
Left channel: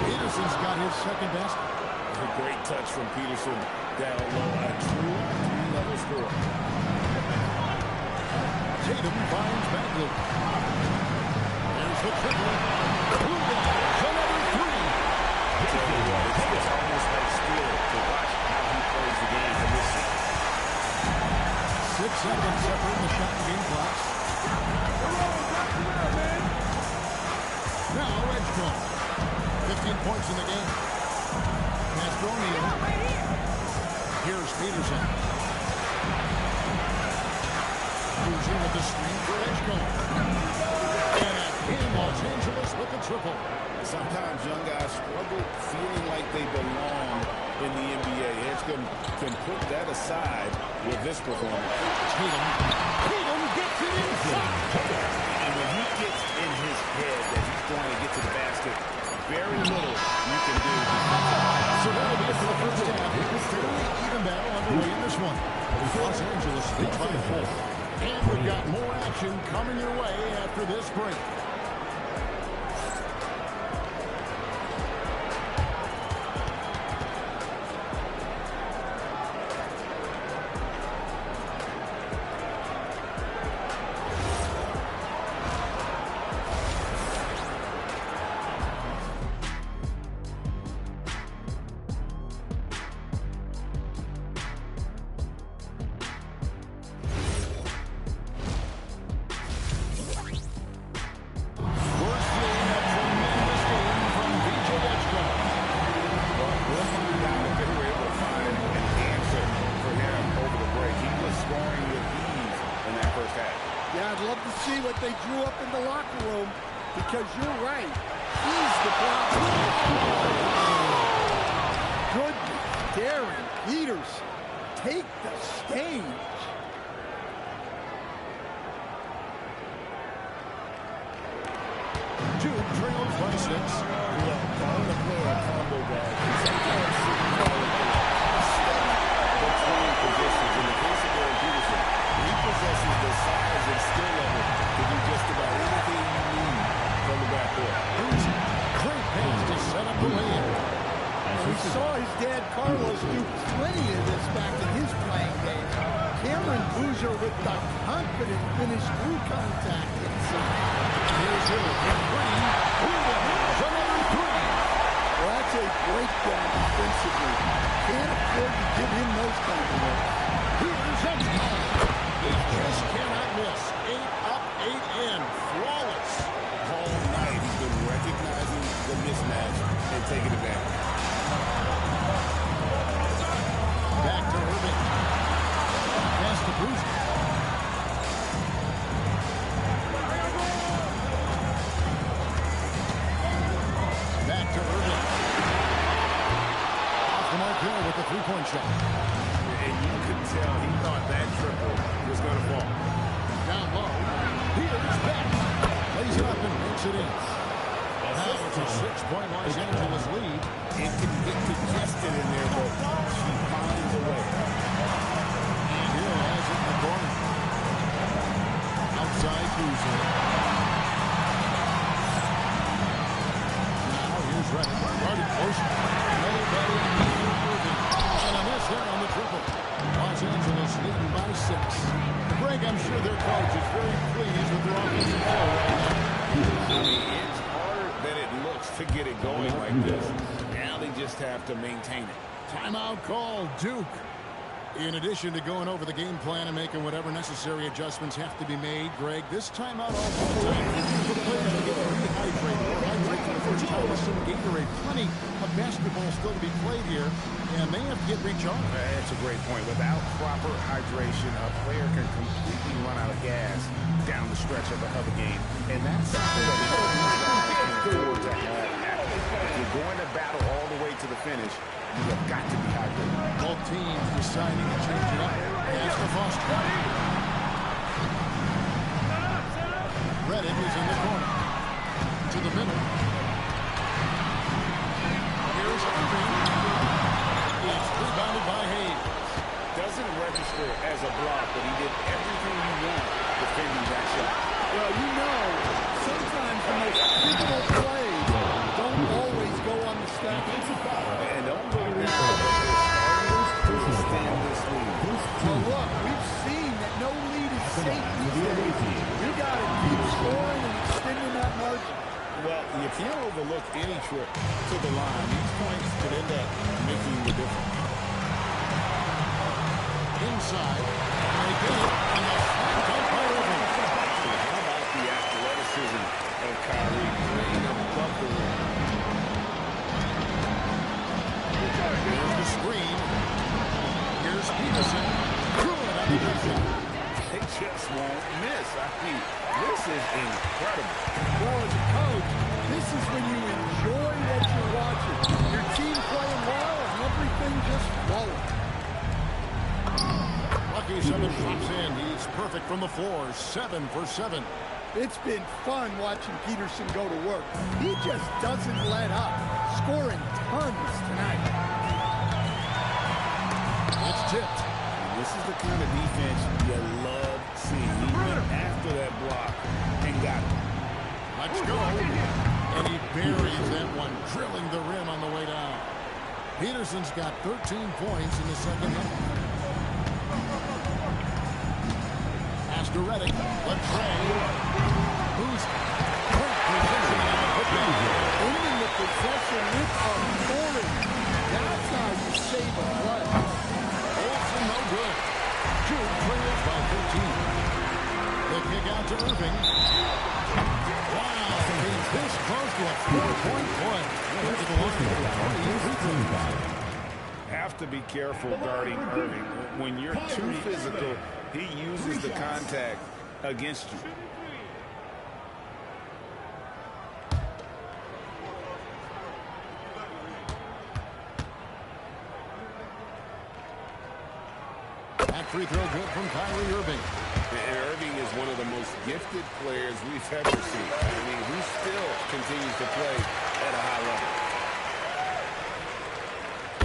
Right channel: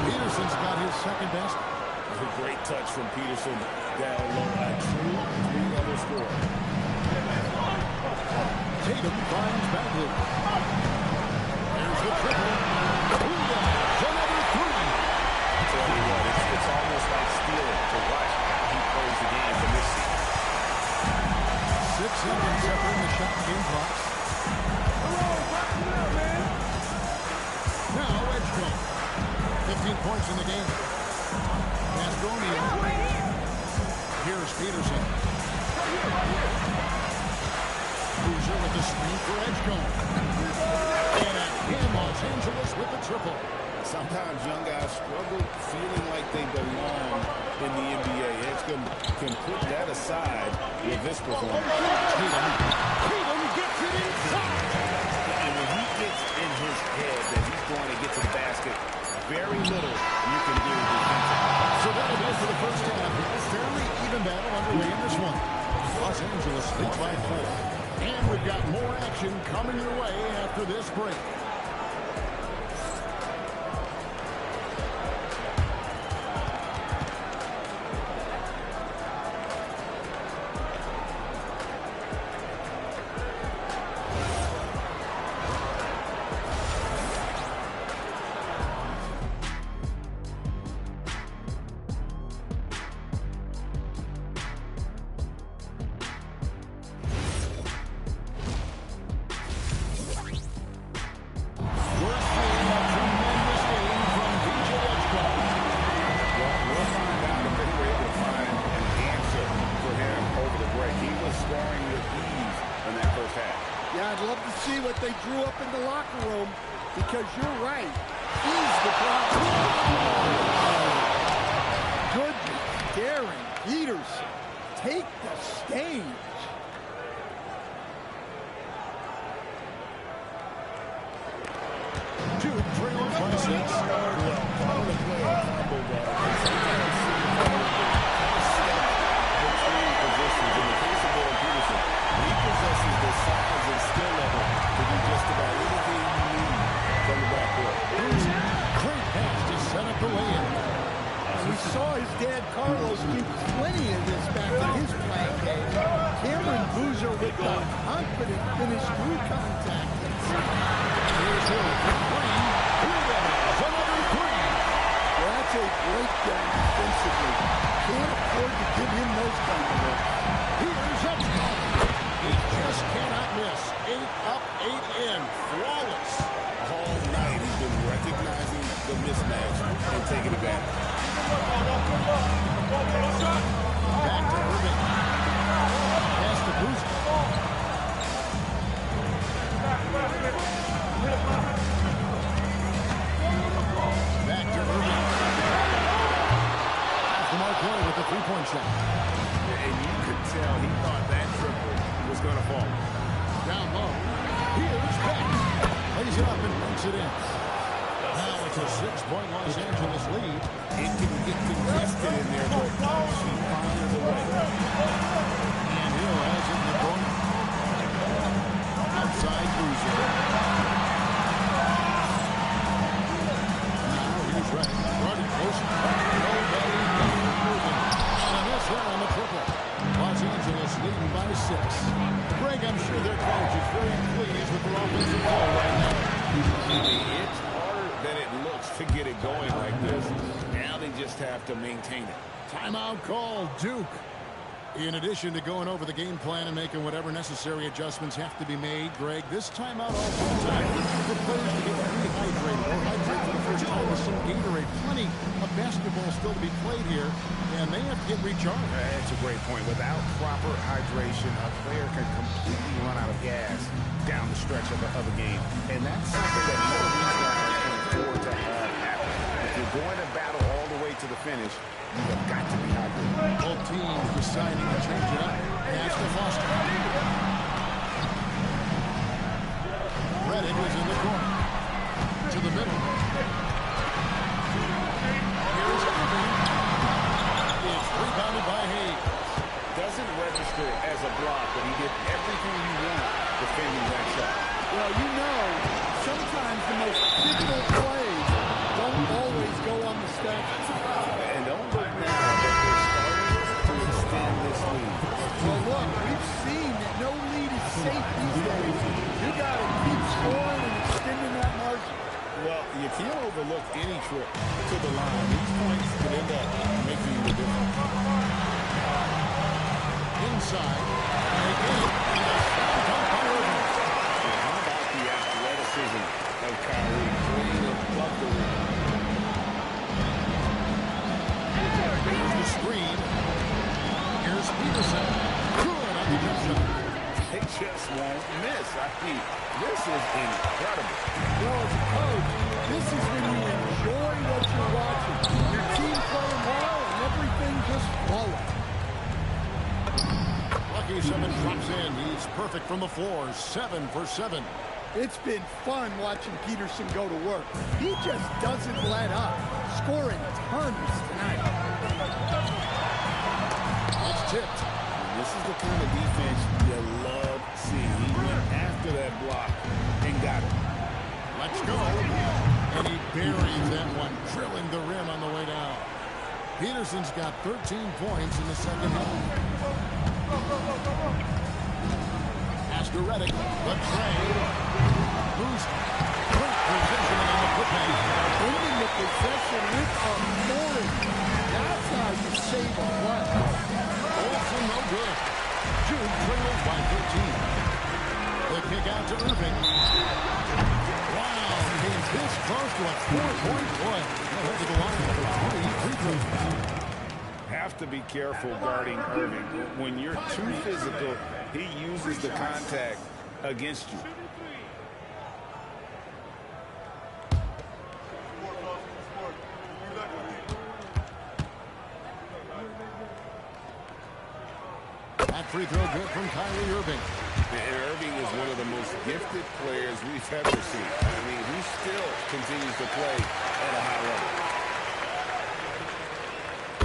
Peterson's got his second basket. A great touch from Peterson down low. A true three-level score. Tatum finds Bagley. There's the triple. Blue Devils, another three. I tell you what, it's almost like stealing to watch how he plays the game from this seat. 6 seconds separating the shot and game clocks. Now Edgecombe. 15 points in the game. Pass to O'Neal. Here's Peterson. Boozer with the screen for Edgecombe. And again, Los Angeles with the triple. Sometimes young guys struggle feeling like they belong in the NBA. Edgecombe can put that aside with this performance. Tatum gets it inside. And when he gets in his head that he's going to get to the basket, very little you can do defensively. So that'll be it for the first half. Fairly even battle underway in this one. Los Angeles leads by 4. And we've got more action coming your way after this break. See what they drew up in the locker room, because you're right. He's the problem. Goodness, Darren Peterson, take the stage. Duke trails by 6. Well, calling a player a combo guard can sometimes signify that they're stuck between positions. In the case of Darren Peterson, he possesses the size and skill level to do just about anything you need from the backcourt. Great pass to set up the lay-in. We saw his dad Carlos do plenty of this back in his playing days. Cameron Boozer with the confident finish through contact inside. Here's Hill for 3. Blue Devils, another 3. Well, that's a breakdown defensively. Can't afford to give him those kind of looks. Here's Edgecombe. He just cannot miss. 8 up, 8 in. Flawless. All night he's been recognizing the mismatch and taking advantage. Back to Irving. Pass to Boozer. Back to Irving. Off the mark there with the three-point shot. And you could tell he thought that triple was going to fall. Down low. Here's Beck. Plays it up and banks it in. Now it's a 6-point Los Angeles lead. It can get congested in there, but she finds a way. And Hill has it in the corner. Outside Boozer. Now here's Reddick. Guarded close. Nobody near Irving. And a miss there on the triple. Los Angeles leading by 6. Greg, I'm sure their coach is very pleased with their offensive flow right now. I mean, it's harder than it looks to get it going like this. Now they just have to maintain it. Timeout call, Duke. In addition to going over the game plan and making whatever necessary adjustments have to be made, Greg, this timeout also a time for players to get rehydrated or hydrate for the first time with some Gatorade. Plenty of basketball still to be played here, and they have to get recharged. That's a great point. Without proper hydration, a player can completely run out of gas down the stretch of a game. And that's something that none of these guys can afford to have happen. If you're going to battle all the way to the finish, you have got to be hydrated. Both teams deciding to change it up. Pass to Foster. Reddick is in the corner. To the middle. Here's Irving. It's rebounded by Hayes. Doesn't register as a block, but he did everything you want defending that shot. Well, you know, sometimes the most pivotal plays don't always go on the stat. And don't go now, but they're starting to extend this lead. Well, look, we've seen that no lead is safe these days. You got to keep scoring and extending that margin. Well, you can't overlook any trip to the line. These points could end up making the difference. Inside, and they get it, and a slam dunk by Irving. And how about the athleticism of Kyrie playing above the rim? Here's the screen. Here's Peterson. Good on the jump shot. They just won't miss. I mean, this is incredible. Well, as a coach, this is when you enjoy what you're watching. Your team playing well and everything just flowing. Lucky 7 drops in. He's perfect from the floor. 7 for 7. It's been fun watching Peterson go to work. He just doesn't let up. Scoring tons tonight. It's tipped. And this is the kind of defense you love seeing. He went after that block and got it. Let's go. And he buries that one, drilling the rim on the way down. Peterson's got 13 points in the second half. Pass to Reddick. The trade. Who's great positioning on the putback. Ending the possession with authority. That's how you save a play. Olsen, no good. Jude trails by 13. The kick out to Irving. Wow, came this close to a 4-point play. Went to the line for 3 free throws. Have to be careful guarding Irving. When you're too physical, he uses the contact against you. That free throw good from Kyrie Irving. And Irving is one of the most gifted players we've ever seen. I mean, he still continues to play at a high level.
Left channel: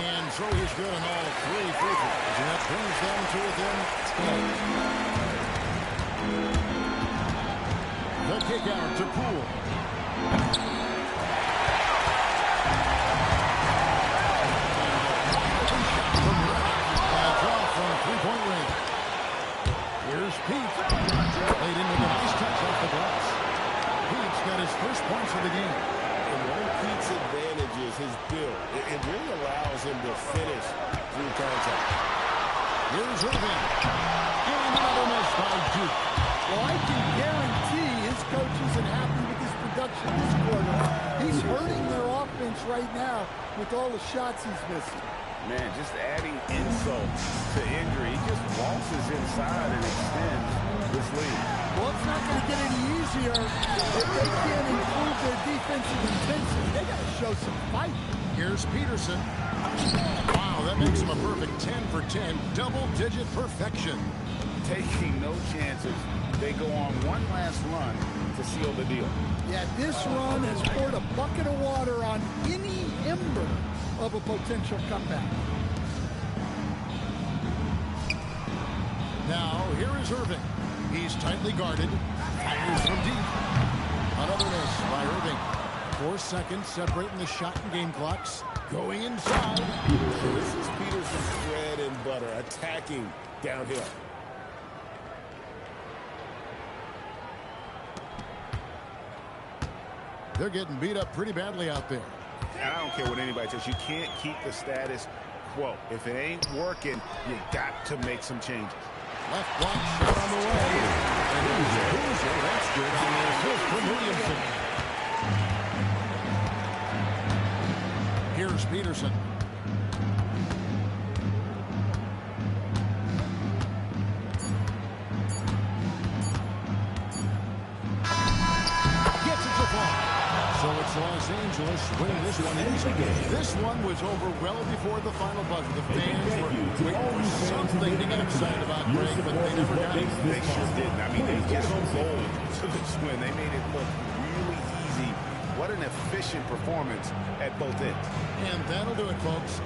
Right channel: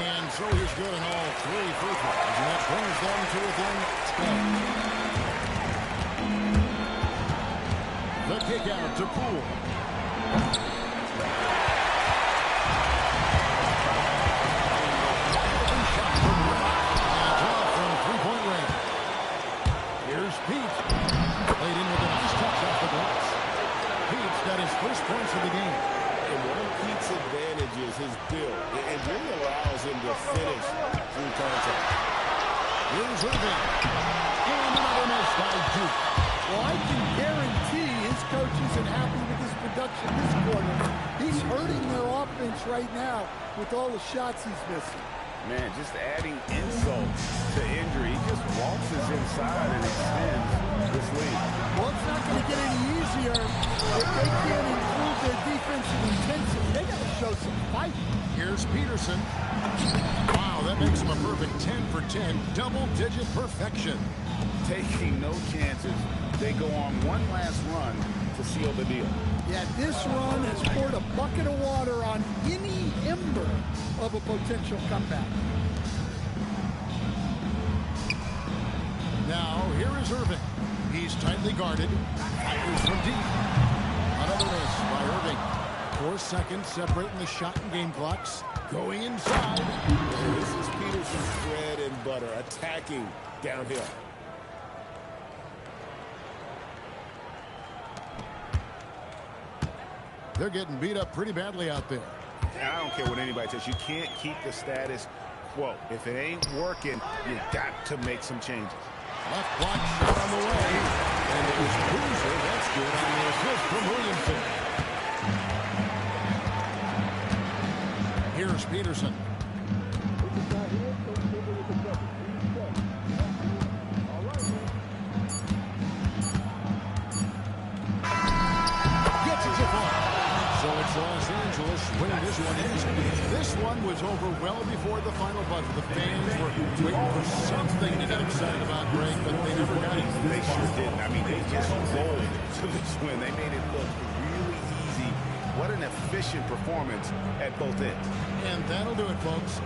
And so he's good on all 3 free throws, and that brings them to within 10. The kick out to Poole. And the wide open shot from Reddick. And it's off from 3-point range. Here's Pete. Played in with a nice touch off the glass. Pete's got his first points of the game. And one of Pete's advantages, his build. It really allows him to finish through contact. Here's Irving. And another miss by Duke. Well, I can guarantee his coach isn't happy with his production this quarter. He's hurting their offense right now with all the shots he's missing. Man, just adding insult to injury. He just waltzes inside and extends this lead. Well, it's not going to get any easier if they can't improve their defensive intensity. They got to show some fight. Here's Peterson. Wow, that makes him a perfect 10 for 10. Double-digit perfection. Taking no chances. They go on one last run to seal the deal. Yeah, this run has poured a bucket of water on any ember of a potential comeback. Now, here is Irving. He's tightly guarded. Fires from deep. Another miss by Irving. 4 seconds separating the shot and game clocks. Going inside. And this is Peterson's bread and butter, attacking downhill. They're getting beat up pretty badly out there. And I don't care what anybody says. You can't keep the status quo. If it ain't working, you got to make some changes. Left block shot on the way. And there's Boozer. That's good on the assist from Williamson. Here's Peterson. Gets it to fall. So it's Los Angeles winning this one easy. This one was over well before the final buzzer. The fans were waiting for something to get excited about, Greg, but they never got it. They sure didn't. I mean, they just rolled to this win. They made it look really easy. What an efficient performance at both ends. And that'll do it, folks.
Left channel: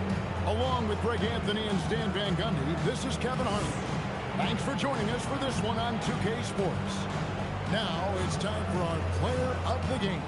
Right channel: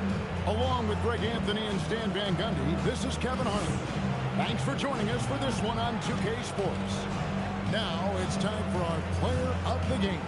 Along with Greg Anthony and Stan Van Gundy, this is Kevin Harlan. Thanks for joining us for this one on 2K Sports. Now it's time for our player of the game.